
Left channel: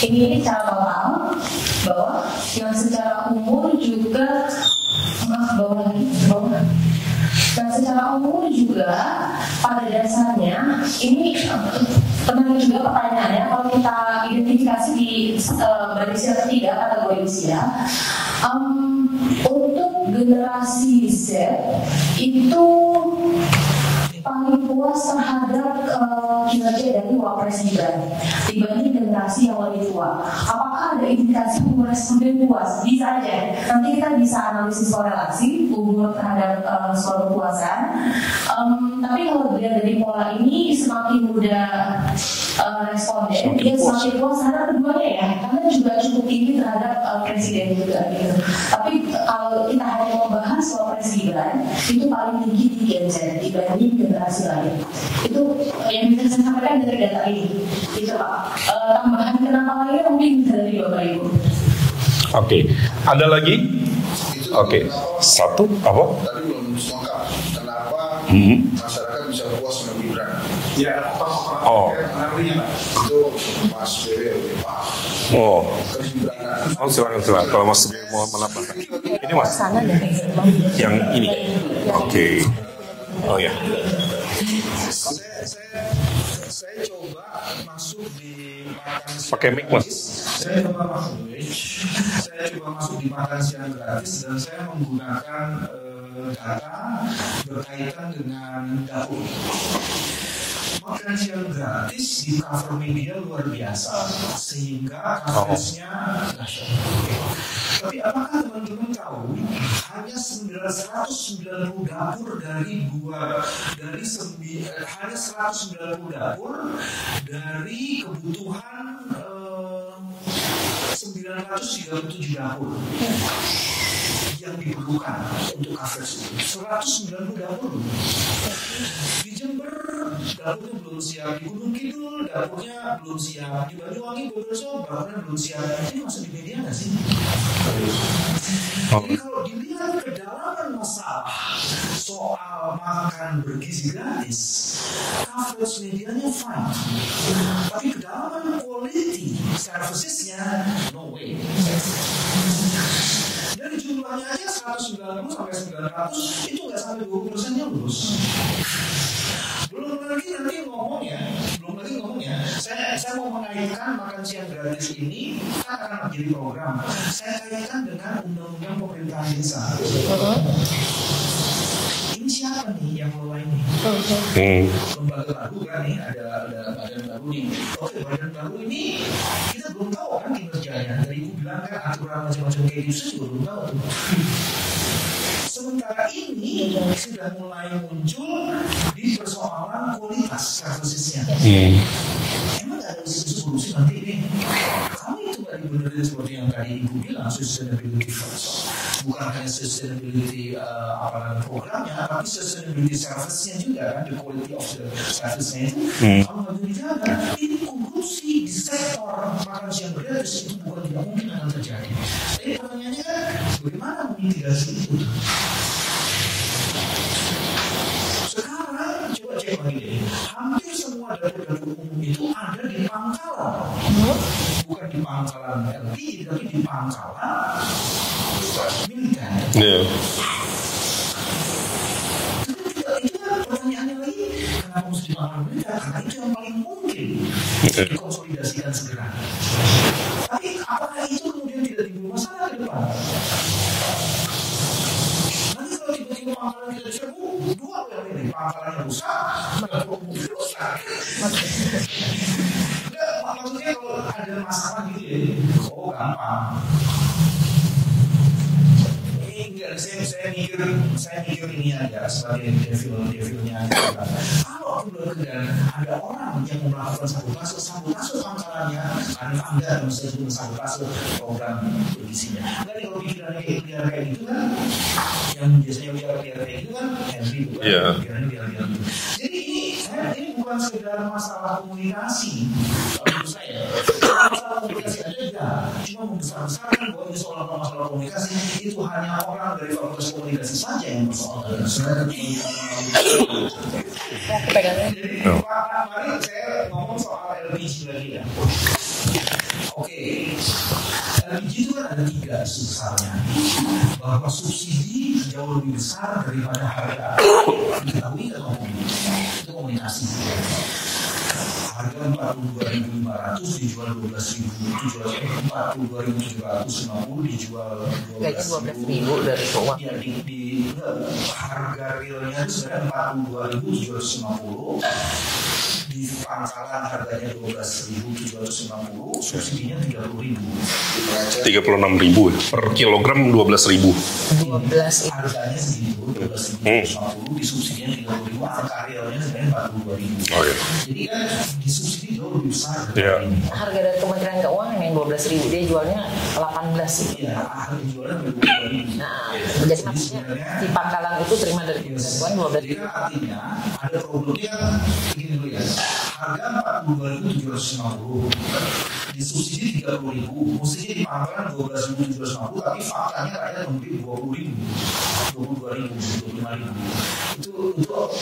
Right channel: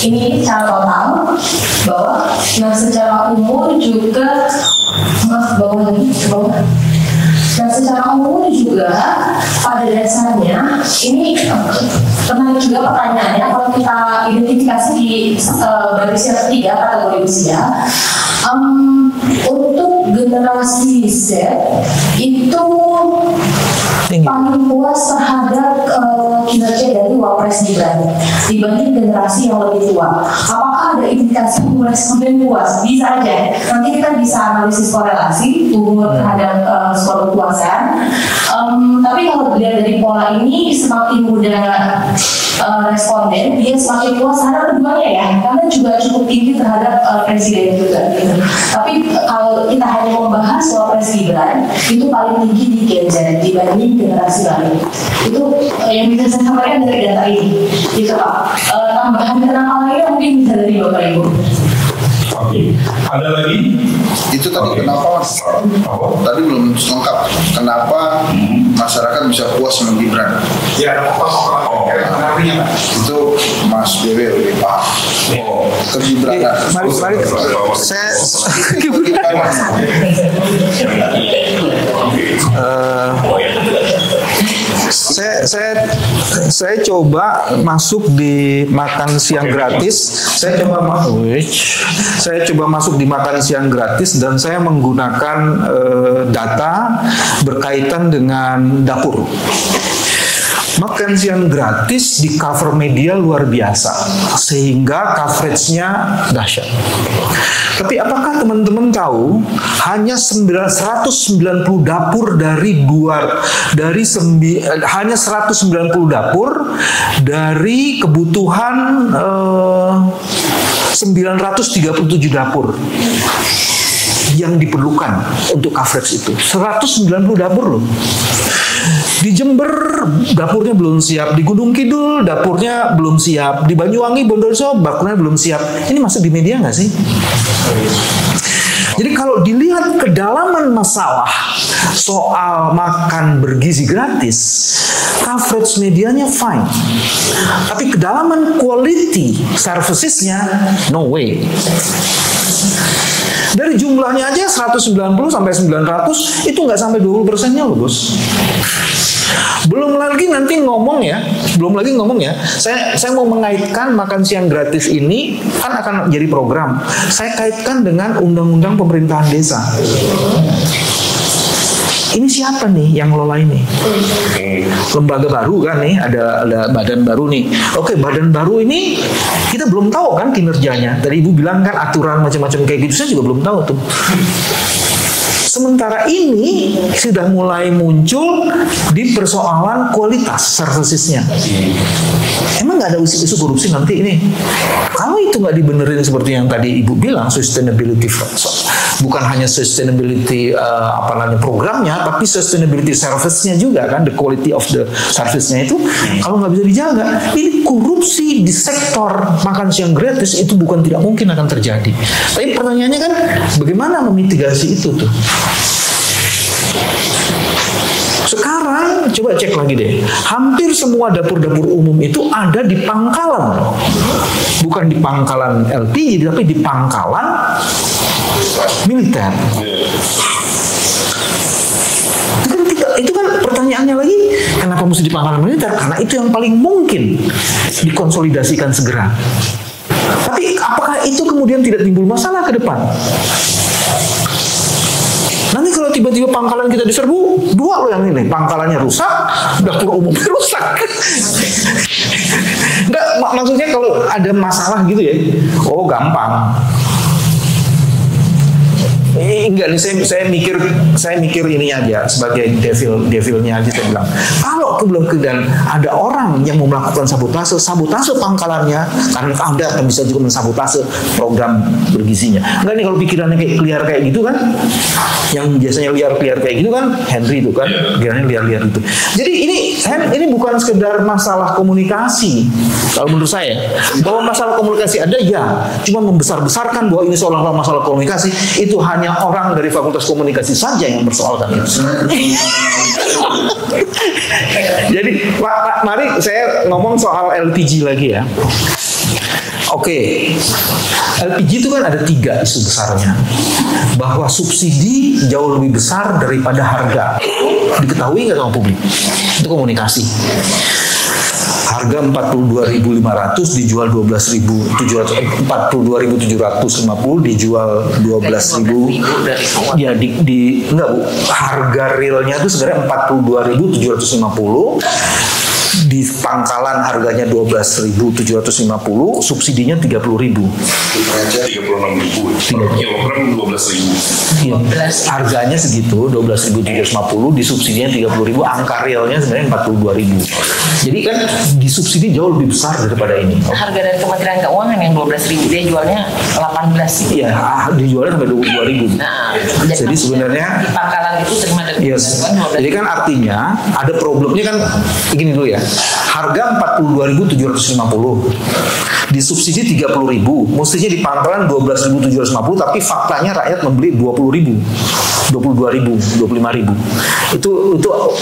Ini secara total bahwa, secara umum juga, secara umum juga pada dasarnya ini pernah juga pertanyaannya kalau kita identifikasi di baris yang ketiga kategori usia, untuk generasi Z itu paling puas terhadap kinerja dari Wapres Gibran dibanding generasi yang lebih tua. Apakah ada indikasi responden puas? Bisa aja. Nanti kita bisa analisis korelasi umur terhadap skor kepuasan. Tapi kalau dilihat dari pola ini, semakin muda responden, dia semakin puas terhadap keduanya ya, karena juga cukup tinggi terhadap presiden juga gitu. Tapi kalau kita hanya membahas Wapres Gibran, itu paling tinggi di Gen Z dibanding generasi lain. Itu yang bisa saya sampaikan dari data ini, gitu Pak. Tambahan kenapa Bapak Ibu. Oke. Ada lagi? Itu tadi kenapa Satu. Apa? tadi belum lengkap. Kenapa masyarakat bisa puas sama Gibran? Ya, ada apa? Oh. Artinya, Pak? Itu Mas BW lebih paham. Oh. Kegibranan. Mari saya coba masuk di makan siang gratis. Saya coba masuk di makan siang gratis dan saya menggunakan data berkaitan dengan dapur. Makan siang gratis di cover media luar biasa sehingga coveragenya dahsyat. Tapi apakah teman-teman tahu hanya 190 dapur hanya 190 dapur dari kebutuhan 937 dapur yang diperlukan untuk coverage itu. 190 dapur loh. Di Jember dapurnya belum siap, di Gunung Kidul dapurnya belum siap, di Banyuwangi, Bondowoso dapurnya belum siap. Ini masuk di media nggak sih? Jadi kalau dilihat kedalaman masalah soal makan bergizi gratis, coverage medianya fine. Tapi kedalaman quality servicesnya no way. Dari jumlahnya aja 190 sampai 900 itu nggak sampai 20%-nya loh bos. Belum lagi ngomong ya. Saya mau mengaitkan makan siang gratis ini kan akan jadi program. Saya kaitkan dengan undang-undang pemerintahan desa. Ini siapa nih yang ngelola ini? Lembaga baru kan nih, ada badan baru nih. Oke, badan baru ini kita belum tahu kan kinerjanya. Tadi Ibu bilang kan aturan macam-macam kayak gitu, saya juga belum tahu tuh. Sementara ini sudah mulai muncul di persoalan kualitas servicesnya. Emang nggak ada isu korupsi nanti ini? Kalau itu nggak dibenerin seperti yang tadi Ibu bilang, sustainability, bukan hanya sustainability programnya, tapi sustainability service-nya juga kan, the quality of the service-nya itu kalau nggak bisa dijaga, ini korupsi di sektor makan siang gratis itu bukan tidak mungkin akan terjadi. Tapi pertanyaannya kan, bagaimana memitigasi itu tuh? Sekarang coba cek lagi deh. Hampir semua dapur-dapur umum itu ada di pangkalan. Bukan di pangkalan LPG, tapi di pangkalan militer. Itu kan pertanyaannya lagi, kenapa mesti di pangkalan militer? Karena itu yang paling mungkin dikonsolidasikan segera. Tapi apakah itu kemudian tidak timbul masalah ke depan? Nanti kalau tiba-tiba pangkalan kita diserbu, dua loh yang ini, pangkalannya rusak, dapur umumnya rusak. Enggak, maksudnya kalau ada masalah gitu ya, oh gampang. Enggak nih, saya mikir ini aja sebagai devilnya aja, saya bilang kalau kemudian ada orang yang mau melakukan sabotase pangkalannya karena Anda akan bisa juga mensabotase program bergizinya. Enggak nih, kalau pikirannya kayak liar kayak gitu kan, yang biasanya liar kayak gitu kan, Henry itu kan pikirannya liar itu. Jadi ini bukan sekedar masalah komunikasi. Kalau menurut saya, bahwa masalah komunikasi ada ya, cuma membesar-besarkan bahwa ini seolah-olah masalah komunikasi, itu hanya orang dari Fakultas Komunikasi saja yang bersoalkan itu. Jadi, mari saya ngomong soal LPG lagi ya. Oke, LPG itu kan ada 3 isu besarnya. Bahwa subsidi jauh lebih besar daripada harga. Diketahui nggak sama publik? Itu komunikasi. Harga 42.500 dijual 42.750 dijual 12.000. Ya enggak Bu, harga realnya itu sebenarnya 42.750. Di pangkalan harganya 12.750, subsidinya 30.000. 36.000 per kilogram 12.000. Iya, harganya segitu 12.750, disubsidinya 30.000, angka realnya sebenarnya 42.000. Jadi kan disubsidi jauh lebih besar daripada ini. Harga dari Kementerian Keuangan yang 15.000, dia jualnya 18. Iya, dijualnya sampai 22.000. Nah, jadi sebenarnya di pangkalan itu terima dari yes. Jadi kan artinya ada problemnya kan begini dulu ya. Harga 42.750, disubsidi 30.000, mestinya di pangkalan 12.750, tapi faktanya rakyat membeli 20.000, 22.000, 25.000. Itu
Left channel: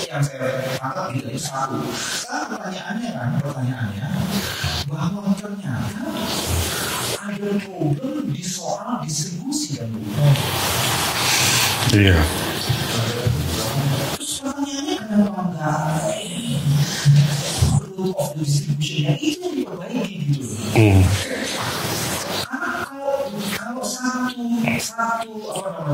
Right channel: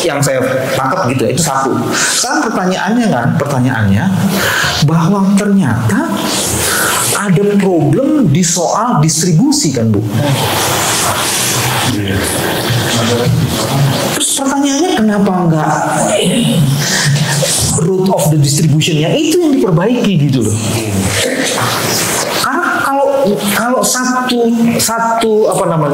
yang saya tangkap gitu ya. Itu satu. Sekarang pertanyaannya bahwa ternyata ada problem di soal distribusi kan Bu. Terus pertanyaannya kenapa enggak root of the distribution-nya itu yang diperbaiki gitu loh. Karena kalau satu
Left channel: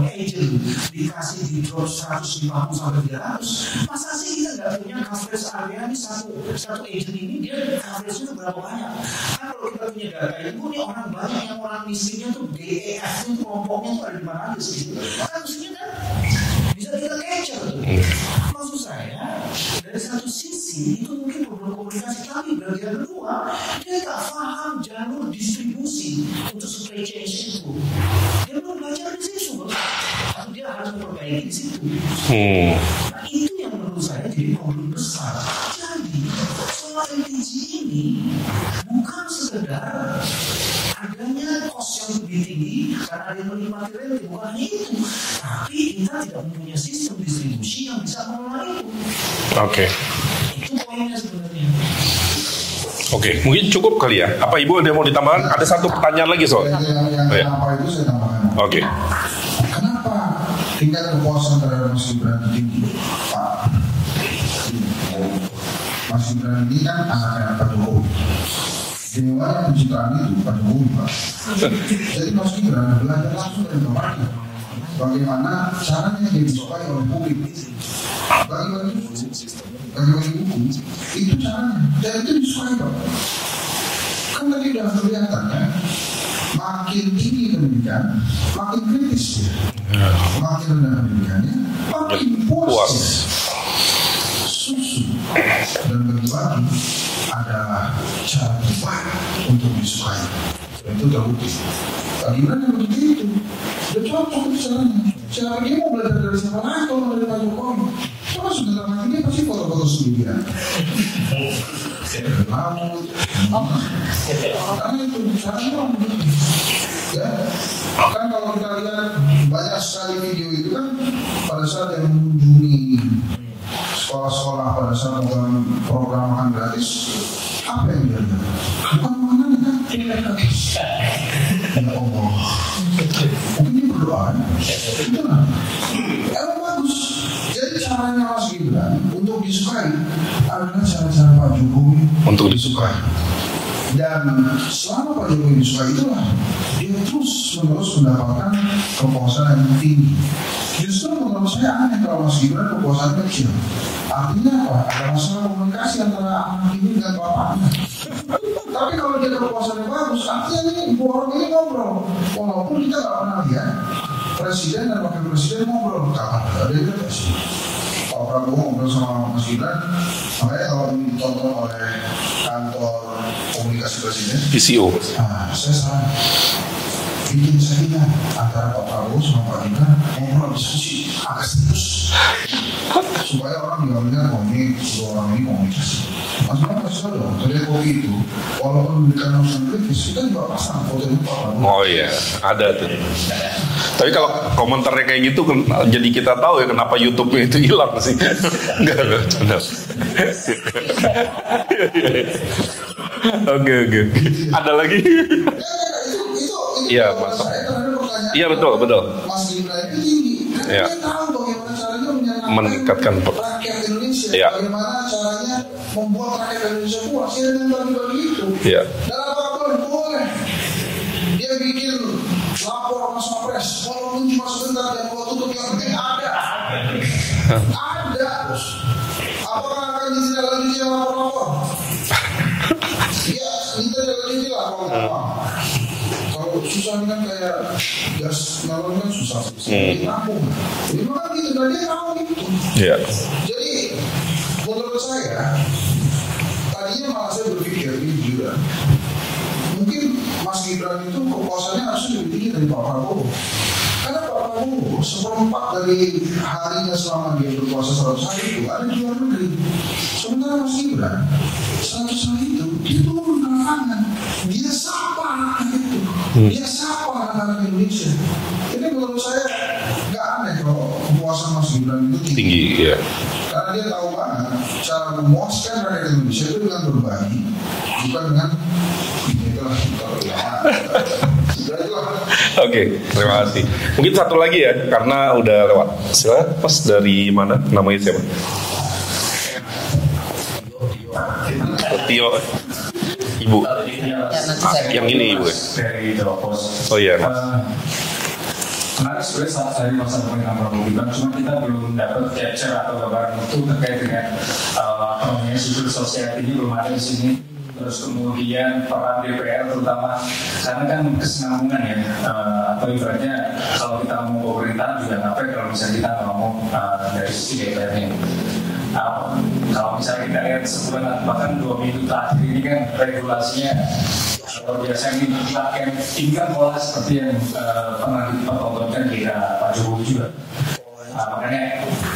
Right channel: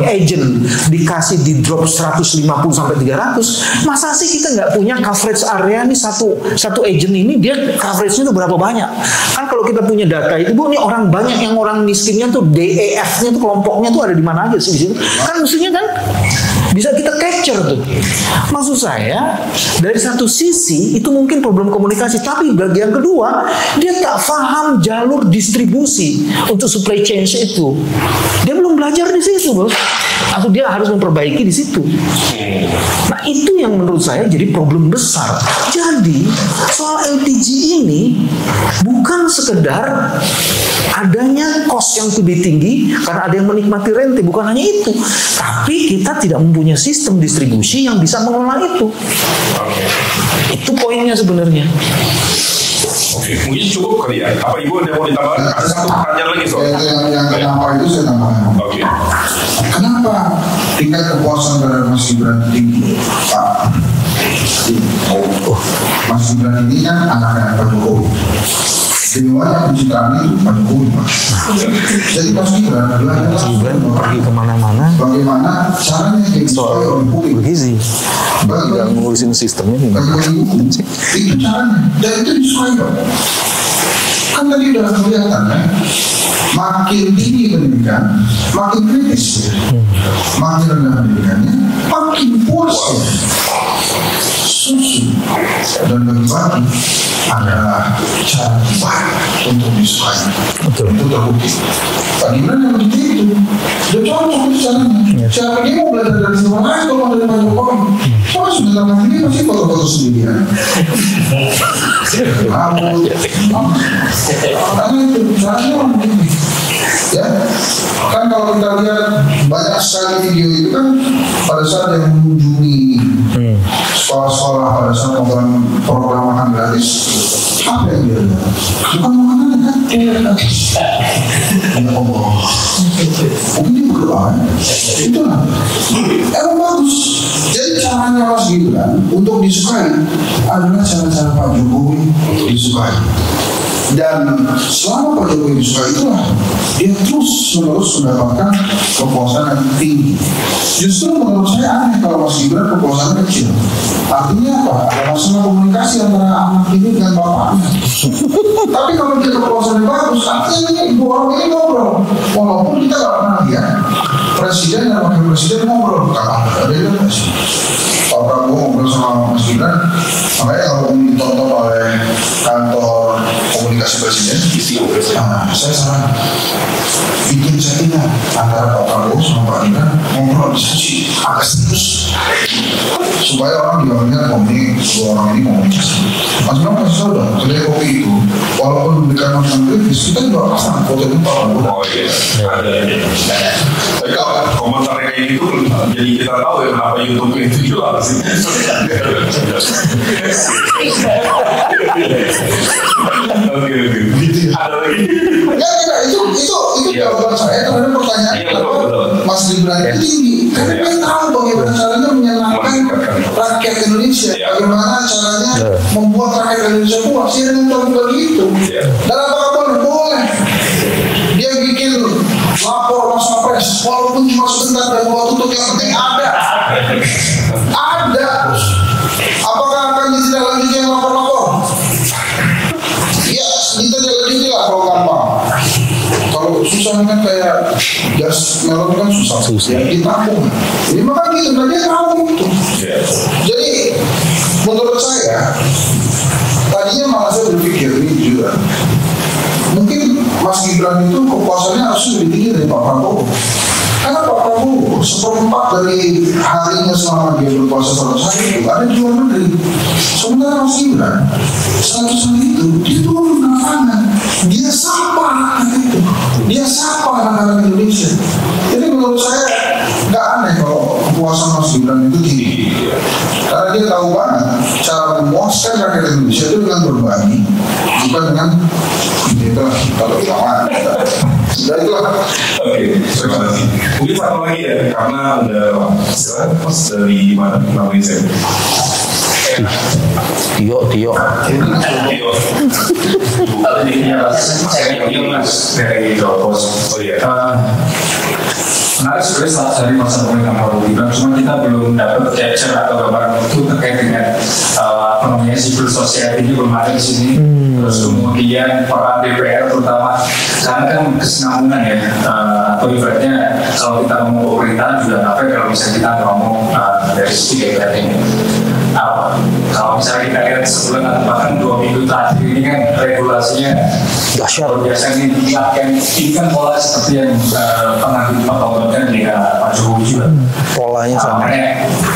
agent dikasih di drop 150 sampai 300, masa sih kita nggak punya coverage area nih satu agent ini dia coverage-nya tuh berapa banyak? Kan kalau kita punya data itu Bu, nih orang banyak yang orang miskinnya tuh DEF-nya tuh kelompoknya tuh ada di mana aja sih di situ. Kan mestinya kan bisa kita capture tuh. Maksud saya dari satu sisi itu mungkin problem komunikasi, tapi bagian kedua dia tak paham jalur distribusi untuk supply chain itu. Dia belum belajar di situ, Bos. Atau dia harus memperbaiki di situ. Nah, itu yang menurut saya jadi problem besar. Jadi soal LPG ini bukan sekedar adanya cost yang lebih tinggi karena ada yang menikmati rente, bukan hanya itu, tapi kita tidak mempunyai sistem distribusi yang bisa mengelola itu. Oke. Itu poinnya sebenarnya. Oke, mungkin cukup kali ya. Apa Ibu ada yang mau ditambahkan? Ada satu pertanyaan lagi soal. Yang kenapa itu saya tambahkan. Oke. Kenapa tingkat kepuasan terhadap Mas Gibran tinggi, Pak? Mas Gibran ini kan anaknya Pak Jokowi. Semuanya pencitraan itu Pak Jokowi, Pak. Jadi Mas Gibran pergi kemana-mana. Bagaimana caranya dia disukai oleh publik? Bergizi. Nggak ngurusin sistemnya gimana? Itu caranya. Dan itu disukai, Pak. Kan tadi udah kelihatan ya. Makin tinggi pendidikan, makin kritis. Makin rendah pendidikannya, makin puas. Susu dan bagi-bagi adalah cara terbaik untuk disukai. Betul. Itu terbukti. Pak Gibran yang begitu itu, dia cocok itu caranya. Siapa dia mau belajar dari siapa lain kalau dari Pak Jokowi? Soalnya sebentar lagi dia pasti foto-foto sendirian. Karena itu caranya orang begini. Ya, kan kalau kita lihat banyak sekali video itu kan pada saat yang mengunjungi sekolah-sekolah pada saat program makan gratis, apa yang dia lihat? Bukan makanan kan? Ya Allah, ini berdoa, itu lah. Emang bagus. Jadi caranya Mas Gibran untuk disukai adalah cara-cara Pak Jokowi untuk disukai. Dan selama Pak Jokowi disukai itulah dia terus-menerus mendapatkan kepuasan yang tinggi. Justru menurut saya aneh kalau Mas Gibran kepuasannya kecil. Artinya apa? Ada masalah komunikasi antara anak ini dengan bapaknya. Tapi kalau dia kepuasannya bagus, artinya ini dua orang ini ngobrol. Walaupun kita nggak pernah lihat presiden dan wakil presiden ngobrol. Ada presiden. Pak Prabowo ngobrol sama Mas Gibran. Makanya kalau ini ditonton oleh kantor komunikasi presiden, PCO. Saya saran bikin settingan antara Pak Prabowo sama Pak Gibran ngobrol diskusi agak serius supaya orang bilangnya ini dua orang ini komunikasi. Mas Bram kasih tahu dong, kedai kopi itu walaupun memberikan masukan kritis kita juga pasang fotonya Pak Prabowo. Oh iya, ada. Tapi kalau komentarnya kayak gitu, jadi kita tahu ya kenapa YouTube itu hilang sih. Oke. Ada lagi? Ya, itu jawaban saya terhadap pertanyaan. Iya, betul. Mas Gibran itu tinggi. Karena dia tahu bagaimana caranya menyenangkan rakyat Indonesia. Bagaimana caranya membuat rakyat Indonesia puas. Dia dengan topik itu. Dan apapun boleh. Dia bikin lapor Mas Kapres, walaupun cuma sebentar dan buat tutup, yang penting ada. Ada. Apakah akan ditindaklanjuti yang lapor-lapor? Ya, ditindaklanjuti lah kalau gampang. Kalau susah kan kayak gas melon kan susah. Ditampung. Ini makanya gitu, dan dia tahu itu. Jadi menurut saya tadinya malah saya berpikir ini juga mungkin Mas Gibran itu kepuasannya harusnya lebih tinggi dari Pak Prabowo. Karena Pak Prabowo seperempat dari harinya selama dia berpuasa 100 hari itu ada di luar negeri. Sementara Mas Gibran 100 hari itu dia turun ke lapangan, dia sapa anak itu, dia sapa anak-anak Indonesia. Jadi menurut saya nggak aneh kalau kepuasan Mas Gibran itu tinggi. Karena dia tahu banget cara memuaskan rakyat Indonesia itu dengan berbagi, bukan dengan itulah kalau bilang Oke, terima kasih. Mungkin satu lagi ya, karena udah lewat. Silakan Mas, dari mana namanya siapa? Tio. Ibu. Yang gini dari Dropos. Oh iya. Menarik sebenarnya dari masa pemerintahan Prabowo Gibran, cuma kita belum dapat capture atau gambaran itu terkait dengan civil society ini belum ada di sini. Terus kemudian peran DPR terutama, karena kan kesinambungan ya, atau ibaratnya kalau kita ngomong pemerintahan juga ngapain kalau misalnya kita ngomong dari sisi DPR ini. Kalau misalnya kita lihat sebulan atau bahkan 2 minggu terakhir ini kan regulasinya biasanya ini kan pola seperti yang pernah ditontonkan di Pak Jokowi juga. Polanya sama.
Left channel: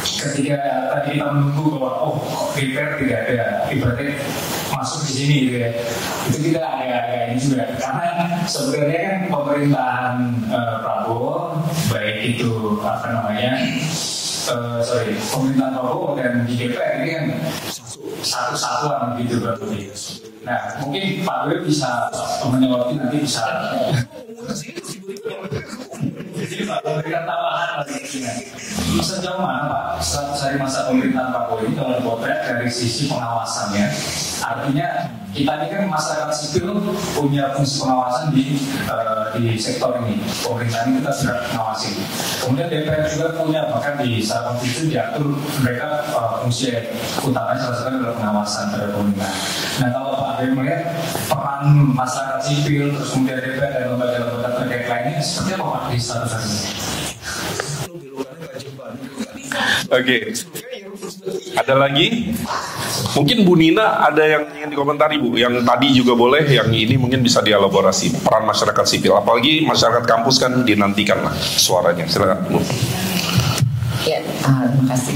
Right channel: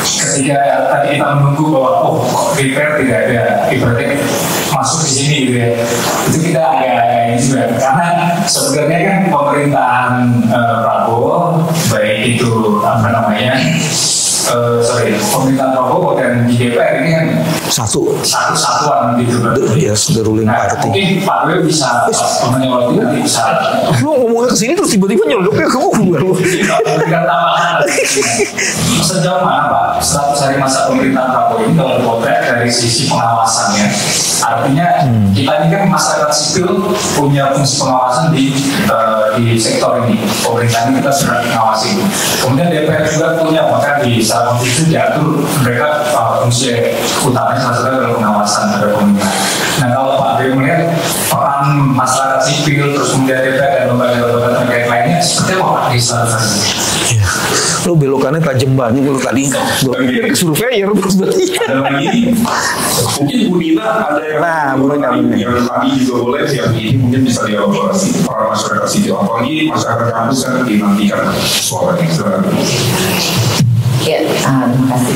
Ketika tadi kita menunggu bahwa DPR tidak ada ibaratnya masuk di sini gitu ya, itu kita agak ini juga karena sebenarnya kan pemerintahan Prabowo baik itu pemerintahan Prabowo dan di DPR ini kan satu-satuan gitu kan. Yes, the ruling party. Mungkin Pak Dewi bisa menyewa nanti bisa. Lu ngomongnya kesini terus tiba-tiba nyeluduknya ke gue. Tidak tambahan. Sejauh mana Pak 100 hari masa pemerintahan Prabowo ini kalau potret dari sisi pengawasannya? Artinya kita ini kan masyarakat sipil punya fungsi pengawasan di sektor ini. Pemerintah ini kita sudah mengawasi. Kemudian DPR juga punya, bahkan di saat itu diatur mereka fungsi utamanya salah satunya adalah pengawasan terhadap pemerintah. Nah kalau Pak Dewi melihat peran masyarakat sipil terus kemudian DPR dan lembaga-lembaga terkait lainnya seperti apa Pak di saat ini? Lo belokannya tajam banget kalau tadi. Surveyor terus berarti. Ada lagi? Mungkin Bu Nina ada yang yang tadi juga boleh, yang ini mungkin bisa dielaborasi peran masyarakat sipil. Apalagi masyarakat kampus kan dinantikan suaranya. Silakan. Ya, terima kasih.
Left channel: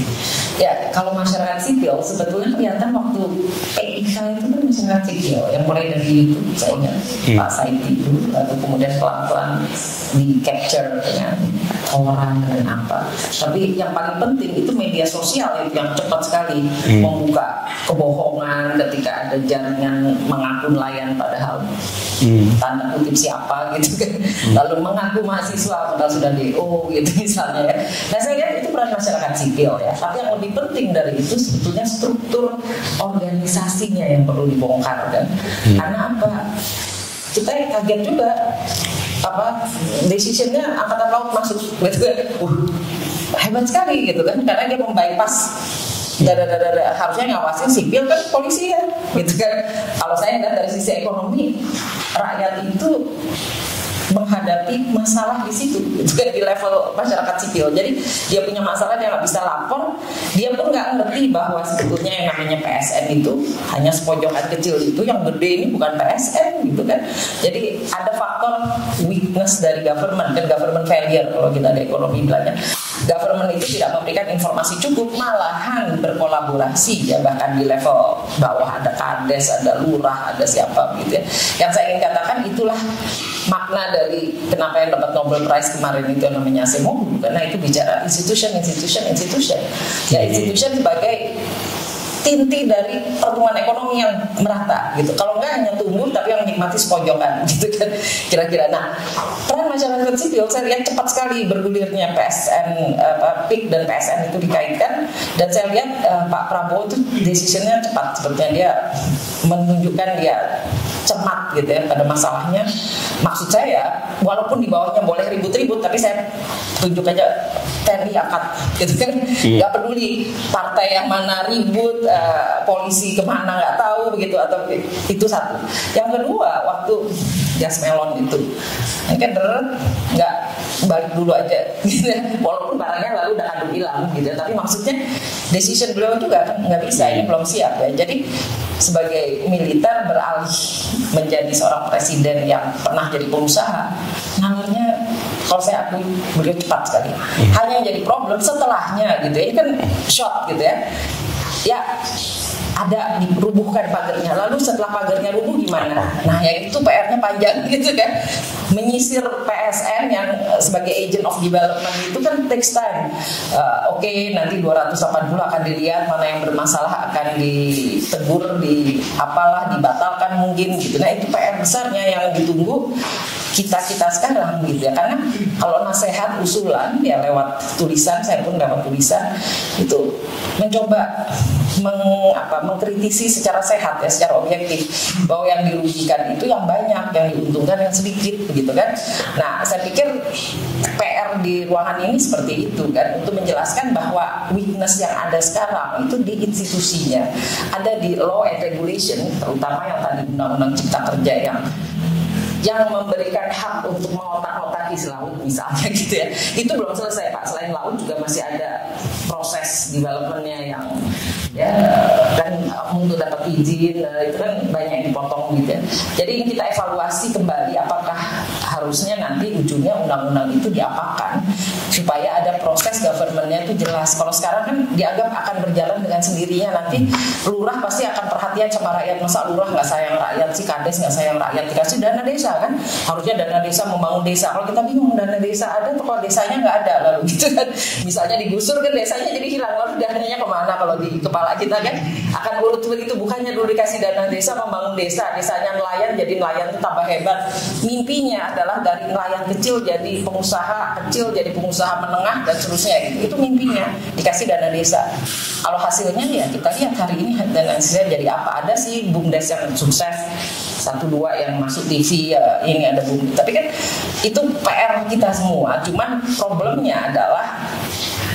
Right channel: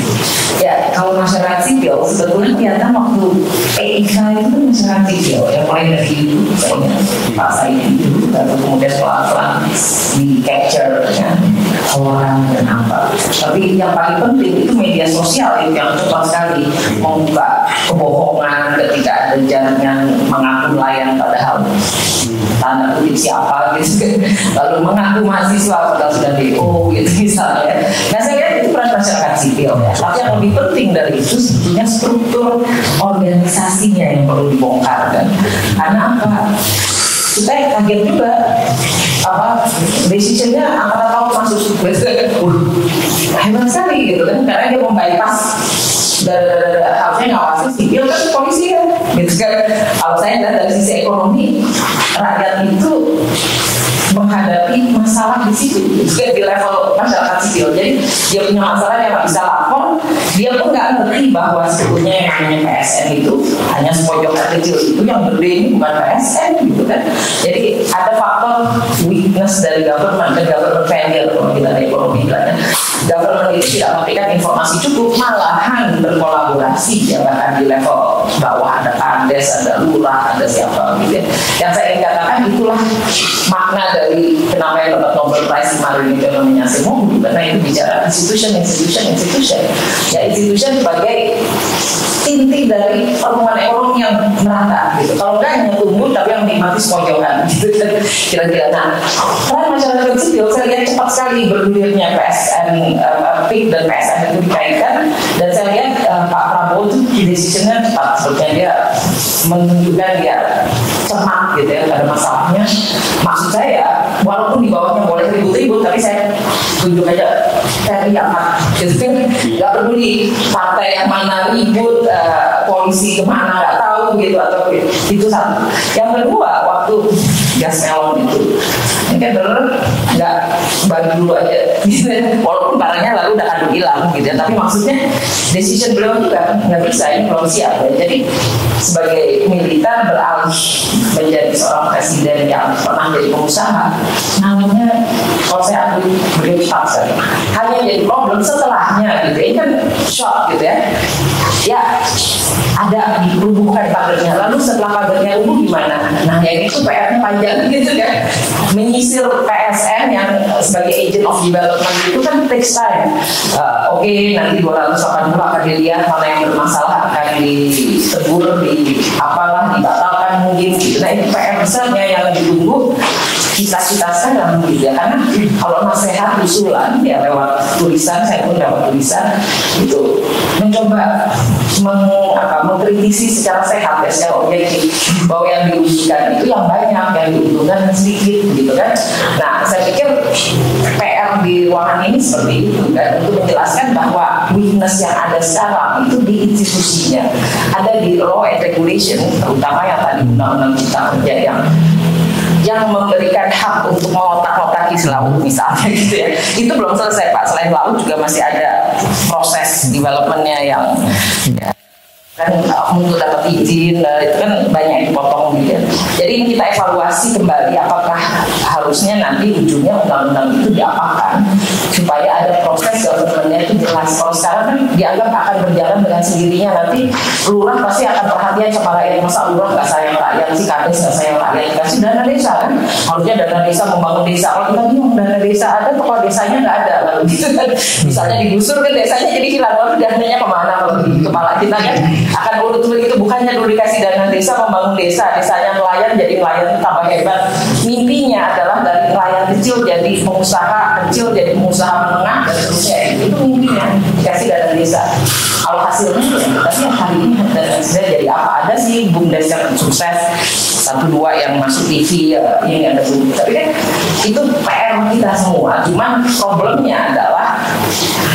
Ya, kalau masyarakat sipil sebetulnya kelihatan waktu PIK itu kan masyarakat sipil yang mulai dari itu kayaknya Pak Said itu, lalu kemudian pelan-pelan di capture dengan orang dan apa. Tapi yang paling penting itu media sosial itu yang cepat sekali membuka kebohongan ketika ada jaringan mengaku nelayan padahal tanda kutip siapa gitu, lalu mengaku mahasiswa padahal sudah DO gitu misalnya. Nah saya lihat itu peran masyarakat sipil ya. Tapi yang lebih penting dari itu sebetulnya struktur organisasinya yang perlu dibongkar kan. Karena apa? Kita yang kaget juga decisionnya angkatan laut masuk hebat sekali gitu kan, karena dia membypass harusnya ngawasin sipil kan polisi kan gitu kan. Kalau saya lihat dari sisi ekonomi, rakyat itu menghadapi masalah di situ, gitu kan, di level masyarakat sipil. Jadi dia punya masalah yang nggak bisa lapor, dia pun nggak ngerti bahwa sebetulnya yang namanya PSN itu hanya sepojokan kecil itu, yang gede ini bukan PSN gitu kan. Jadi ada faktor weakness dari government dan government failure kalau kita ada ekonomi bilangnya. Government itu tidak memberikan informasi cukup, malahan berkolaborasi ya, bahkan di level bawah ada kades, ada lurah, ada siapa gitu ya. Yang saya ingin katakan itulah makna dari kenapa yang dapat Nobel Prize kemarin itu namanya Acemoglu, karena itu bicara institution. Ya institution sebagai inti dari pertumbuhan ekonomi yang merata gitu. Kalau enggak hanya tumbuh tapi yang menikmati sepojokan gitu kan kira-kira. Nah, peran masyarakat sipil saya lihat cepat sekali bergulirnya PSN, PIK dan PSN itu dikaitkan, dan saya lihat Pak Prabowo itu decisionnya cepat, sepertinya dia menunjukkan dia cermat gitu ya pada masalahnya. Maksud saya walaupun di bawahnya boleh ribut-ribut, tapi saya tunjuk aja teriakat gitu kan, nggak peduli partai yang mana ribut, polisi kemana nggak tahu gitu, atau itu satu. Yang kedua, waktu gas melon itu. Ini kan bener nggak bagi dulu aja gitu ya. Walaupun barangnya lalu udah kadung hilang gitu ya. Tapi maksudnya decision beliau juga nggak bisa, ini belum siap ya. Jadi sebagai militer beralih menjadi seorang presiden yang pernah jadi pengusaha, namanya kalau saya akui beliau cepat sekali. Hanya jadi problem setelahnya gitu ya. Ini kan shock gitu ya. Ya ada dirubuhkan pagernya. Lalu setelah pagernya rubuh gimana? Nah yang itu PR-nya panjang gitu kan. Menyisir PSN yang sebagai agent of development itu kan takes time. Oke, nanti 280 akan dilihat mana yang bermasalah, akan ditegur, dibatalkan mungkin gitu. Nah itu PR besarnya yang ditunggu kita sekarang gitu ya. Karena kalau nasihat usulan ya lewat tulisan, saya pun lewat tulisan itu mencoba mengkritisi secara sehat ya, secara objektif bahwa yang dirugikan itu yang banyak, yang diuntungkan yang sedikit begitu kan. Nah saya pikir PR di ruangan ini seperti itu kan, untuk menjelaskan bahwa weakness yang ada sekarang itu di institusinya, ada di law and regulation, terutama yang tadi undang-undang cipta kerja yang memberikan hak untuk mengotak-otaki laut misalnya gitu ya. Itu belum selesai Pak. Selain laut juga masih ada proses developmentnya yang ya, kan untuk dapat izin itu kan banyak yang dipotong gitu ya. Jadi ini kita evaluasi kembali apakah harusnya nanti ujungnya undang-undang itu diapakan supaya ada proses government-nya itu jelas. Kalau sekarang kan dianggap akan berjalan dengan sendirinya, nanti lurah pasti akan perhatian sama rakyat. Masa lurah nggak sayang rakyat sih, kades nggak sayang rakyat, dikasih dana desa kan, harusnya dana desa membangun desa. Kalau kita bingung dana desa ada, kok desanya nggak ada lalu gitu kan, misalnya digusur kan desanya jadi hilang, lalu dananya kemana kalau di kepala kita kan akan urut begitu. Bukannya dulu dikasih dana desa membangun desa, desanya nelayan jadi nelayan tambah hebat. Mimpinya adalah dari nelayan kecil jadi pengusaha kecil, jadi pengusaha menengah dan seterusnya. Itu mimpinya dikasih dana desa. Kalau hasilnya ya kita lihat hari ini dana desa jadi apa? Ada sih BUMDes yang sukses, 1-2 yang masuk TV ya, ini ada BUMDes. Tapi kan itu PR kita semua. Cuman problemnya adalah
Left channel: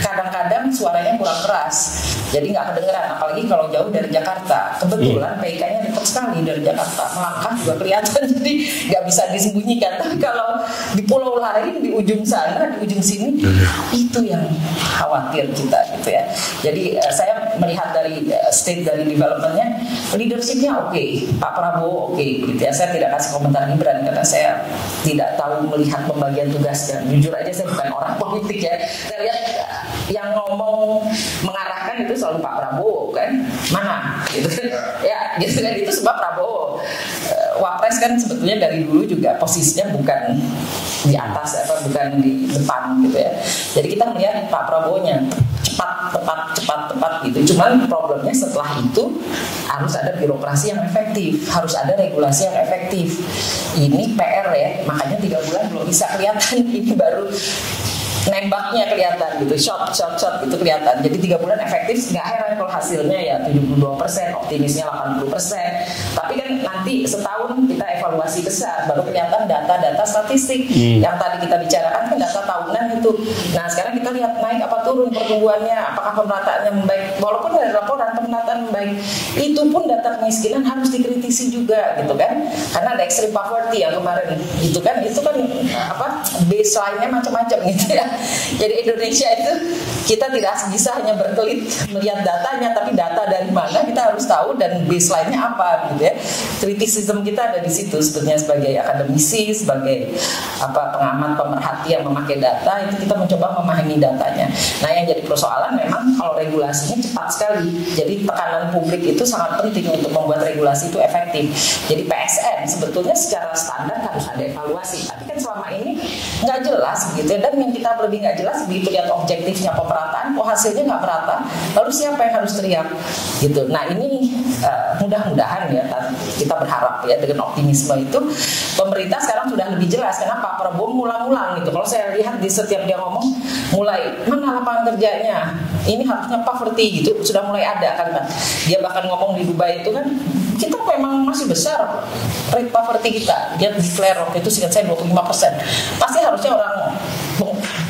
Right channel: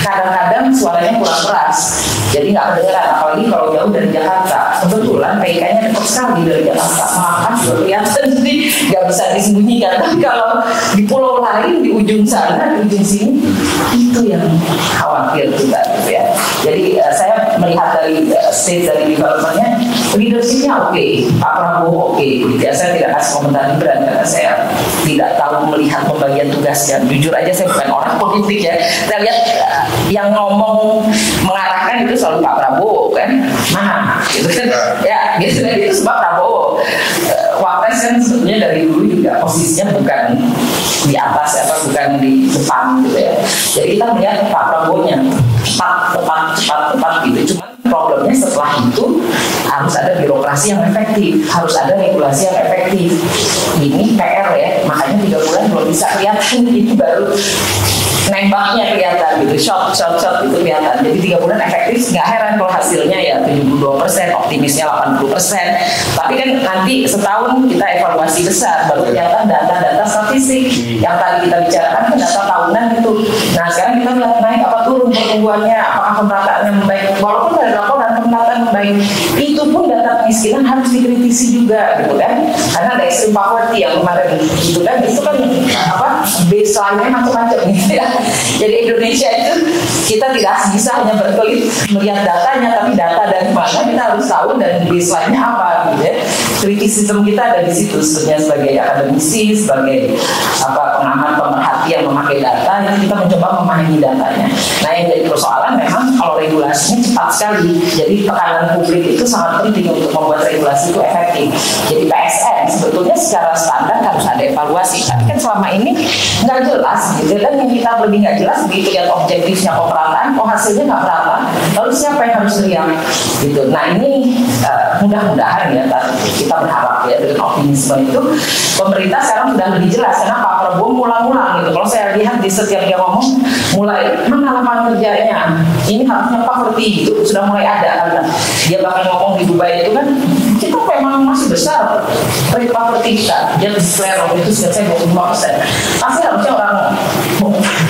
kadang-kadang suaranya kurang keras, jadi nggak kedengeran. Apalagi kalau jauh dari Jakarta. Kebetulan PK-nya dekat sekali dari Jakarta, maka juga kelihatan, jadi nggak bisa disembunyikan. Tapi kalau di pulau lain, di ujung sana, di ujung sini, itu yang khawatir kita gitu ya. Jadi saya melihat dari state dari development-nya, leadership-nya oke, Pak Prabowo oke. Saya tidak kasih komentar Gibran karena saya tidak tahu melihat pembagian tugasnya. Jujur aja saya bukan orang politik ya. Saya lihat yang ngomong mengarahkan itu selalu Pak Prabowo kan, mana gitu kan ya, gitu kan, itu sebab Prabowo. Wapres kan sebetulnya dari dulu juga posisinya bukan di atas bukan di depan gitu ya. Jadi kita melihat Pak Prabowo-nya cepat gitu. Cuman problemnya setelah itu harus ada birokrasi yang efektif, harus ada regulasi yang efektif. Ini PR ya, makanya 3 bulan belum bisa kelihatan. Ini baru nembaknya kelihatan gitu, shot itu kelihatan. Jadi 3 bulan efektif, nggak heran kalau hasilnya ya 72%, optimisnya 80%. Tapi kan nanti setahun kita evaluasi besar, baru kelihatan data-data statistik yang tadi kita bicarakan kan data tahunan itu. Nah sekarang kita lihat naik apa turun pertumbuhannya, apakah pemerataannya membaik. Walaupun ada laporan pemerataan membaik, itu pun data kemiskinan harus dikritisi juga gitu kan, karena ada extreme poverty yang kemarin gitu kan, itu kan baseline-nya macam-macam gitu ya. Jadi Indonesia itu kita tidak bisa hanya berkelit melihat datanya, tapi data dari mana kita harus tahu dan baseline-nya apa gitu ya. Kritisisme kita ada di situ sebetulnya sebagai akademisi, sebagai pengamat pemerhati yang memakai data, itu kita mencoba memahami datanya. Nah yang jadi persoalan memang kalau regulasinya cepat sekali. Jadi tekanan publik itu sangat penting untuk membuat regulasi itu efektif. Jadi PSN sebetulnya secara standar harus ada evaluasi, tapi kan selama ini nggak jelas gitu. Dan yang kita lebih nggak jelas begitu lihat objektifnya pemerataan, kok hasilnya nggak merata, lalu siapa yang harus teriak gitu. Nah ini mudah-mudahan ya kita berharap ya dengan optimisme itu pemerintah sekarang sudah lebih jelas. Kenapa Prabowo ngulang-ngulang gitu. Kalau saya lihat di setiap dia ngomong mulai mana lapangan kerjanya, ini harusnya poverty gitu, sudah mulai ada kan. Dia bahkan ngomong di Dubai itu kan kita memang masih besar rate poverty kita. Dia declare waktu itu seingat saya 25%. Pasti harusnya orang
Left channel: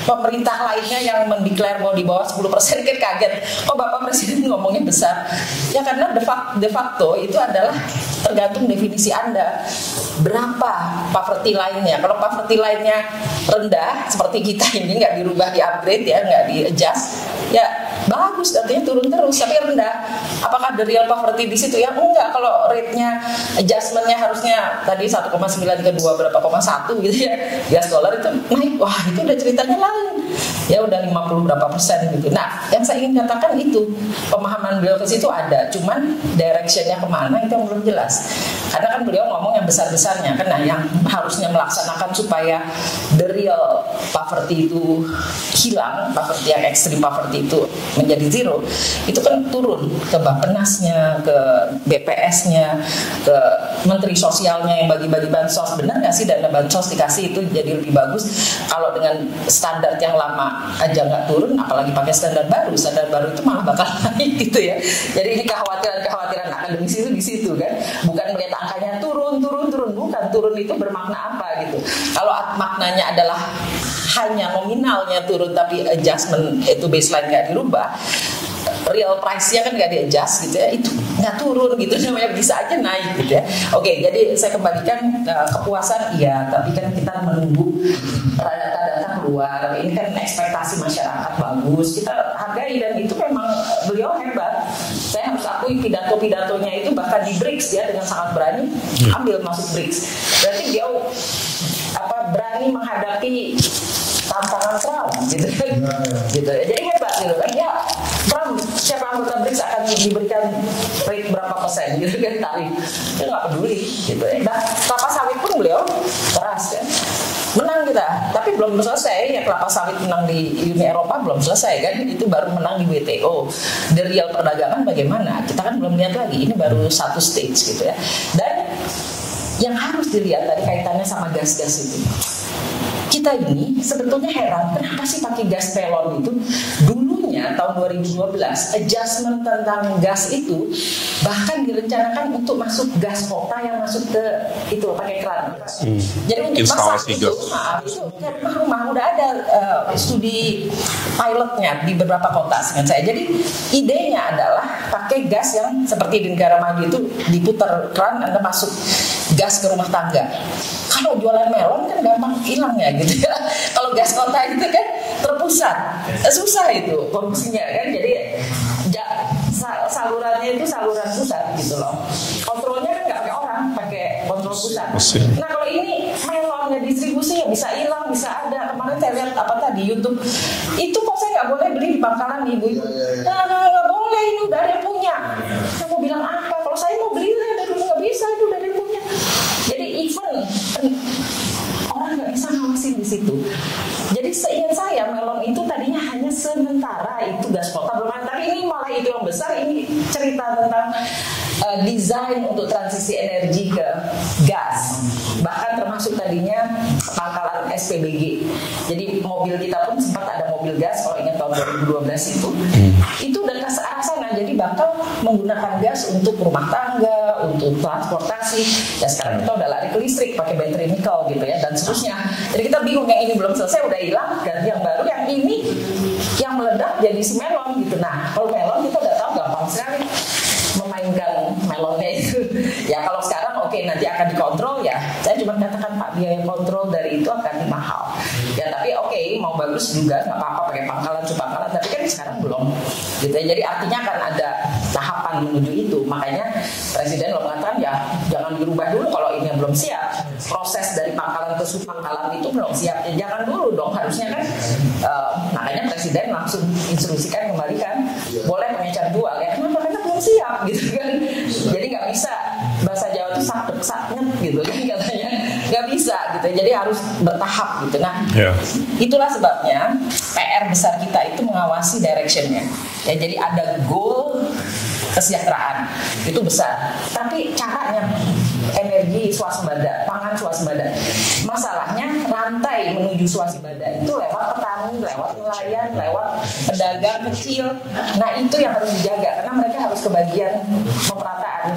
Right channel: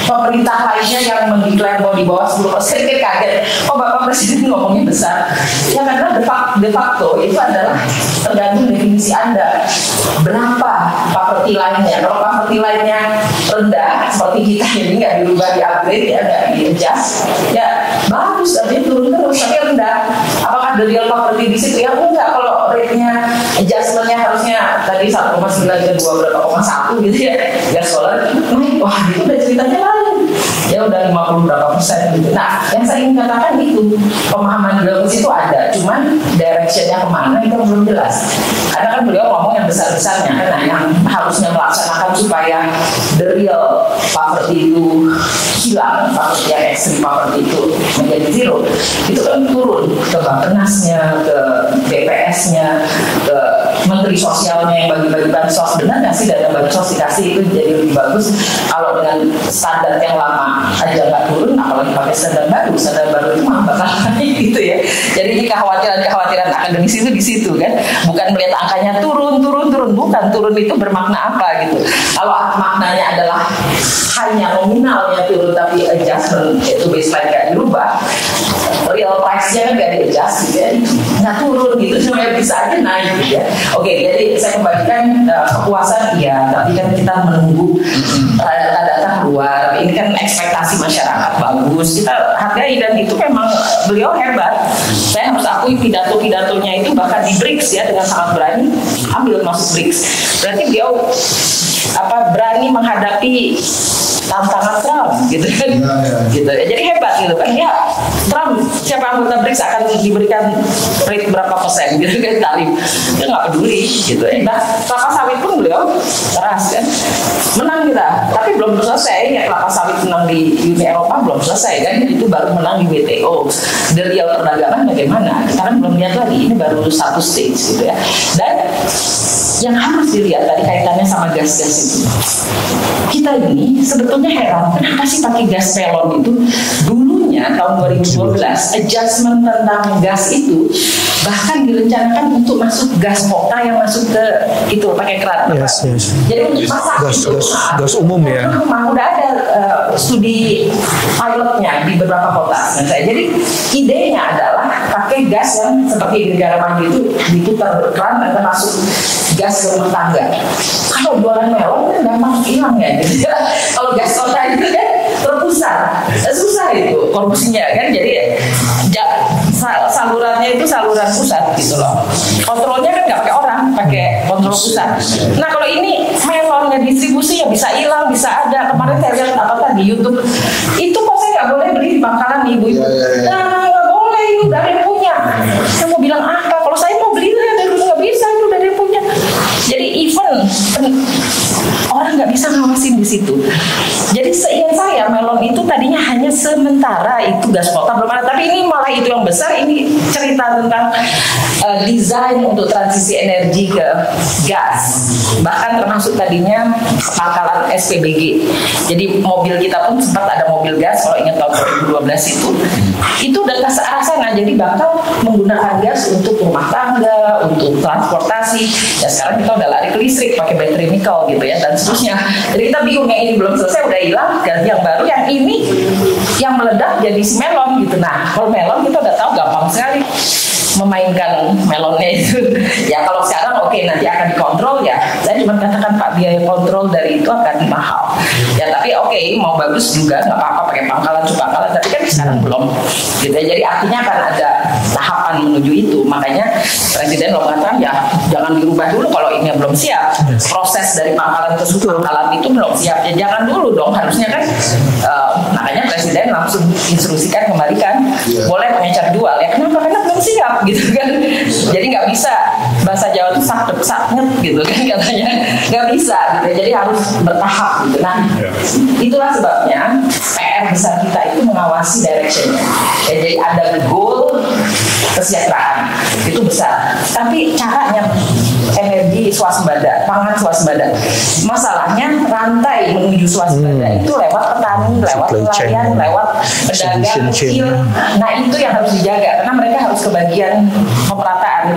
pemerintah lainnya yang mendeklar bahwa di bawah 10% kan kaget. Oh Bapak Presiden ngomongnya besar. Ya karena de facto itu adalah tergantung definisi Anda. Berapa poverty line-nya? Kalau poverty line-nya rendah seperti kita ini nggak dirubah, di-upgrade ya, nggak di-adjust, ya bagus, artinya turun terus, tapi rendah. Apakah the real poverty di situ? Ya enggak, kalau rate-nya adjustment-nya harusnya tadi 1,9 ke 2 berapa, 1 gitu ya, US dollar itu naik, wah itu udah ceritanya lain. Ya udah 50 berapa persen gitu. Nah, yang saya ingin katakan itu pemahaman beliau ke situ ada, cuman direction-nya kemana itu belum jelas. Karena kan beliau ngomong yang besar-besarnya kan, nah, yang harusnya melaksanakan supaya the real poverty itu hilang, poverty yang ekstrim poverty itu menjadi zero, itu kan turun ke Bappenasnya, ke BPS-nya, ke Menteri Sosialnya yang bagi-bagi bansos. Benar nggak sih dana bansos dikasih itu jadi lebih bagus kalau dengan standar yang lama aja nggak turun, apalagi pakai standar baru itu mah bakal naik gitu ya. Jadi ini kekhawatiran akademis itu di situ kan, bukan melihat angkanya turun, bukan turun itu bermakna apa gitu. Kalau maknanya adalah hanya nominalnya turun tapi adjustment itu baseline nggak dirubah, real price-nya kan nggak di-adjust gitu ya, nggak turun gitu, semuanya bisa aja naik gitu ya. Oke, jadi saya kembalikan kepuasan ya, tapi kan kita menunggu data keluar. Ini kan ekspektasi masyarakat bagus, kita hargai dan itu memang beliau hebat. Saya harus akui pidato-pidatonya itu bahkan di BRICS ya dengan sangat berani ambil masuk BRICS. Berarti beliau berani menghadapi tantangan Trump gitu kan, gitu ya. Jadi hebat gitu kan ya. Trump siapa anggota BRICS akan diberikan rate berapa persen gitu kan, tarif, dia nggak peduli gitu ya. Nah, kelapa sawit pun beliau keras kan, menang kita, tapi belum selesai ya. Kelapa sawit menang di Uni Eropa belum selesai kan, itu baru menang di WTO. The real perdagangan bagaimana? Kita kan belum lihat lagi, ini baru satu stage gitu ya. Dan yang harus dilihat tadi kaitannya sama gas-gas itu. Kita ini sebetulnya heran, kenapa sih pakai gas melon itu? Dulunya tahun 2012 adjustment tentang gas itu bahkan direncanakan untuk masuk gas kota yang masuk ke itu pakai keran. Yes. Jadi untuk masak gas umum ya. Rumah udah ada studi pilotnya di beberapa kota. Jadi idenya adalah pakai gas yang seperti di negara maju itu diputar keran dan masuk gas ke rumah tangga. Kalau jualan melon kan gampang hilang ya gitu ya. Kalau gas kota itu kan terpusat, susah itu korupsinya kan. Jadi salurannya itu saluran pusat gitu loh. Kontrolnya kan nggak pakai orang, pakai kontrol pusat. Nah kalau ini melonnya distribusinya bisa hilang, bisa ada. Kemarin saya lihat di YouTube itu kok saya nggak boleh beli di Bangkalan ibu-ibu. Nah nggak boleh, ini udah ada yang punya. Saya mau bilang apa? Kalau saya mau beli dari dulu nggak bisa, itu udah ada yang punya. Jadi even orang nggak bisa ngawasin di situ. Jadi seingat saya melon itu tadinya hanya sementara itu gas kota belum ada, tapi ini malah itu yang besar. Ini cerita tentang desain untuk transisi energi ke gas, bahkan termasuk tadinya pangkalan SPBG. Jadi mobil kita pun sempat ada mobil gas kalau ingat tahun 2012 itu udah ke arah sana. Jadi bakal menggunakan gas untuk rumah tangga, untuk transportasi. Ya sekarang kita udah lari ke listrik pakai baterai nikel gitu ya dan seterusnya. Jadi kita bingung, yang ini belum selesai udah hilang, ganti yang baru, yang ini yang meledak jadi si melon gitu. Nah kalau melon kita udah tahu gampang sekali memainkan melonnya itu. Ya kalau sekarang oke, nanti akan dikontrol ya. Saya cuma katakan Pak, biaya kontrol dari itu akan mahal. Ya tapi oke, mau bagus juga nggak apa-apa pakai pangkalan, tapi kan sekarang belum. Gitu. Jadi artinya akan ada tahapan menuju itu. Makanya Presiden mengatakan ya jangan dirubah dulu kalau ini belum siap. Proses dari pangkalan ke pangkalan itu belum siap. Ya jangan dulu dong, harusnya kan. Makanya Presiden langsung instruksikan kembalikan. Boleh pengecar jual ya. Kenapa? Karena belum siap gitu kan. Jadi nggak bisa, bahasa Jawa itu sakit gitu kan katanya, nggak bisa gitu. Jadi harus bertahap gitu. Nah itulah sebabnya PR besar kita itu mengawasi directionnya. Ya, jadi ada goal kesejahteraan itu besar, tapi caranya energi swasembada, pangan swasembada. Masalahnya rantai menuju swasembada itu lewat petani, lewat nelayan, lewat pedagang kecil. Nah itu yang harus dijaga karena mereka harus kebagian pemerataan.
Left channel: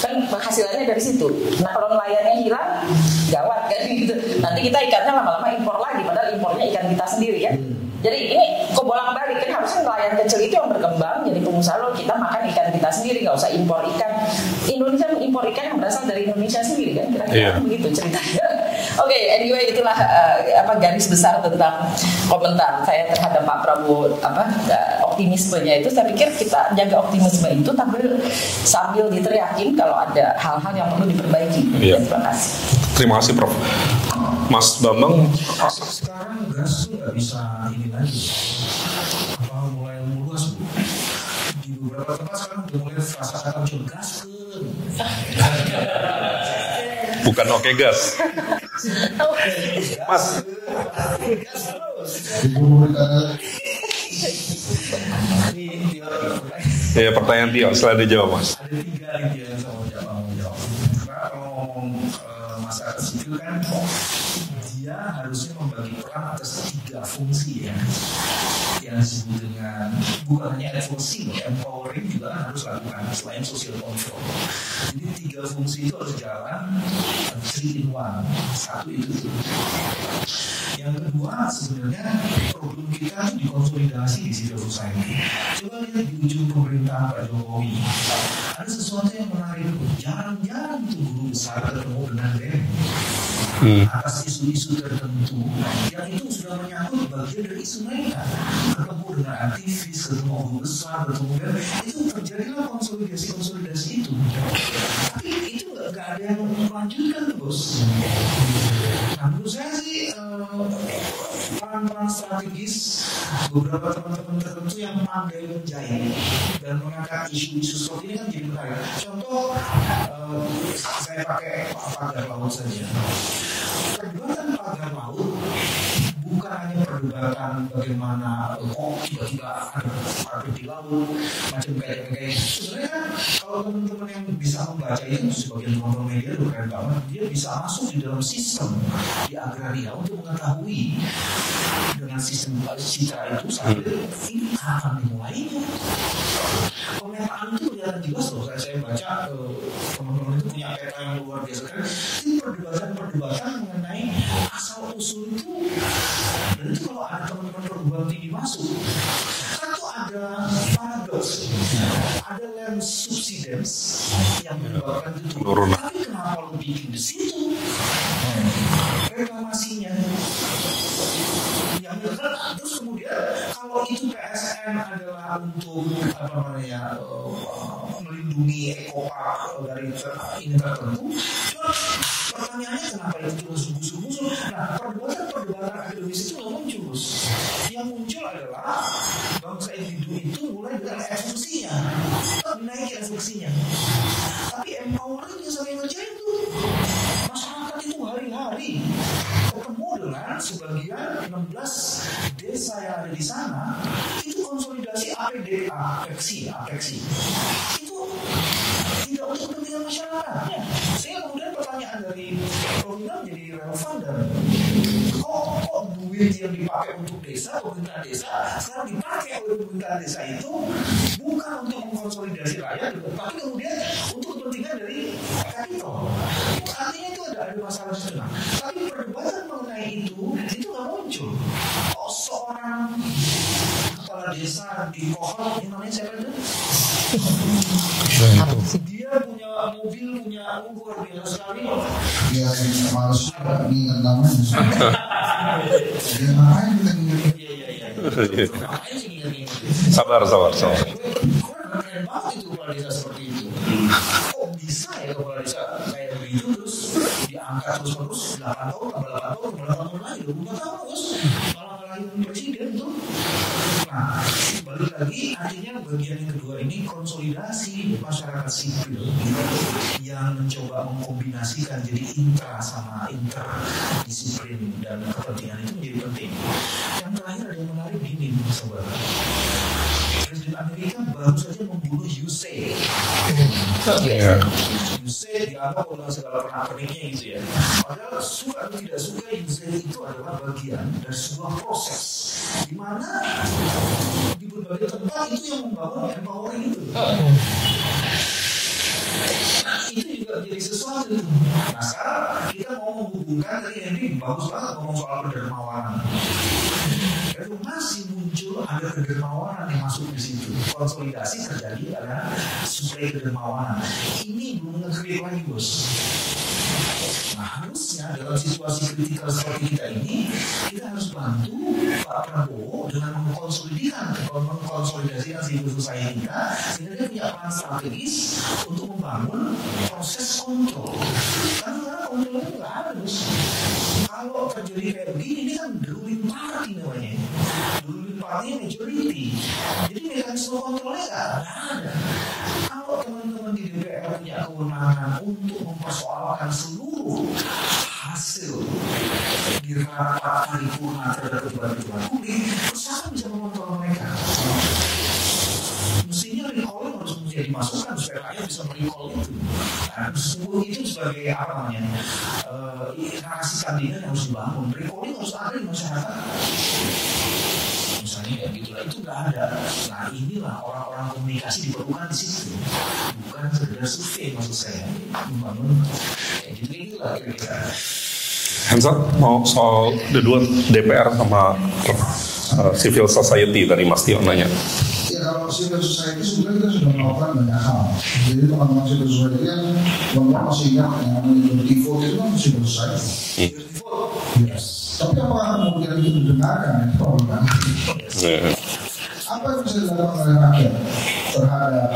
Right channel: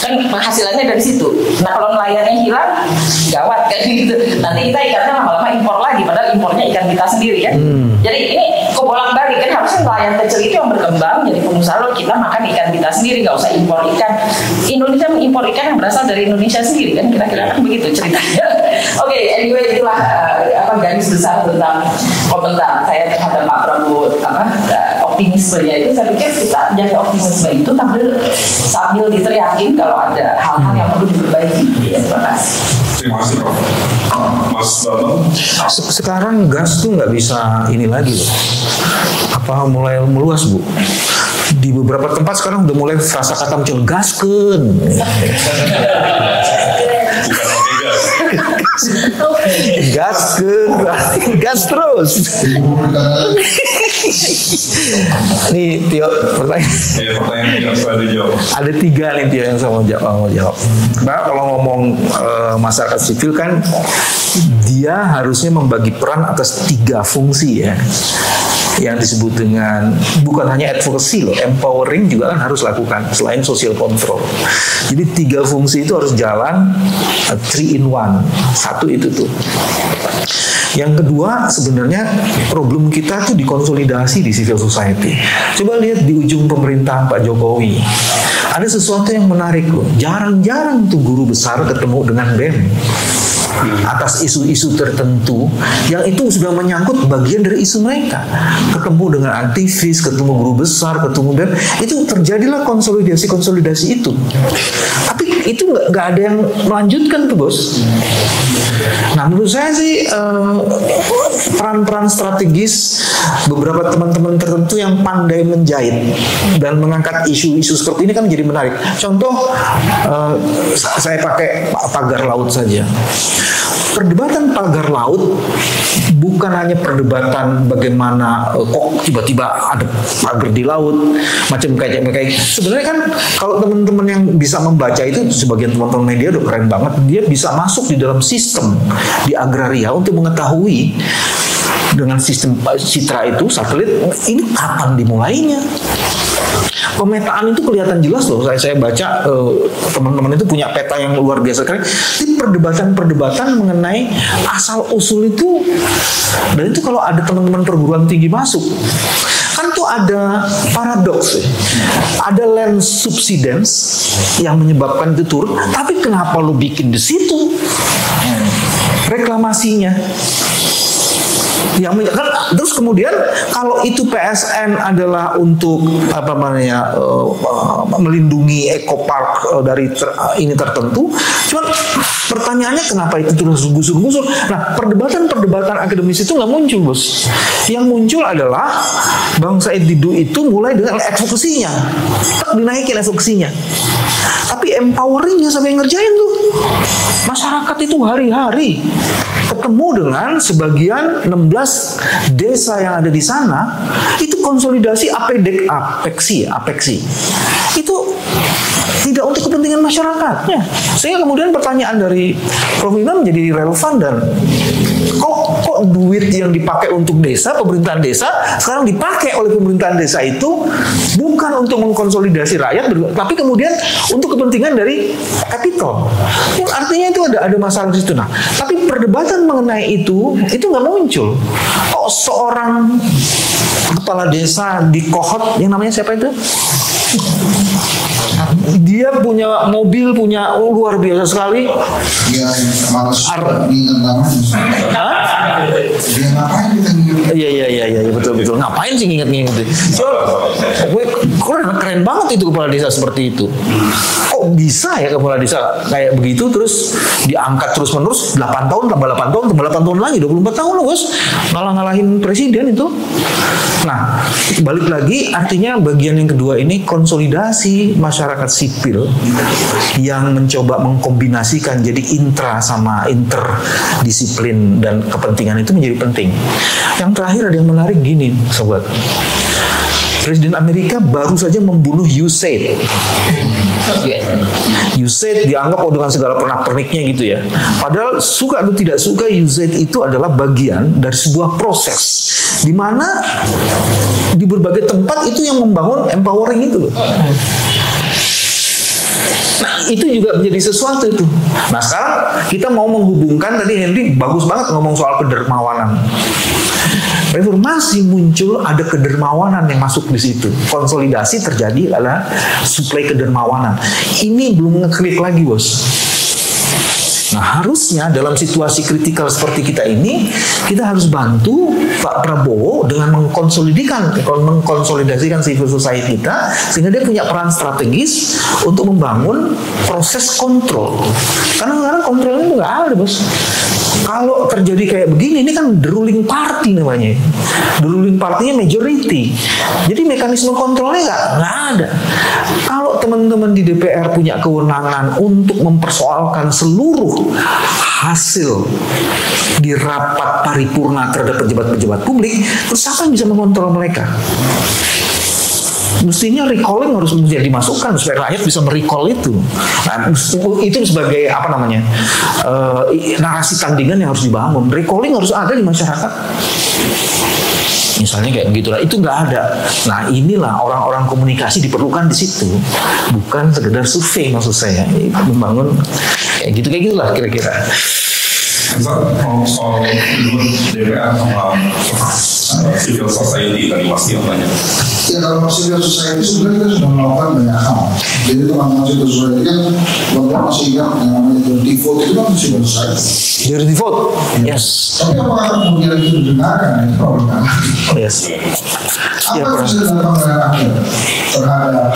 Kan penghasilannya dari situ. Nah kalau nelayannya hilang, gawat kan gitu. Nanti kita ikannya lama-lama impor lagi, padahal impornya ikan kita sendiri kan. Jadi ini kebolak-balik kan, harusnya nelayan kecil itu yang berkembang jadi pengusaha, lalu kita makan ikan kita sendiri, nggak usah impor ikan. Indonesia mengimpor ikan yang berasal dari Indonesia sendiri kan, kira-kira begitu ceritanya. Oke, anyway itulah garis besar tentang komentar saya terhadap Pak Prabowo, optimismenya itu. Saya pikir kita jaga optimisme itu sambil diteriakin kalau ada hal-hal yang perlu diperbaiki. Terima kasih. Terima kasih Prof. Mas Bambang. Sekarang gas tuh nggak bisa ini lagi loh. Mulai meluas Bu. Di beberapa tempat sekarang udah mulai frasa kata muncul gaskeun. Bukan oke gas. Gas terus. Nih Tio, pertanyaan Tio setelah dijawab. Ada 3 nih Tio yang saya mau jawab. Nah, kalau ngomong masyarakat sipil kan dia harusnya membagi peran atas 3 fungsi ya. Yang disebut dengan bukan hanya advocacy loh, empowering juga kan harus lakukan selain social control. Jadi 3 fungsi itu harus jalan 3 in 1. Satu itu tuh. Yang kedua sebenarnya problem kita tuh dikonsolidasi di civil society. Coba lihat di ujung pemerintahan Pak Jokowi. Ada sesuatu yang menarik loh. Jarang-jarang tuh guru besar ketemu dengan BEM. Atas isu-isu tertentu yang itu sudah menyangkut bagian dari isu mereka. Ketemu dengan aktivis, ketemu guru besar, ketemu BEM, itu terjadilah konsolidasi itu. Tapi itu nggak ada yang melanjutkan tuh bos. Nah menurut saya sih peran-peran strategis beberapa teman-teman tertentu yang pandai menjahit dan mengangkat isu-isu seperti ini kan menjadi menarik. Contoh saya pakai pagar laut saja. Perdebatan pagar laut bukan hanya perdebatan bagaimana kok tiba-tiba ada pagar di laut macam kayak. Sebenarnya kan kalau teman-teman yang bisa membaca itu, sebagian teman-teman media udah keren banget, dia bisa masuk di dalam sistem di agraria untuk mengetahui dengan sistem citra itu satelit ini kapan dimulainya. Pemetaan itu kelihatan jelas loh. Saya baca teman-teman itu punya peta yang luar biasa keren. Ini perdebatan mengenai asal usul itu, dan itu kalau ada teman-teman perguruan tinggi masuk, kan tuh ada paradoks, ada land subsidence yang menyebabkan itu turun. Tapi kenapa lu bikin di situ reklamasinya? Yang kan, terus kemudian kalau itu PSN adalah untuk melindungi ekopark dari ini tertentu, cuman pertanyaannya kenapa itu terus gusur-gusur? Nah perdebatan akademis itu nggak muncul bos. Yang muncul adalah Bang Said Didu itu mulai dengan advokasinya, dinaikin advokasinya, tapi empoweringnya sampai ngerjain tuh. Masyarakat itu hari-hari ketemu dengan sebagian 16 desa yang ada di sana, itu konsolidasi apeksi itu tidak untuk kepentingan masyarakatnya. Sehingga kemudian pertanyaan dari Prof. Imam menjadi relevan, dan kok duit yang dipakai untuk desa, pemerintahan desa sekarang dipakai oleh pemerintahan desa itu bukan untuk mengkonsolidasi rakyat, tapi kemudian untuk kepentingan dari kapital. Artinya itu ada masalah di situ. Nah, tapi perdebatan mengenai itu nggak muncul. Seorang kepala desa di Kohot yang namanya siapa itu? Dia punya mobil, luar biasa sekali. Dia malas ingat namanya. Dia ngapain kita ingat? Iya betul. Ngapain sih ingat-ingat? Keren banget itu kepala desa seperti itu. Kok bisa ya kepala desa kayak begitu terus diangkat terus-menerus 8 tahun tambah 8 tahun tambah 8 tahun lagi 24 tahun loh bos, ngalahin presiden itu. Nah balik lagi, artinya bagian yang kedua ini konsolidasi masyarakat sipil yang mencoba mengkombinasikan jadi intra sama interdisiplin dan kepentingan itu menjadi penting. Yang terakhir ada yang menarik gini sobat. Presiden Amerika baru saja membunuh USAID. USAID dianggap dengan segala pernak-perniknya gitu ya. Padahal suka atau tidak suka, USAID itu adalah bagian dari sebuah proses di mana di berbagai tempat itu yang membangun empowering itu loh. Nah itu juga menjadi sesuatu itu. Nah sekarang kita mau menghubungkan, tadi Henry bagus banget ngomong soal kedermawanan. Reformasi muncul, ada kedermawanan yang masuk di situ. Konsolidasi terjadi adalah suplai kedermawanan. Ini belum ngeklik lagi, bos. Nah harusnya dalam situasi kritikal seperti kita ini, kita harus bantu Pak Prabowo dengan mengkonsolidasikan civil society kita, sehingga dia punya peran strategis untuk membangun proses kontrol. Karena sekarang kontrolnya nggak ada, bos. Kalau terjadi kayak begini, ini kan the ruling party namanya. The ruling party-nya majority. Jadi mekanisme kontrolnya nggak ada. Kalau teman-teman di DPR punya kewenangan untuk mempersoalkan seluruh hasil di rapat paripurna terhadap pejabat-pejabat publik, terus siapa yang bisa mengontrol mereka? Mestinya recalling harus menjadi masukan supaya rakyat bisa merecall itu. Nah, itu sebagai apa namanya narasi tandingan yang harus dibangun. Recalling harus ada di masyarakat. Misalnya kayak begitulah, itu nggak ada. Nah inilah orang-orang komunikasi diperlukan di situ, bukan sekedar survei maksud saya. Membangun kayak gitulah kira-kira. Soal kedua DPR sama civil society tadi Mas Tio nanya. Ya kalau civil society sebenarnya kita sudah melakukan banyak hal. Jadi teman-teman civil society kan bapak masih ingat yang namanya dirty vote itu kan civil society. Dirty vote, yes. Tapi apakah kemudian itu didengarkan itu problem? Yes. Apa yang bisa dilakukan oleh rakyat terhadap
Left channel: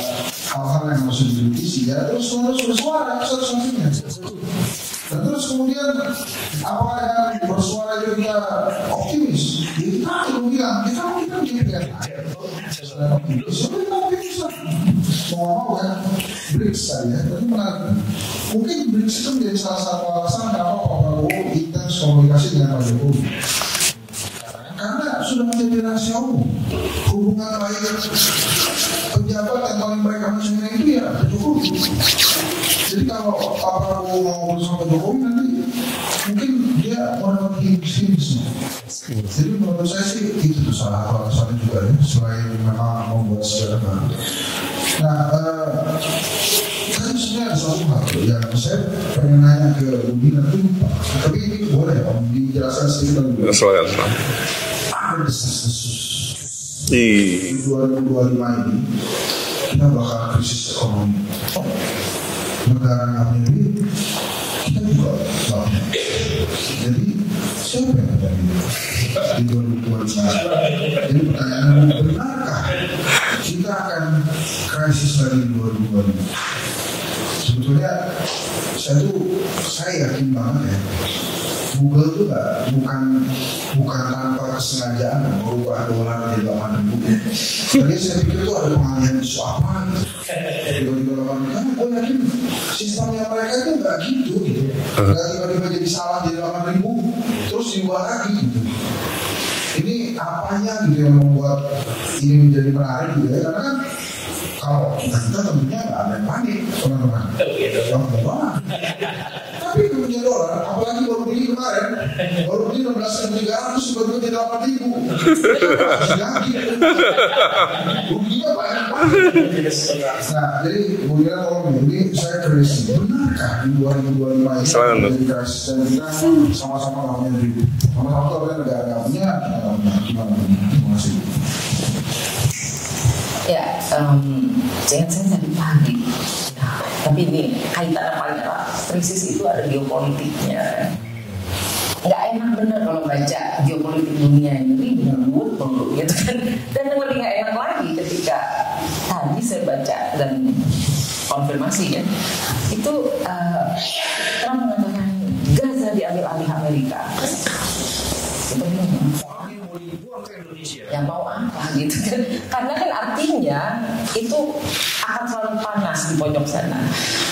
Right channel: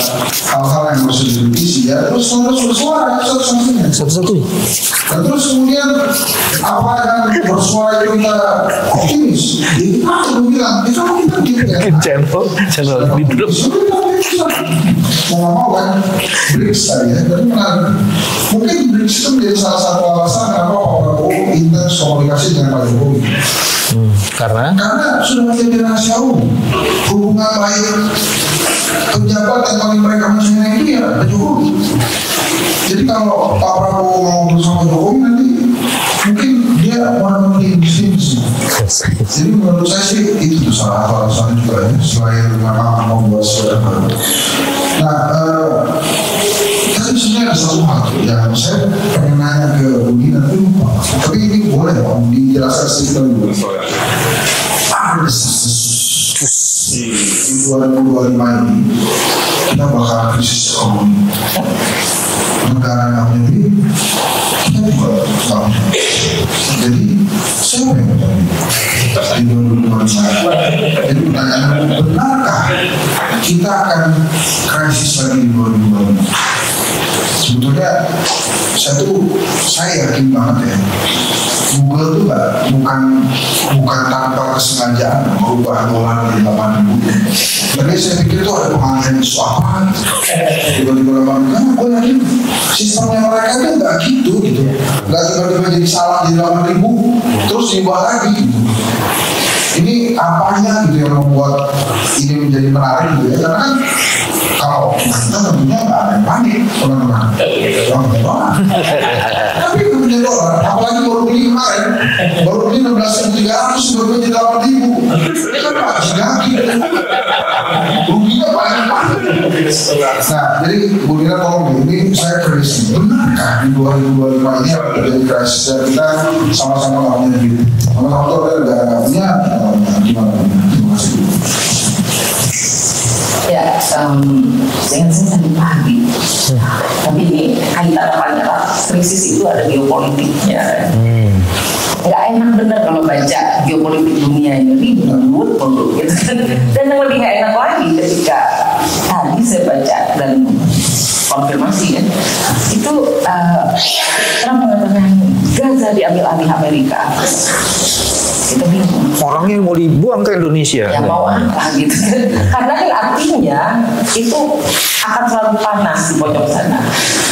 hal-hal yang harus direvisi? Ya terus harus bersuara satu-satunya. Dan terus kemudian apa yang bersuara itu kita optimis? Jadi kita harus bilang itu kita bikin channel di grup. Mau kan BRICS tadi ya, tapi mungkin BRICS itu menjadi salah satu alasan kenapa Pak Prabowo intens komunikasi dengan Pak Jokowi. Karena sudah menjadi rahasia umum. Hubungan baik pejabat yang paling mereka mencintai itu ya Pak Jokowi. Jadi kalau Pak Prabowo mau bersama Jokowi nanti mungkin dia orang yang bisnis. Jadi menurut saya sih itu tuh salah satu alasan juga ya, selain memang mau buat sejarah baru. Nah, tadi sebenarnya ada satu hal yang saya pengen nanya ke Budi nanti lupa. Tapi ini boleh ya Om dijelaskan sedikit dulu. Ada desas-desus di 2025 ini kita bakal krisis ekonomi. Negara namanya duit, kita juga tahu. Jadi siapa yang bertanggung di 2025? Jadi pertanyaannya, benarkah kita akan krisis lagi di 2025? Sebetulnya saya yakin banget ya, Google itu bukan tanpa kesengajaan merubah dolar di 8.000. Jadi saya pikir itu ada pengalihan isu apa gitu. Tiba-tiba 8.000, karena gue yakin sistemnya mereka itu nggak gitu. Nggak tiba-tiba jadi salah di 8.000 terus diubah lagi gitu. Ini apanya gitu yang membuat ini menjadi menarik gitu ya, karena kan kalau kita tentunya nggak ada yang panik orang-orang tapi punya dolar, apalagi baru beli kemarin, baru beli 16.300 baru beli 8.000 itu kan pasti lagi ruginya banyak. Nah jadi Bu Nina tolong ini saya krisis, benarkah di 2025 ini menjadi krisis dan kita sama-sama nggak punya duit, sama-sama itu ada negaranya gimana? Terima kasih. Ya, jangan saya sampai pagi. Tapi ini kaitan pada krisis itu ada geopolitiknya. Nggak enak bener kalau baca geopolitik dunia ini ribut gitu kan. Dan yang lebih nggak enak lagi ketika tadi saya baca dan konfirmasi ya, itu Trump mengatakan Gaza diambil alih Amerika. Kita bingung. Orangnya mau dibuang ke Indonesia. Ya mau apa gitu kan. Karena kan artinya itu akan selalu panas di pojok sana.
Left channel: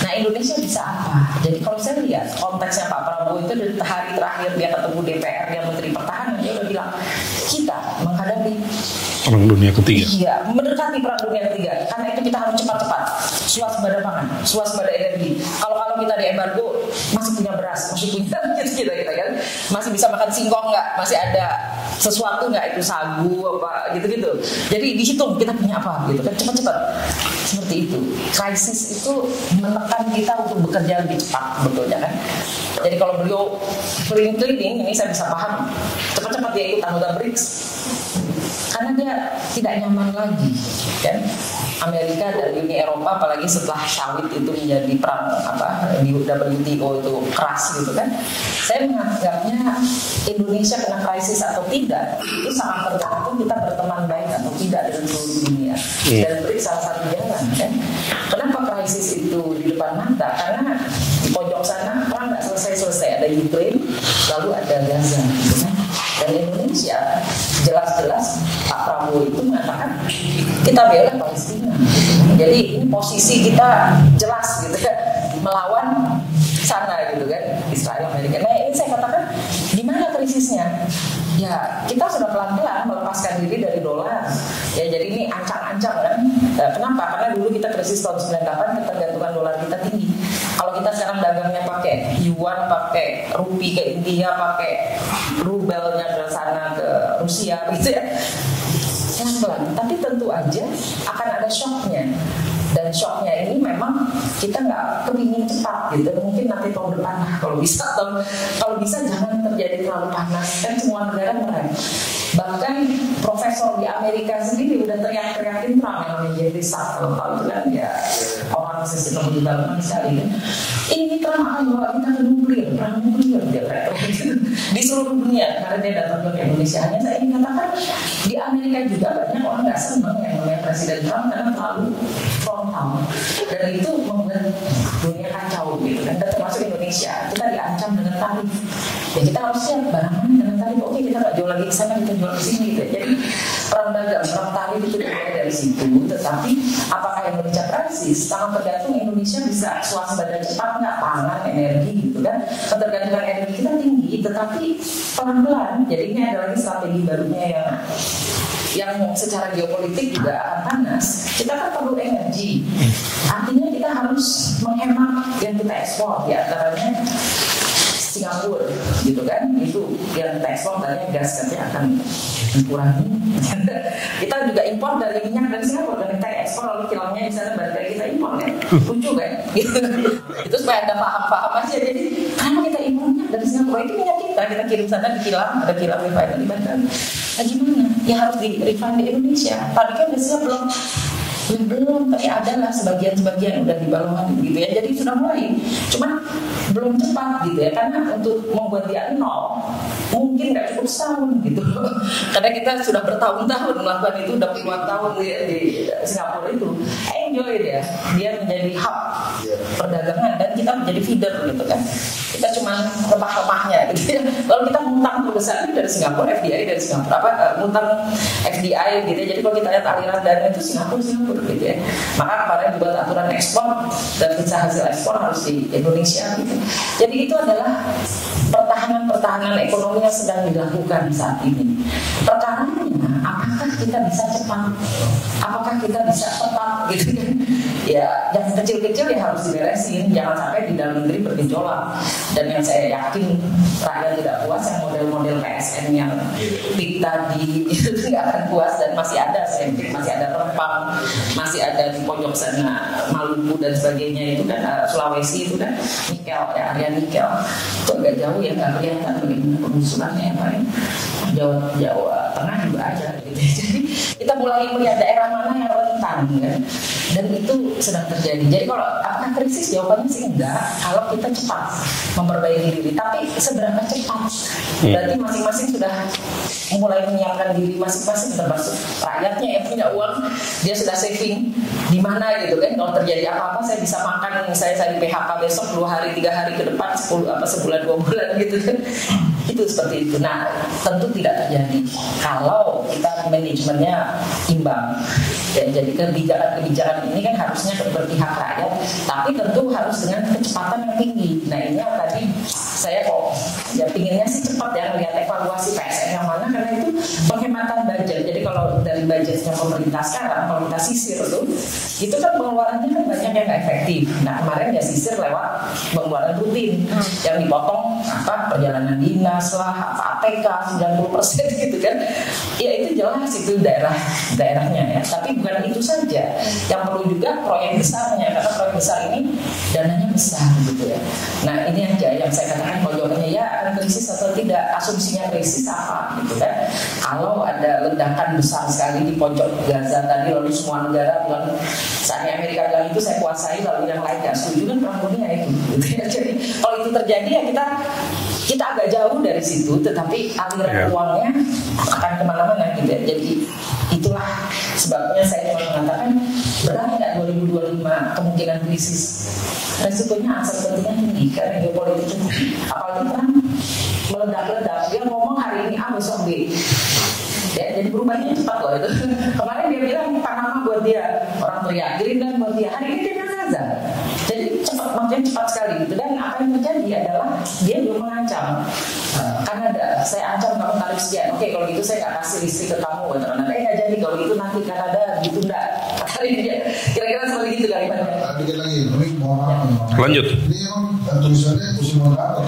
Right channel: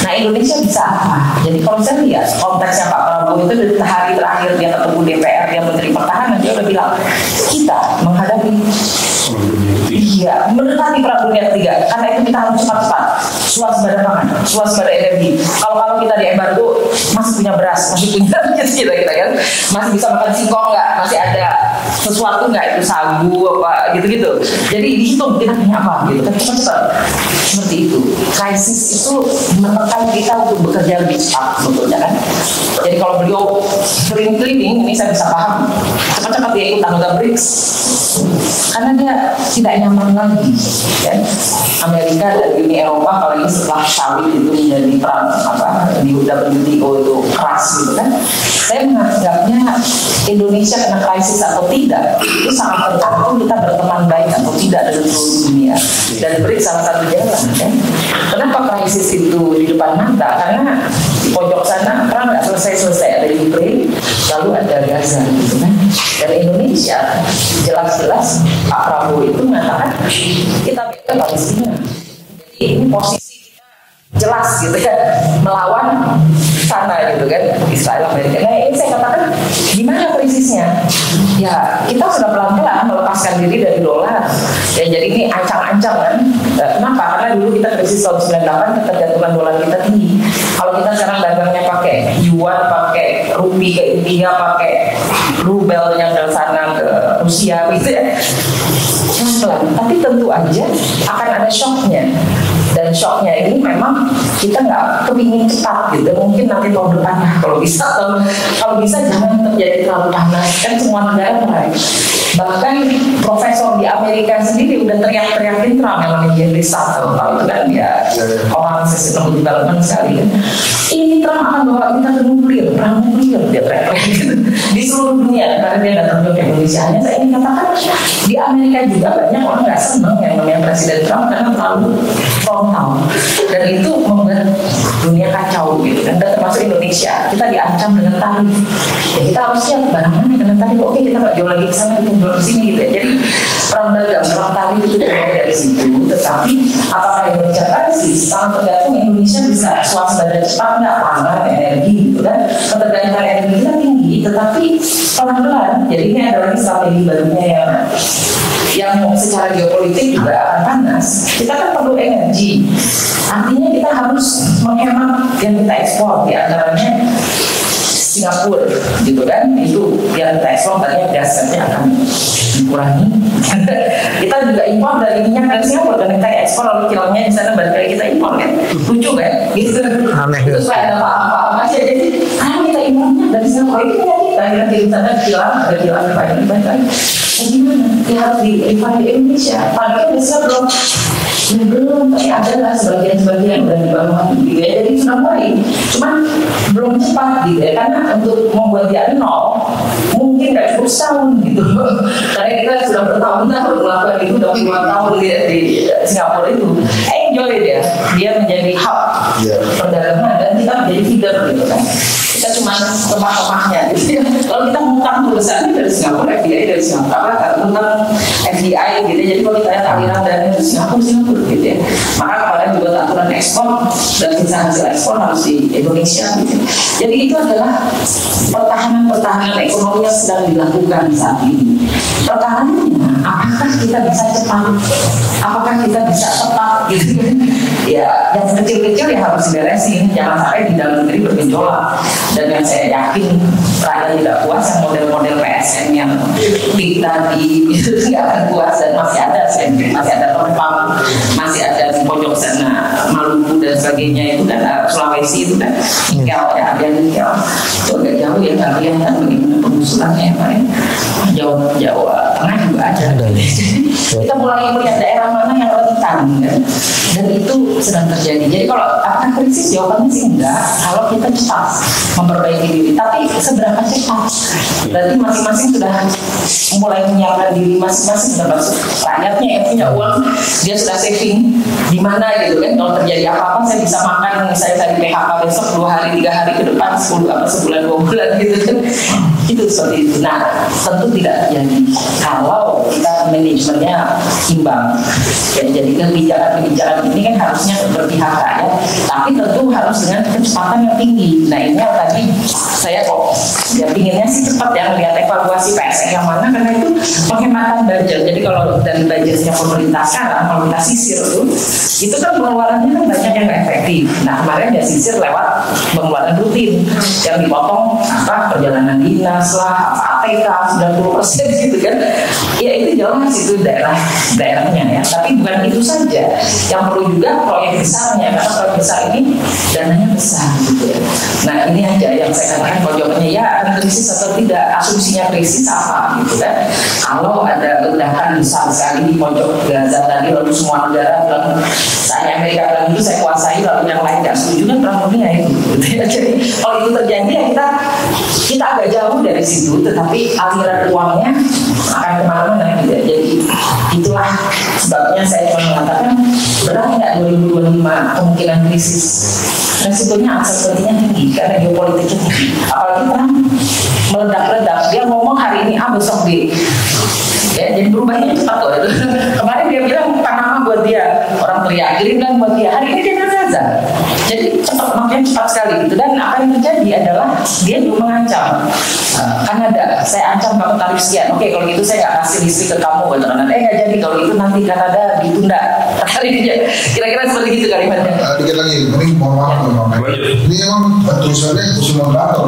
Nah Indonesia bisa apa? Jadi kalau saya lihat konteksnya Pak Prabowo itu dari hari terakhir dia ketemu DPR, dia Menteri Pertahanan, dia udah bilang kita menghadapi Iya, mendekati perang dunia ketiga. Karena itu kita harus cepat-cepat swasembada pangan, swasembada energi. Kalau kita di embargo masih punya beras, masih punya kira-kira kan, masih bisa makan singkong nggak, masih ada sesuatu nggak, itu sagu apa gitu-gitu. Jadi dihitung kita punya apa gitu kan, cepat-cepat seperti itu. Krisis itu menekan kita untuk bekerja lebih cepat sebetulnya kan. Jadi kalau beliau sering keliling, ini saya bisa paham, cepat-cepat dia ikut anggota BRICS karena dia tidak nyaman lagi kan. Amerika dan Uni Eropa apalagi setelah Sawit itu menjadi perang di WTO itu keras gitu kan. Saya menganggapnya Indonesia kena krisis atau tidak itu sangat tergantung kita berteman baik atau tidak dengan seluruh dunia. Dan BRICS salah satu jalan kan. Kenapa krisis itu di depan mata? Karena di pojok sana perang nggak selesai-selesai, ada di Ukraina, lalu ada Gaza gitu kan. Dan Indonesia jelas-jelas Pak Prabowo itu mengatakan kita bela Palestina. Jadi ini posisi kita jelas gitu kan, melawan sana gitu kan, Israel, Amerika. Nah ini saya katakan gimana krisisnya? Ya kita sudah pelan-pelan melepaskan diri dari dolar. Ya jadi ini ancang-ancang kan. Kenapa? Karena dulu kita krisis tahun 98 ketergantungan dolar kita tinggi. Kalau kita sekarang dagangnya pakai yuan, pakai rupiah ke India, pakai rubelnya ke sana ke Rusia gitu ya. Pelan-pelan, tapi tentu aja akan ada shocknya. Dan shocknya ini memang kita nggak kepingin cepat gitu. Mungkin nanti tahun depan ya kalau bisa. Kalau bisa jangan terjadi terlalu panas. Kan semua negara berat. Bahkan profesor di Amerika sendiri udah teriak-teriakin Trump yang namanya Henry Sutton. Kalau itu kan dia orang sustainable development sekali. Ini Trump akan bawa kita ke nuklir, perang nuklir dia teriak di seluruh dunia karena dia datang ke Indonesia. Hanya saya ingin katakan di Amerika juga banyak orang nggak senang yang namanya Presiden Trump karena terlalu frontal dan itu membuat dunia kacau gitu kan. Dan termasuk Indonesia kita diancam dengan tarif. Ya, kita harus siap barang mana dengan tarif. Oke kita nggak jual lagi ke sana, kita jual di sini gitu ya. Jadi perang dagang, perang tarif itu dari situ. Tetapi apakah Indonesia krisis? Sangat tergantung Indonesia bisa swasembada cepat nggak, pangan, energi gitu kan. Ketergantungan energi kita tinggi, tetapi pelan-pelan. Jadi ini adalah strategi barunya yang secara geopolitik juga akan panas. Kita kan perlu energi. Artinya kita harus menghemat yang kita ekspor, di antaranya Singapura gitu kan. Itu yang kita ekspor tadinya gasnya akan dikurangi. Kita juga impor dari minyak dari Singapura dan kita ekspor lalu kilangnya di sana balik lagi kita impor kan. Lucu kan? Gitu. Itu supaya ada apa-apa aja. Jadi karena kita impor minyak dari Singapura itu kita di sana kilang ada kilang balik lagi. Nah gimana? Ya harus di Indonesia. Padahal Indonesia belum, tapi ada lah sebagian udah dibangun gitu ya. Jadi sudah mulai, cuman belum cepat gitu ya. Karena untuk membuat dia nol, mungkin nggak cukup setahun gitu. Karena kita sudah bertahun-tahun melakukan itu, udah puluhan tahun di Singapura itu. Enjoy dia menjadi hub perdagangan dan kita menjadi feeder gitu kan. Kita cuma lemah-lemahnya gitu ya. Kalau kita ngutang perusahaan dari Singapura, FDI dari Singapura, ngutang FDI gitu. Jadi kalau kita lihat aliran dana dari Singapura gitu ya. Maka kemarin juga aturan ekspor dan bisa hasil ekspor harus di Indonesia gitu. Jadi itu adalah pertahanan ekonomi yang sedang dilakukan saat ini. Pertahanannya, apakah kita bisa cepat? Apakah kita bisa tepat gitu? Ya, yang kecil-kecil ya harus diberesin. Jangan sampai di dalam negeri bergejolak. Dan yang saya yakin rakyat tidak puas yang model-model PSN yang peak tadi itu tidak akan puas dan masih ada Rempang, masih ada di pojok sana Maluku dan sebagainya itu kan Sulawesi itu kan nikel ya, ada nikel itu agak jauh ya kalian kan bagaimana pengusulannya kemarin Jawa Tengah juga ada. Kita mulai melihat daerah mana yang rentan kan? Dan itu sedang terjadi. Jadi kalau akan krisis jawabannya sih enggak. Kalau kita cepat memperbaiki diri, tapi seberapa cepat? Berarti masing-masing sudah mulai menyiapkan diri masing-masing sudah masuk. Rakyatnya yang punya uang dia sudah saving di mana gitu kan? Kalau terjadi apa-apa saya bisa makan misalnya saya di PHK besok 2 hari 3 hari ke depan 10 atau sebulan 2 bulan gitu kan? Itu seperti itu. Nah tentu tidak terjadi kalau kita manajemennya imbang. Ya, jadi kebijakan ini kan harusnya berpihak rakyat, tapi tentu harus dengan kecepatan yang tinggi. Nah ini tadi saya kok ya pinginnya sih cepat ya melihat evaluasi PSN yang mana, karena itu penghematan budget. Jadi kalau dari budgetnya pemerintah sekarang, kalau kita sisir itu kan pengeluarannya kan banyak yang nggak efektif. Nah kemarin dia sisir lewat pengeluaran rutin yang dipotong perjalanan dinas lah, ATK 90% gitu kan. Ya itu jelas itu daerahnya ya. Tapi bukan itu saja. Yang perlu juga proyek besarnya, karena proyek besar ini dananya besar gitu ya. Nah ini aja yang saya katakan kalau jawabannya ya ada krisis atau tidak, asumsinya krisis apa gitu kan. Kalau ada ledakan besar sekali di pojok Gaza tadi lalu semua negara bilang saatnya Amerika bilang itu saya kuasai lalu yang lain tidak setuju kan perang dunia itu gitu ya. Jadi kalau itu terjadi ya kita agak jauh dari situ, tetapi aliran uangnya akan kemana-mana gitu ya. Jadi itulah sebabnya saya cuma mengatakan berat nggak 2025 kemungkinan krisis. Resikonya sepertinya tinggi karena geopolitiknya tinggi. Apalagi Trump meledak-ledak, dia ngomong hari ini A besok B. Ya, jadi berubahnya cepat kok itu. Kemarin dia bilang Panama buat dia, orang teriak, Greenland buat dia. Hari ini dia Gaza. Jadi makin cepat sekali gitu. Dan apa yang terjadi adalah dia juga mengancam. Kanada, saya ancam kamu tarif sekian. Oke, kalau gitu saya nggak kasih listrik ke kamu. Nggak jadi kalau itu nanti Kanada ditunda. Kira-kira seperti itu kalimatnya. Dikit lagi, ini mohon maaf. Lanjut. Ini emang tulisannya usul moderator.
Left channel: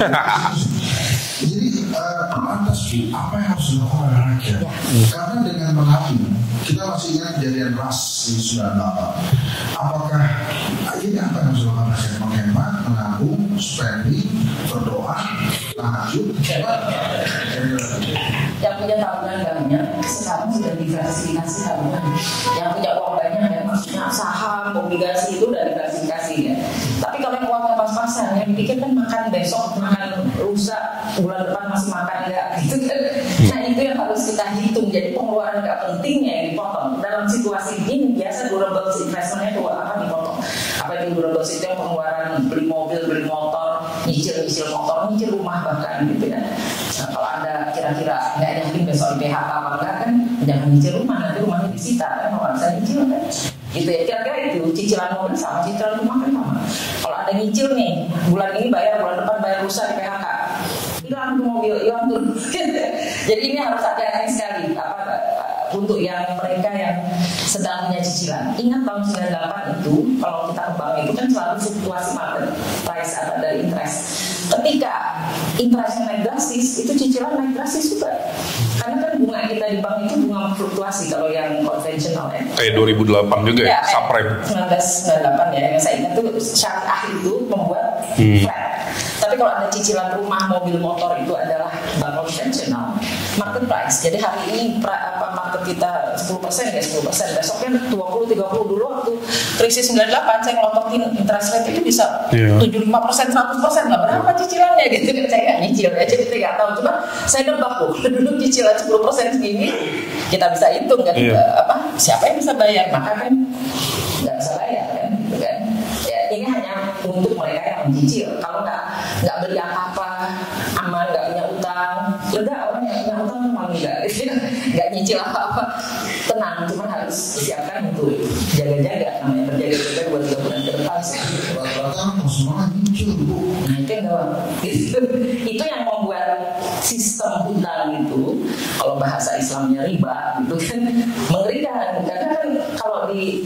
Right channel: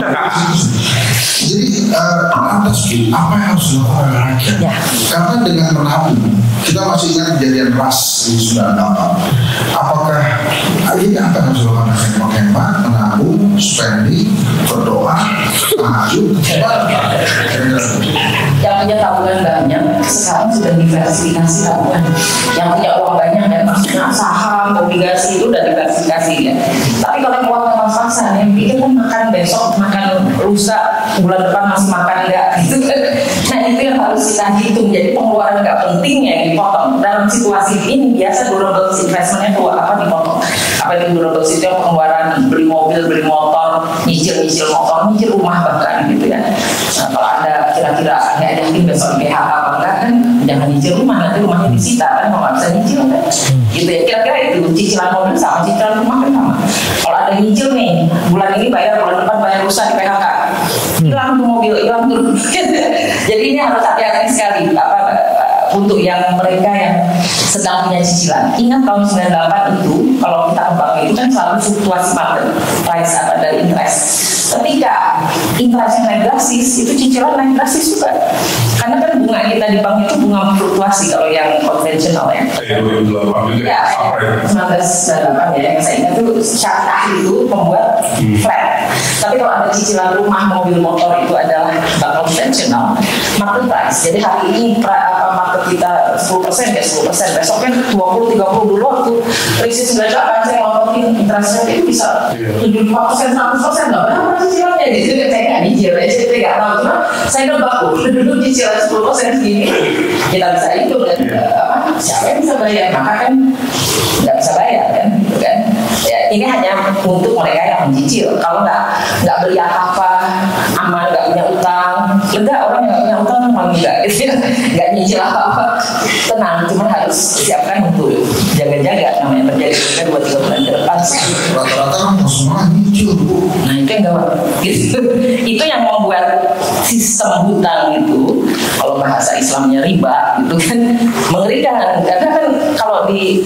Jadi lantas apa yang harus dilakukan oleh rakyat? Ya. Karena dengan menabung, kita masih ingat kejadian ras di 98. Apakah ini apa yang harus dilakukan rakyat? Menghemat, menabung, spending, berdoa, tahajud, yang punya tabungan banyak sekarang sudah diversifikasi tabungan. Yang punya uang banyak dan maksudnya saham, obligasi itu udah diversifikasi ya. Tapi kalau uangnya pas-pasan, yang pikir kan makan besok, makan lusa, bulan depan masih makan enggak gitu. Nah itu yang harus kita hitung. Jadi pengeluaran nggak penting yang dipotong. Dalam situasi ini biasa durable investmentnya tuh apa dipotong. Apa itu durable itu yang pengeluaran beli mobil, beli motor, nyicil motor, nyicil rumah bahkan gitu ya. Nah kalau Anda kira-kira nggak yakin besok di PHK apa enggak kan jangan nyicil rumah, nanti rumahnya disita kan mau nggak bisa nyicil kan gitu ya. Kira-kira itu cicilan mobil sama cicilan rumah kan sama. Kalau ada nyicil nih bulan ini bayar, bulan depan bayar rusak di PHK, hilang tuh mobil, hilang tuh. Jadi ini harus hati-hati sekali untuk yang mereka yang sedang punya cicilan. Ingat tahun 98 itu kalau kita kembang itu kan selalu fluktuasi market price atau ada interest. Ketika interestnya naik drastis, itu cicilan naik drastis juga. Karena kan bunga kita di bank itu bunga fluktuasi kalau yang konvensional ya. Kayak 2008 juga ya, April. 1998 ya, yang saya ingat itu syariah itu membuat flat. Tapi kalau ada cicilan rumah, mobil, motor itu adalah bank konvensional, market price. Jadi hari ini market kita 10% ya 10%, besok kan 20-30 dulu waktu krisis 98 saya ngelakuin interest rate itu bisa 75%, 100% nggak berapa cicilannya gitu. Saya nggak nyicil aja, saya nggak tahu, cuma saya nebak dulu cicilan 10% segini kita bisa hitung kan siapa yang bisa bayar, maka kan nggak bisa bayar kan gitu kan. Ya, ini hanya untuk mereka yang mencicil. Kalau nggak beli apa-apa, aman, nggak punya utang, lega orang yang punya utang malah enggak gitu ya, nggak nyicil apa-apa, tenang, cuma harus siapkan untuk jaga-jaga namanya terjadi buat 3 bulan ke depan. Rata-rata kan semua nyicil Bu. Nah itu yang gawat gitu. Itu yang membuat sistem hutang itu kalau bahasa Islamnya riba gitu kan mengerikan. Karena kan kalau di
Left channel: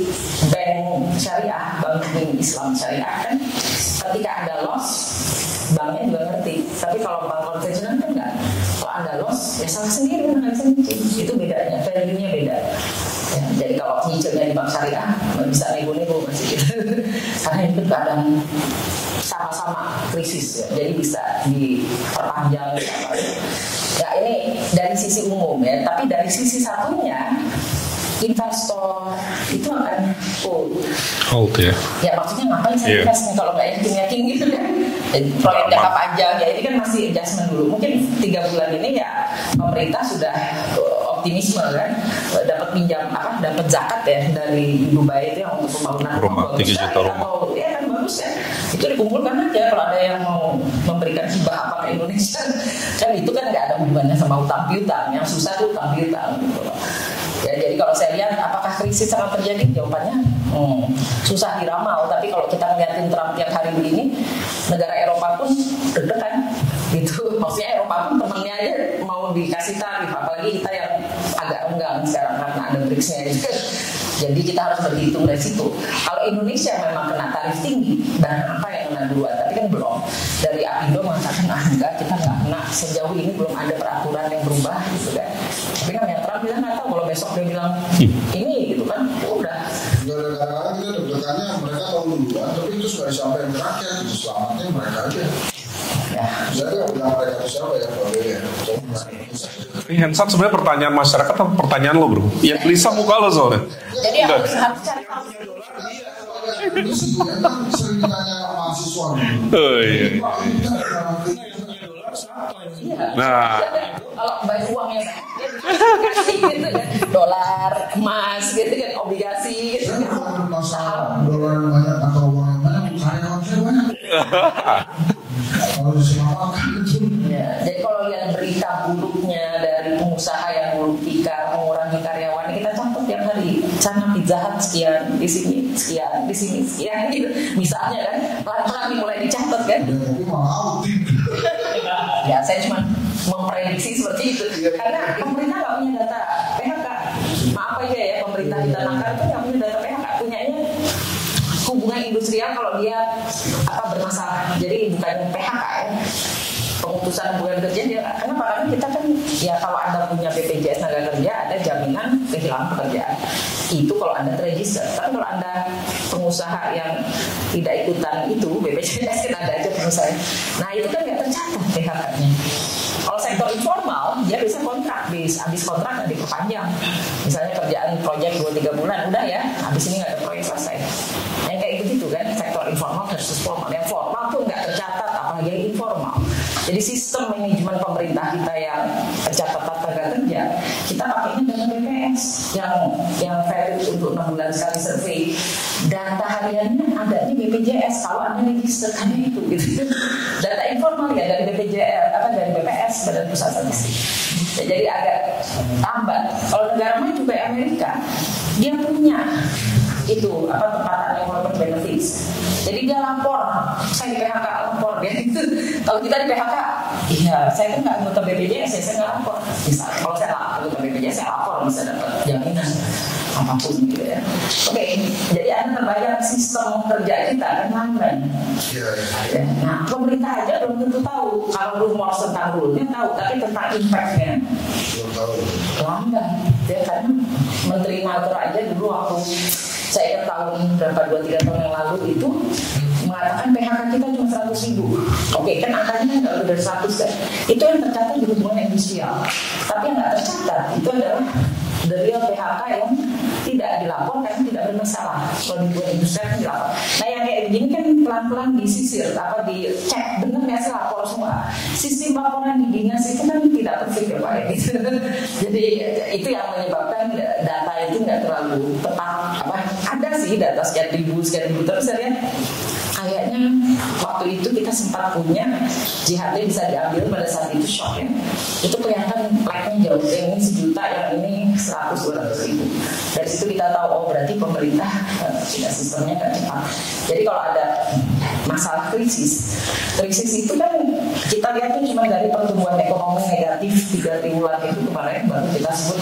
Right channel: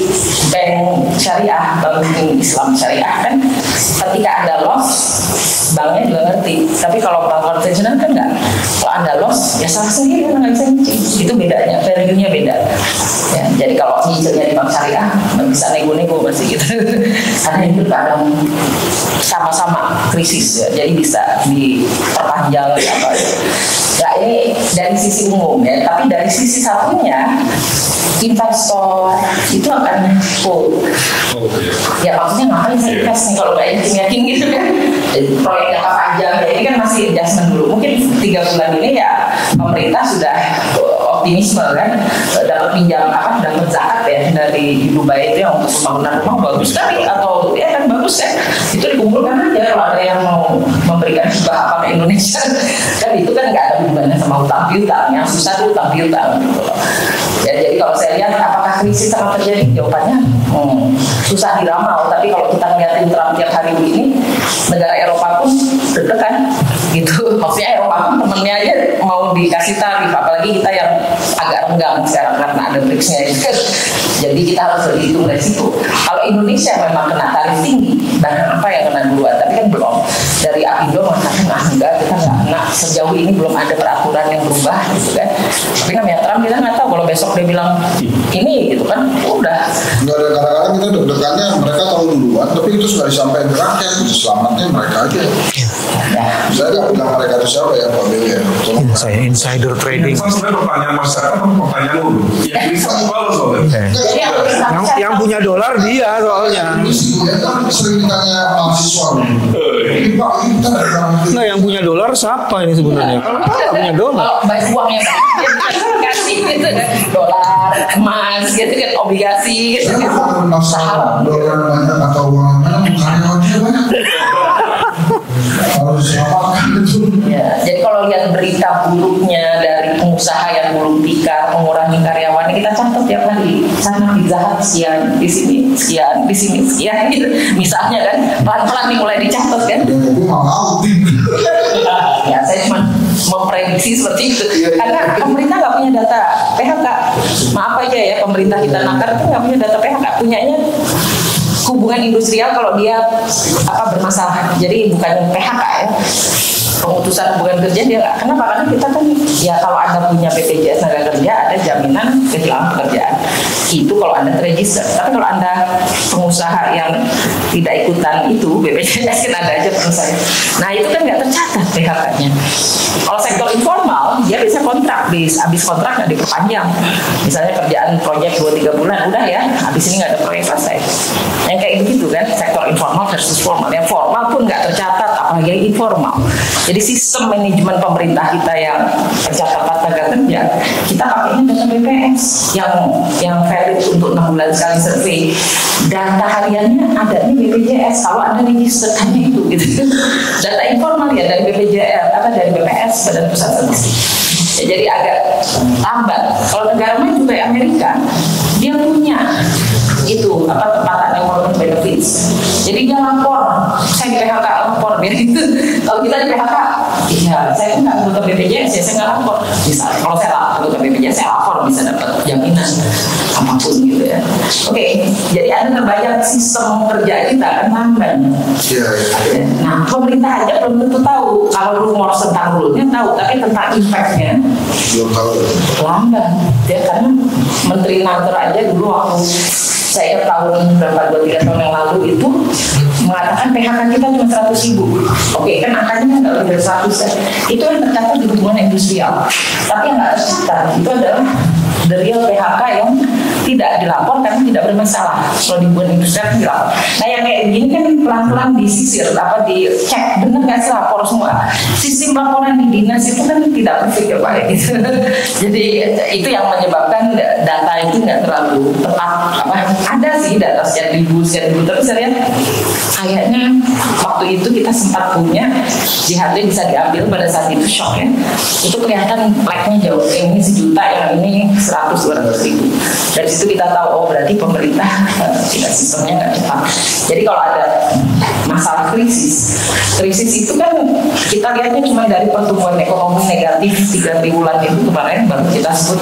bank syariah atau Islam syariah kan ketika ada loss banknya juga ngerti. Tapi kalau bank konvensional kan enggak. Kalau ada loss ya salah sendiri nggak bisa nyicil. Itu bedanya, value-nya beda. Ya, jadi kalau nyicilnya di bank syariah bisa nego-nego masih gitu. Karena itu kadang sama-sama krisis ya, jadi bisa diperpanjang apa ya. Ini dari sisi umum ya, tapi dari sisi satunya investor itu akan full. Ya maksudnya ngapain saya invest nih kalau nggak yakin gitu kan. Proyek jangka panjang ya ini kan masih adjustment dulu. Mungkin 3 bulan ini ya pemerintah sudah optimisme kan dapat pinjam dapat zakat ya dari Dubai itu yang untuk pembangunan rumah bagus sekali atau ya kan bagus ya itu dikumpulkan aja kalau ada yang mau memberikan hibah apa ke Indonesia kan itu kan nggak ada hubungannya sama utang piutang, yang susah itu utang piutang gitu. Ya, jadi kalau saya lihat apakah krisis akan terjadi, jawabannya susah diramal. Tapi kalau kita ngeliatin Trump tiap hari begini, negara Eropa pun deg-degan gitu. Maksudnya Eropa pun temennya aja mau dikasih tarif, apalagi kita yang renggang sekarang karena ada BRICS-nya itu. Jadi kita harus berhitung dari situ. Kalau Indonesia memang kena tarif tinggi, bahan apa yang kena duluan? Tapi kan belum. Dari Apindo mengatakan enggak, kita nggak kena, sejauh ini belum ada peraturan yang berubah gitu kan. Tapi namanya Trump kita nggak tahu, kalau besok dia bilang ini gitu kan, udah. Enggak ada, kadang-kadang kita deg-degannya mereka tahu duluan, tapi itu sudah disampaikan ke rakyat, selamatnya mereka aja. Ya. Saya nggak bilang mereka itu siapa ya, Pak Bill ya. Saya insider trading. Kan sebenarnya pertanyaan masyarakat atau pertanyaan lu? Yang bisa mau balas soalnya. Yang punya dolar dia soalnya. Ya kan sering ditanya mahasiswa. Ini Pak, kita ada Nah, yang punya dolar siapa ini sebenarnya? Yang punya dolar. Kalau banyak uangnya kasih gitu kan, dolar, emas gitu kan, obligasi gitu kan. masalah dolar banyak atau uang banyak, karyawannya banyak. Harus diapakan itu. Ya, jadi kalau lihat berita buruknya dari pengusaha yang gulung tikar mengurangi karyawan, kita catat tiap hari. Sana Pizza Hut sekian, di sini sekian, di sini sekian gitu. Misalnya kan, pelan-pelan dimulai dicatat kan. Gue mau Ya, saya cuma memprediksi seperti itu. Karena pemerintah nggak punya data PHK. Maaf aja ya, pemerintah kita nakar itu nggak punya data PHK. Punyanya hubungan industrial kalau dia bermasalah. Jadi bukan PHK ya. Pemutusan hubungan kerja dia nggak. Kenapa? Karena kita kan ya kalau Anda punya BPJS tenaga kerja ada jaminan kehilangan pekerjaan. Itu kalau Anda terregister. Tapi kalau Anda pengusaha yang tidak ikutan itu BPJS kan ada aja pengusaha. Nah itu kan nggak tercatat PHK-nya. Kalau sektor informal dia bisa kontrak, habis kontrak nggak diperpanjang. Misalnya kerjaan proyek 2-3 bulan udah ya, habis ini nggak ada proyek selesai. Yang kayak gitu kan sektor informal versus formal. Yang formal pun nggak tercatat, apalagi yang informal. Jadi sistem manajemen pemerintah kita yang pencatatan tenaga kerja, kita pakainya data BPS yang valid untuk 6 bulan sekali survei. Data hariannya adanya BPJS, kalau ada registerkannya itu gitu. Data informal ya dari BPJS, dari BPS, Badan Pusat Statistik. Ya, jadi agak lambat. Kalau negara lain juga ya Amerika, dia punya itu tempatan employment benefits. Jadi dia lapor, saya di PHK lapor biar itu. Kalau kita di PHK, ya saya pun nggak anggota BPJS ya saya nggak lapor. Bisa kalau saya anggota BPJS saya lapor bisa dapat jaminan apapun gitu ya. Oke, jadi ada terbayang sistem kerja kita kan lamban. Iya. Nah pemerintah aja belum tentu tahu. Kalau rumor tentang rule-nya tahu, tapi tentang impact-nya Belum tahu. lamban. Ya karena Menteri Nanter aja dulu waktu saya ingat tahun berapa 2-3 tahun yang lalu itu mengatakan PHK kita cuma 100.000. Oke, kan angkanya nggak lebih dari 100 ya. Itu yang tercatat di hubungan industrial. Tapi yang nggak tercatat itu adalah the real PHK yang tidak dilapor karena tidak bermasalah. Kalau di hubungan industrial kan dilapor. Nah yang kayak gini kan pelan-pelan disisir, dicek benar nggak sih lapor semua. Sistem laporan di dinas itu kan tidak perfect ya Pak. Gitu. Jadi itu yang menyebabkan data itu nggak terlalu tepat. Ada sih data sekian ribu, tapi saya lihat kayaknya waktu itu kita sempat punya jihadnya bisa diambil pada saat itu shock ya. Itu kelihatan like-nya jauh, yang ini 1 juta, yang ini 100-200 ribu. Dari situ kita tahu oh berarti pemerintah tidak sistemnya nggak cepat. Jadi kalau ada masalah krisis itu kan kita lihatnya cuma dari pertumbuhan ekonomi negatif 3 triwulan itu kemarin baru kita sebut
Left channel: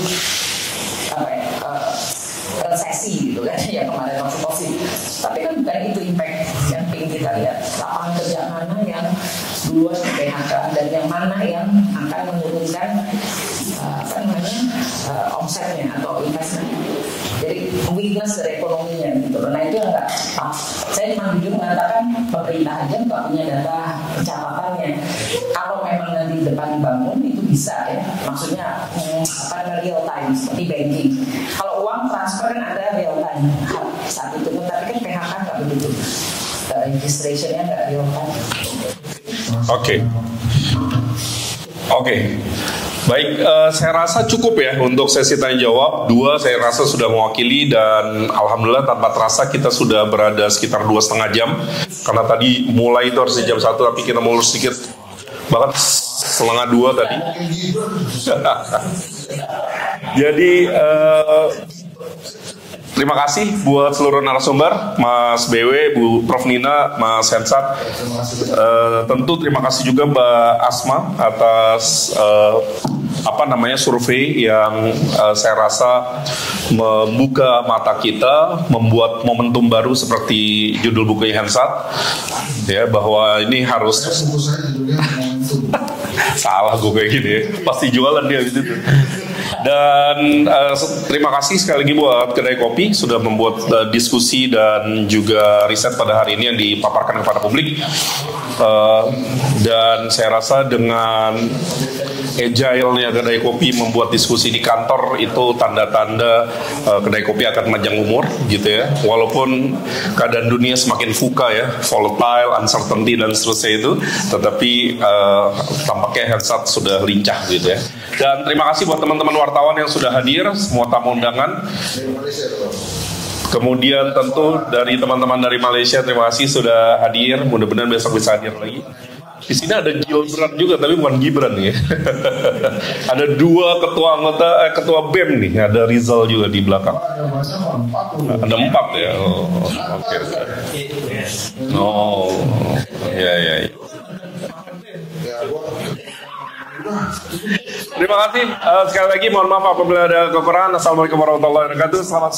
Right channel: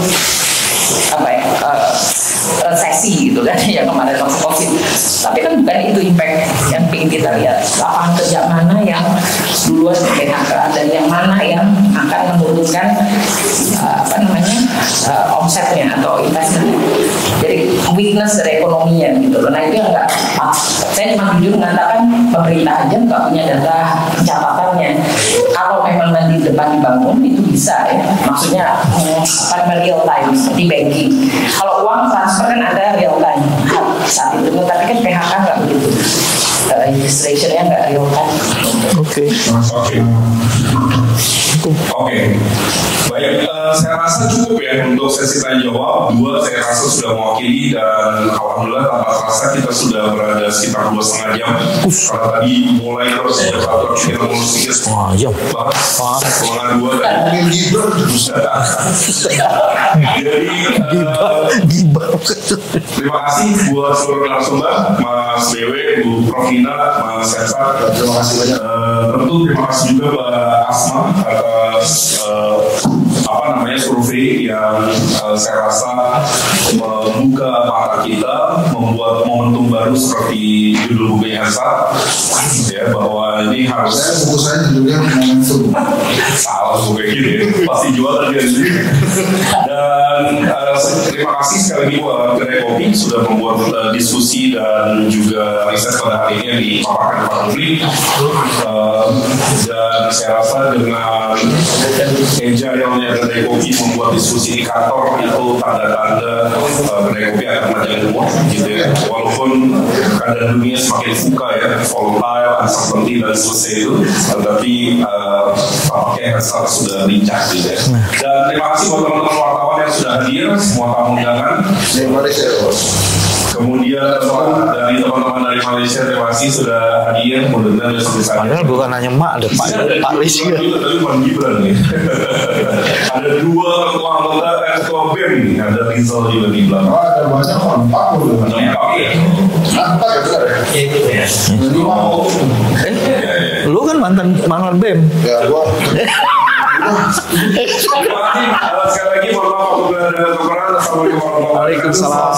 resesi gitu kan yang kemarin waktu COVID. Tapi kan bukan itu impact yang ingin kita lihat. Lapangan kerja mana yang duluan di PHK dan yang mana yang akan menurunkan omsetnya atau investment. Jadi weakness dari ekonominya gitu. Nah itu yang nggak pas. Saya cuma jujur mengatakan pemerintah aja nggak punya data catatannya. Kalau memang nanti depan dibangun itu bisa ya. Maksudnya real time seperti banking. Kalau uang transfer kan ada real time saat itu, tapi kan PHK nggak begitu. Registrationnya nggak real time. Oke. Baik, saya rasa cukup ya untuk sesi tanya jawab. 2 saya rasa sudah mewakili dan alhamdulillah tanpa terasa kita sudah berada sekitar 2,5 jam. Karena tadi mulai terus jam 1 tapi kita mulai sedikit banget. 1,5-2 tadi. Jadi terima kasih buat seluruh narasumber, Mas BW, Bu Prof Nina, Mas Hensat. Terima kasih banyak. Tentu terima kasih juga Mbak Asma atas survei survei yang saya rasa membuka mata kita, membuat momentum baru seperti judul buku Hersat, ya, bahwa ini harus Buku saya judulnya Momentum. salah buku kayak gini, pasti jualan dia di sini. Dan terima kasih sekali lagi buat Kedai Kopi sudah membuat diskusi dan juga riset pada hari ini yang dipaparkan kepada publik. Dan saya rasa dengan agile-nya Kedai Kopi membuat diskusi di kantor itu tanda-tanda Kedai Kopi akan panjang umur gitu ya. Walaupun keadaan dunia semakin VUCA ya, volatile, uncertainty dan seterusnya itu, tetapi tampaknya Hersat sudah lincah gitu ya. Dan terima kasih buat teman-teman wartawan yang sudah hadir, semua tamu undangan. Kemudian tentu dari teman-teman dari Malaysia, terima kasih sudah hadir. Mudah-mudahan besok bisa hadir. Bukan hanya Mak, ada Pak Rizky juga, tapi bukan Gibran ya. Ada dua ketua BEM nih, ada Rizal juga di belakang. Ada banyak orang, 40. Ada 4 ya. Lu kan mantan BEM. Ya, gua. Terima kasih sekali lagi, mohon maaf apabila ada kekurangan. Assalamualaikum warahmatullahi wabarakatuh.